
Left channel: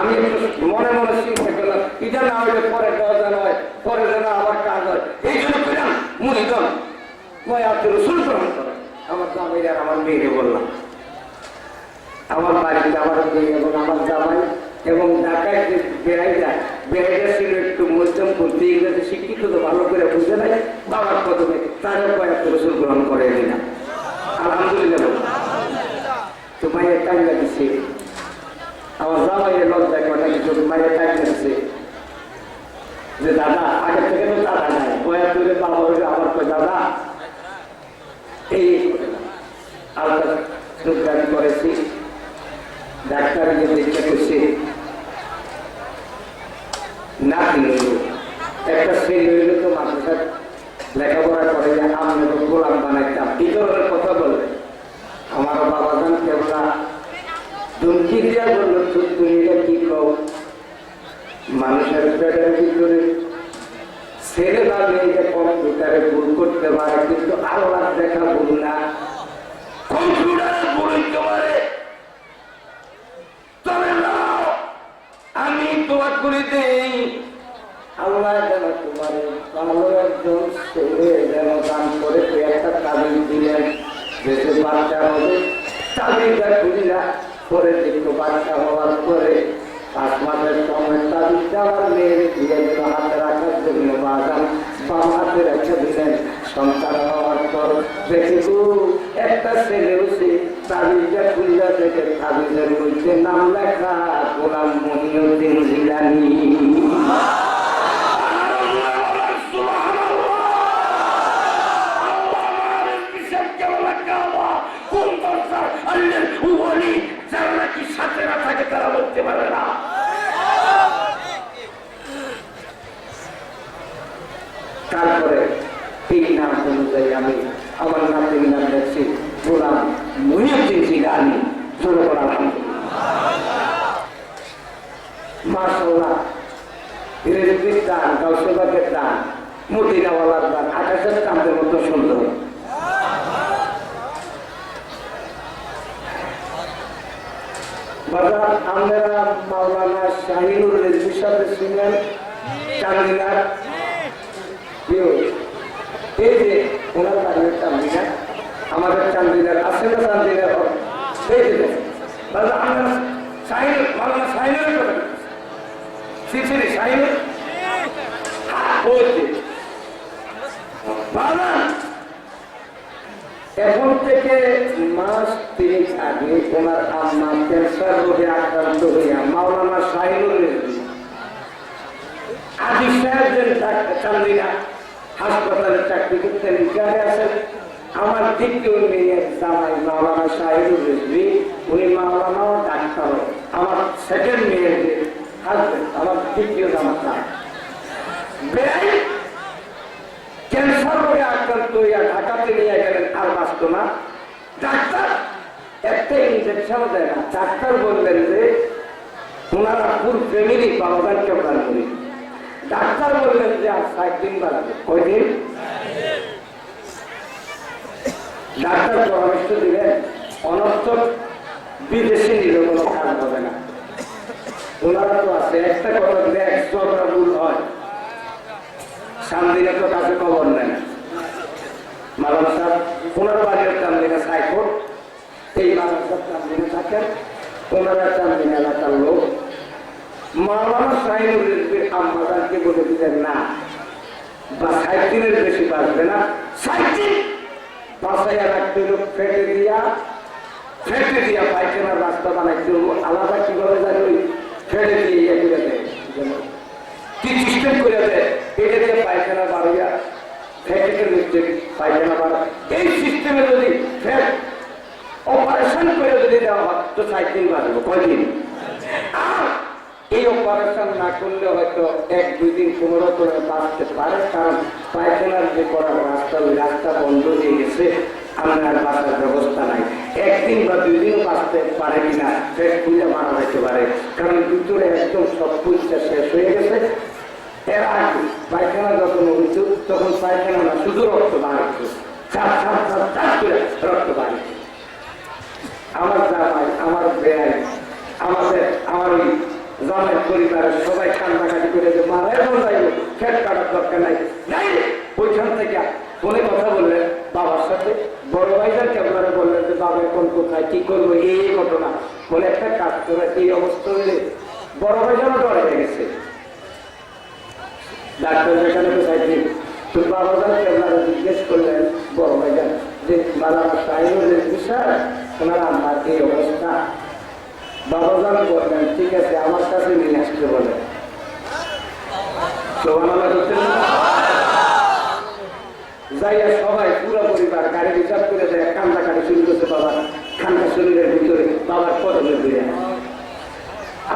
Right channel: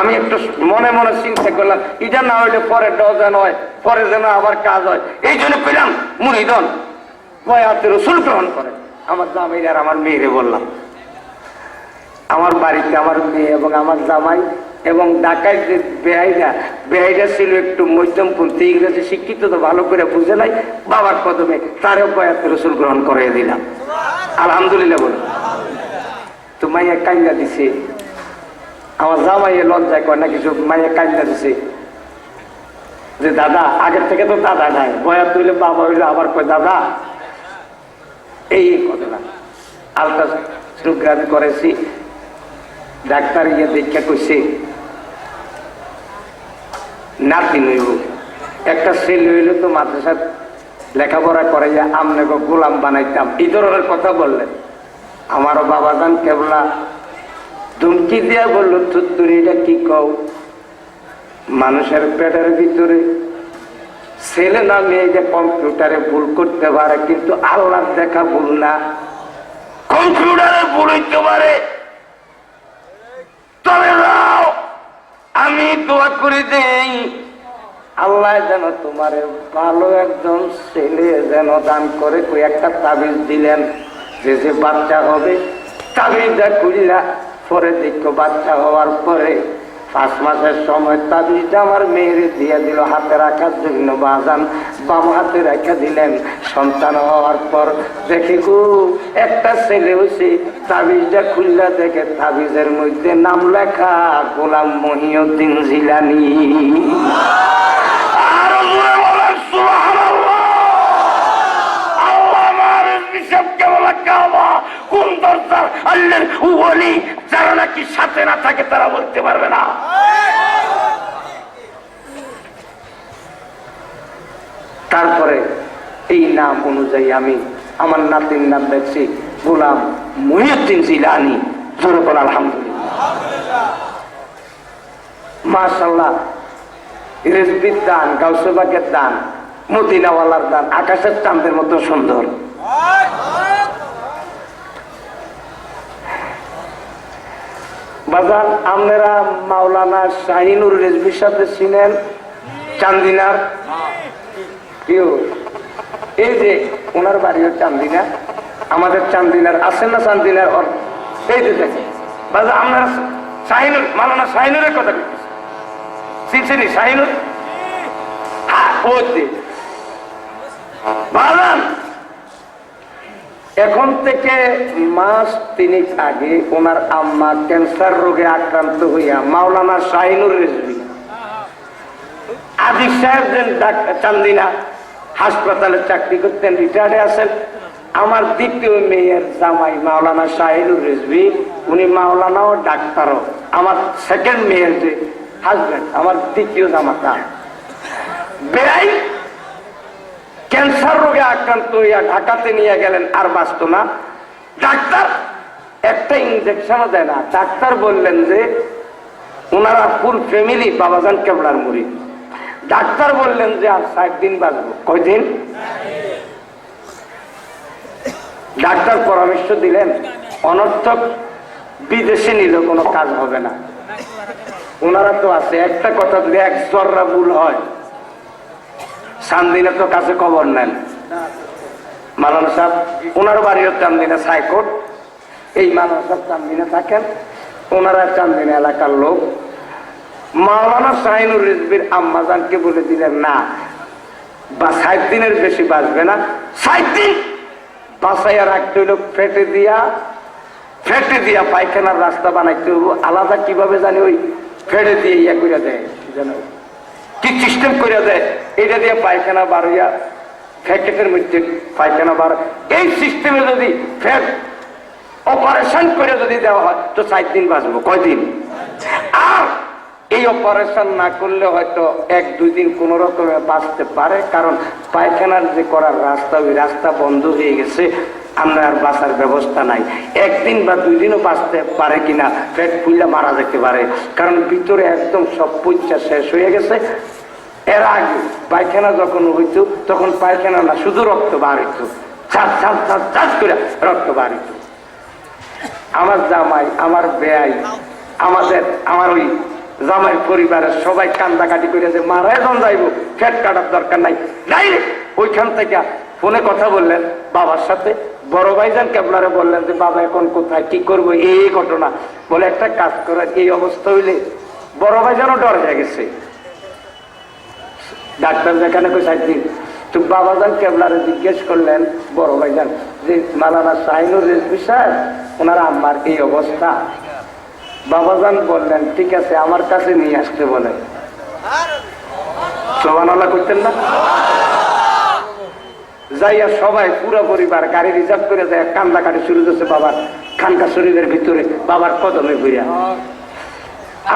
আমি একটু মনে মনে চিন্তা করলাম এটা না হইলে পরে যেন হয়, পরে যেন আবার কাজ হয়, এই জন্য পেলাম মুড়ি দন বয়াতে রসুল গ্রহণ করে। আমার জামাই আর আমার মেয়েরে বললাম, আমার বাড়িতে আমার মেয়ে এবং আমার জামাই এবং ঢাকায় যে বেহাইটা ছিল একটু মধ্যমপন্থী, ইংরেজি শিক্ষিত তো ভালো করে বুঝে নাই, বাবার কদমে তারও বয়াতে রসুল গ্রহণ করে দিলাম। আলহামদুলিল্লাহ বলি। তো মাইয়া কান্না দিছে, আমার জামাইয়ের লজ্জায় কয় না কিছু, মাইয়া কান্না দিছে যে দাদা, আগের থেকে তো দাদা নাই, বয়াত হইলে বাবা হইলে আবার কয় দাদা। এই ঘটনা আলট্রাসোগ্রাফি করেছি, ডাক্তার গিয়ে দেখতে কইছে নাতি হইল, একটা ছেলে হইলে তো মাদ্রাসার লেখাপড়া করে আমনে গোলাম বানাইতাম, এই ধরনের কথা বললেন। আমারও বাবাজান কেবলা ধুমকি দিয়া বললো, তুই এটা কি কও, মানুষের পেটের ভিতরে ছেলে না মেয়ে যে কম্পিউটারে ভুল করতে পারে, কিন্তু আল্লাহর দেখা ভুল না, কম্পিউটারে ভুল হইতে পারে। তবে আমি দোয়া করে দেই আল্লাহ যেন তোমার ভালো একজন ছেলে যেন দান করে। একটা তাবিজ দিলেন যে যে বাচ্চা হবে, তাবিজটা খুললা পরে দেখো বাচ্চা হওয়ার পরে 5 মাসের সময় তাবিজটা আমার মেয়ের দিয়ে দিল হাতে রাখার জন্য। বাজান বাম হাতে রেখে দিলেন। সন্তান হওয়ার পর দেখে গো একটা ছেলে হয়েছে, তাবিজটা খুললা দেখে তাবিজের মধ্যে নাম লেখা গোলাম মহিউদ্দিন জিলানী। যারা নাকি সাথে না থাকে তারা বলতে পারবে না। তারপরে এই নাম অনুযায়ী আমি আমার নাতির নাম দেখছি গোলাম মহিউদ্দিন জিলানী। জোরে বল আলহামদুলিল্লাহ। মাশাআল্লাহ, রিজবির দান, গাউসবাগের দান, মদিনাওয়ালার দান, আকাশের চাঁদের মতো সুন্দর। বাজার আপনারা মাওলানা শাহিনুর রেজবির সাথে ছিলেন চান্দিনার, কেউ এই যে ওনার বাড়িও চান্দিনা, আমাদের চান্দিনার আছেন না চান্দিনার এই যে দেখেন আমরা শাহিনুর মালানা শাহিনুরের কথা চিনছেনি শাহিনুর এখন থেকে মাস 3 আগে ওনার আম্মা ক্যান্সার রোগে আক্রান্ত হইয়া মাওলানা শাহিনুর রেজভী আজিজ সাহেব চান্দিনা হাসপাতালে চাকরি করতেন, রিটায়ার্ডে আছেন। আমার দ্বিতীয় মেয়ের জামাই মাওলানা শাহিনুর রেজভী, উনি মাওলানাও ডাক্তারও। আমার সেকেন্ড মেয়ের যে হাজবেন্ড, আমার দ্বিতীয় জামাতা বেড়াই ক্যান্সার রোগে আক্রান্ত হইয়া ঢাকাতে নিয়ে গেলেন, আর বাঁচত না। ডাক্তার একটা ইনজেকশনও দেয় না। ডাক্তার বললেন যে ওনারা ফুল ফ্যামিলি বাবাজান কেবলার মুরিদ। ডাক্তার বললেন যে আর 60 দিন বাঁচবে। কয়দিন? ডাক্তার পরামর্শ দিলেন অনর্থক বিদেশে নিলে কোনো কাজ হবে না। ওনারা তো আছে একটা কথা, যদি এক জররা ভুল হয় চান্দিনা তো কাছে খবর নেন। মালানা সাহেব ওনার বাড়িও চান্দিনা সাইকোট, এই মালানা সাহেব চান্দিনা থাকেন, ওনারা চান্দিনা এলাকার লোক। মাওলানা শাহিনুর রিজভীর আম্মাজানকে বলে দিলেন না বা 60 দিনের বেশি বাঁচবে না, 60 দিন বাঁচাইয়া রাখতে হইল ফেটে দিয়া পায়খানার রাস্তা বানাইতে হইব। আলাদা কিভাবে জানি ওই ফেটে দিয়ে ইয়া করে দেয়, কি সিস্টেম করে দেয়, এটা দিয়ে পায়খানা বার হইয়া ফ্যাটের মধ্যে পায়খানা বার। এই সিস্টেমে যদি ফ্যাট অপারেশন করে যদি দেওয়া হয় তো 60 দিন বাঁচবো। কয়দিন? আর এই অপারেশন না করলে হয়তো 1-2 দিন কোন রকমে বাঁচতে পারে, কারণ পায়খানার যে করার রাস্তা, ওই রাস্তা বন্ধ হয়ে গেছে, আমরা আর বাঁচার ব্যবস্থা নাই। 1 দিন বা 2 দিনও বাঁচতে পারে কিনা, পেট ফুলে মারা যেতে পারে, কারণ ভিতরে একদম সব পয়সা শেষ হয়ে গেছে। এর আগে পায়খানা যখন হইত তখন পায়খানা না, শুধু রক্ত বার হইত, চাষ করে রক্ত বার হইত। আমার জামাই, আমার বেয়াই, আমার ওই জামাই পরিবারের সবাই কান্দাকাটি করে যে মারাই জন যাইব, ফ্যাট কাটার দরকার নাই। ওইখান থেকে ফোনে কথা বললেন বাবার সাথে, বড় ভাইজান কেবলারে বললেন যে বাবা এখন কোথায়, কি করবো, এই ঘটনা। বলে একটা কাজ করে, এই অবস্থা হইলে বড় ভাইজানও ডর হয়ে গেছে। ডাক্তার যেখানে পেশাইছি তো বাবাজান কেবলারে জিজ্ঞেস করলেন বড় ভাইজান যে মালানা শাহিনুর রেজভী সাহেব ওনার আম্মার এই অবস্থা। বাবাজান বললেন ঠিক আছে, আমার কাছে নিয়ে আসতে বলেন। সোভানাল্লাহ করতেন না? যাইয়া সবাই পুরো পরিবার গাড়ি রিজার্ভ করে যায়, কান্দাকাটি শুরু করছে বাবার খানকা শরীরের ভিতরে, বাবার কদমে ঘুরিয়া।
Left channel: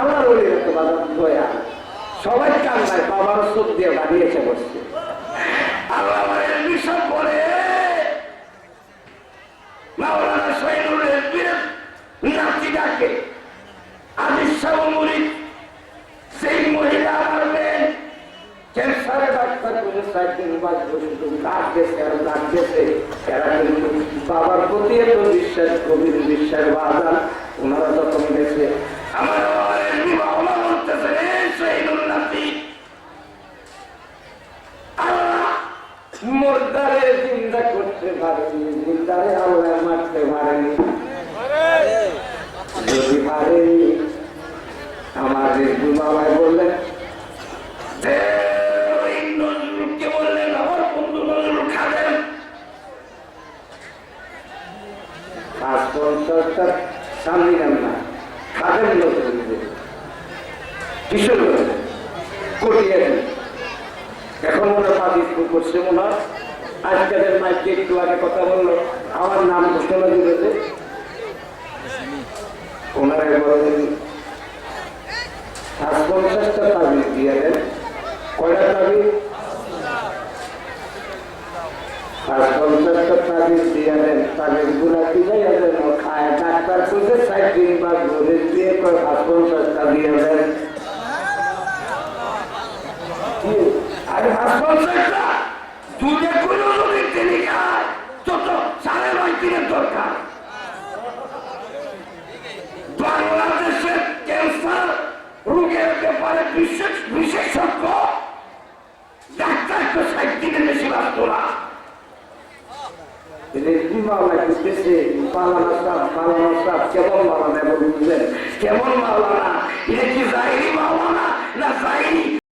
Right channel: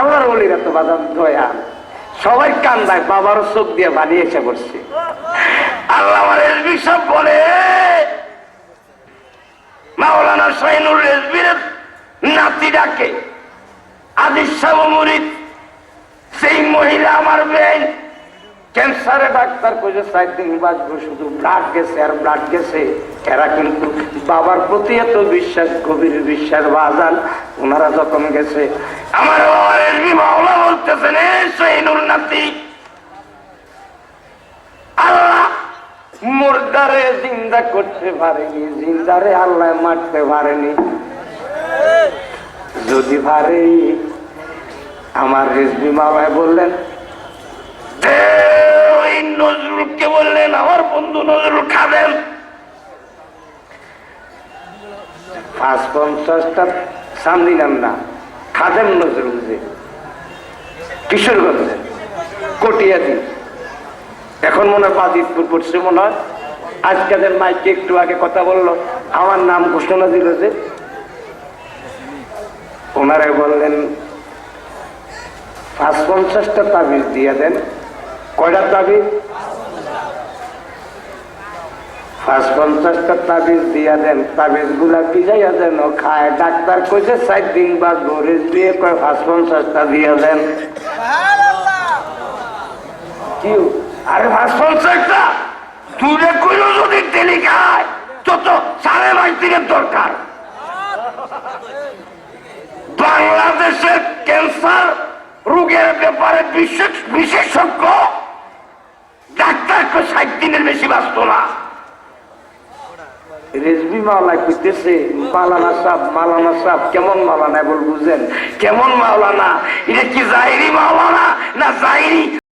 আমার বলিরা তো বাজার দয়া, সবাই কান্দায়, বাবারও চোখ দিয়ে বাড়িয়ে এসে বসছে। আল্লাহ আমার রেজভী সব বলে মাওলানা শাহিনুর রেজভীর নাতি ডাকে আজিজ সাহেব মুরিদ। সেই মহিলা আমার বেন ক্যান্সারে ডাক্তার কইছে 60 দিন বাঁচবো, শুধু ব্লাড গেছে আর ব্লাড গেছে। এরা কিন্তু বাবার প্রতি এত বিশ্বাস, গভীর বিশ্বাস বাজান, ওনারা যখন গেছে আমার মাওলা বলতেছেন শাহিনুর নাতি আল্লাহ মুর্দারে জিন্দা করতে পারেনি, জিন্দারে আল্লাহ মারতে পারেনি। যদি পারে আমার রেজভী মামায় বললেন, নজরুলকে বললেন, আমার বন্ধু নজরুল খাদেম ৫-৫০টা সামনে গান না, খাদেম নজরুল যে কিশোরগঞ্জ কটিয়া দিন, এখন মনে হয় পাদিসপুর পড়ছে মনে হয়। আজকালের মাইকে একটু আগে কথা বললো, আমার নাম ঘোষণা দিল যে, ওনারা বললেন ৫-৫০টা তাবিজ দিয়ে দেন। কয়টা তাবিজ? ৫-৫০টা তাবিজ দিয়া দেন। তাবিজ গুলা কি যাইয়া দেন খায়। ডাক্তার কইছে 60 দিন বা ঘরে দিয়ে কয় ৫-৫০টা দিয়া দেন। কি আরে ৫-৫০টা দূরে কইলো যদি তেলি খায় তো 5.5 দিনের দরকার। বাংলাদেশের ক্যান্সার রোগের ব্যাপারে বিশেষজ্ঞ ডাক্তার 160 দিনের বেশি বাঁচত না। রেজবি মাওলা করতেছে মাওলানা সাহেব কেমন মাওলানা বল বুঝেন, কেমন মাওলানা? এটা কি জাহিরি মাওলানা না জাহিরি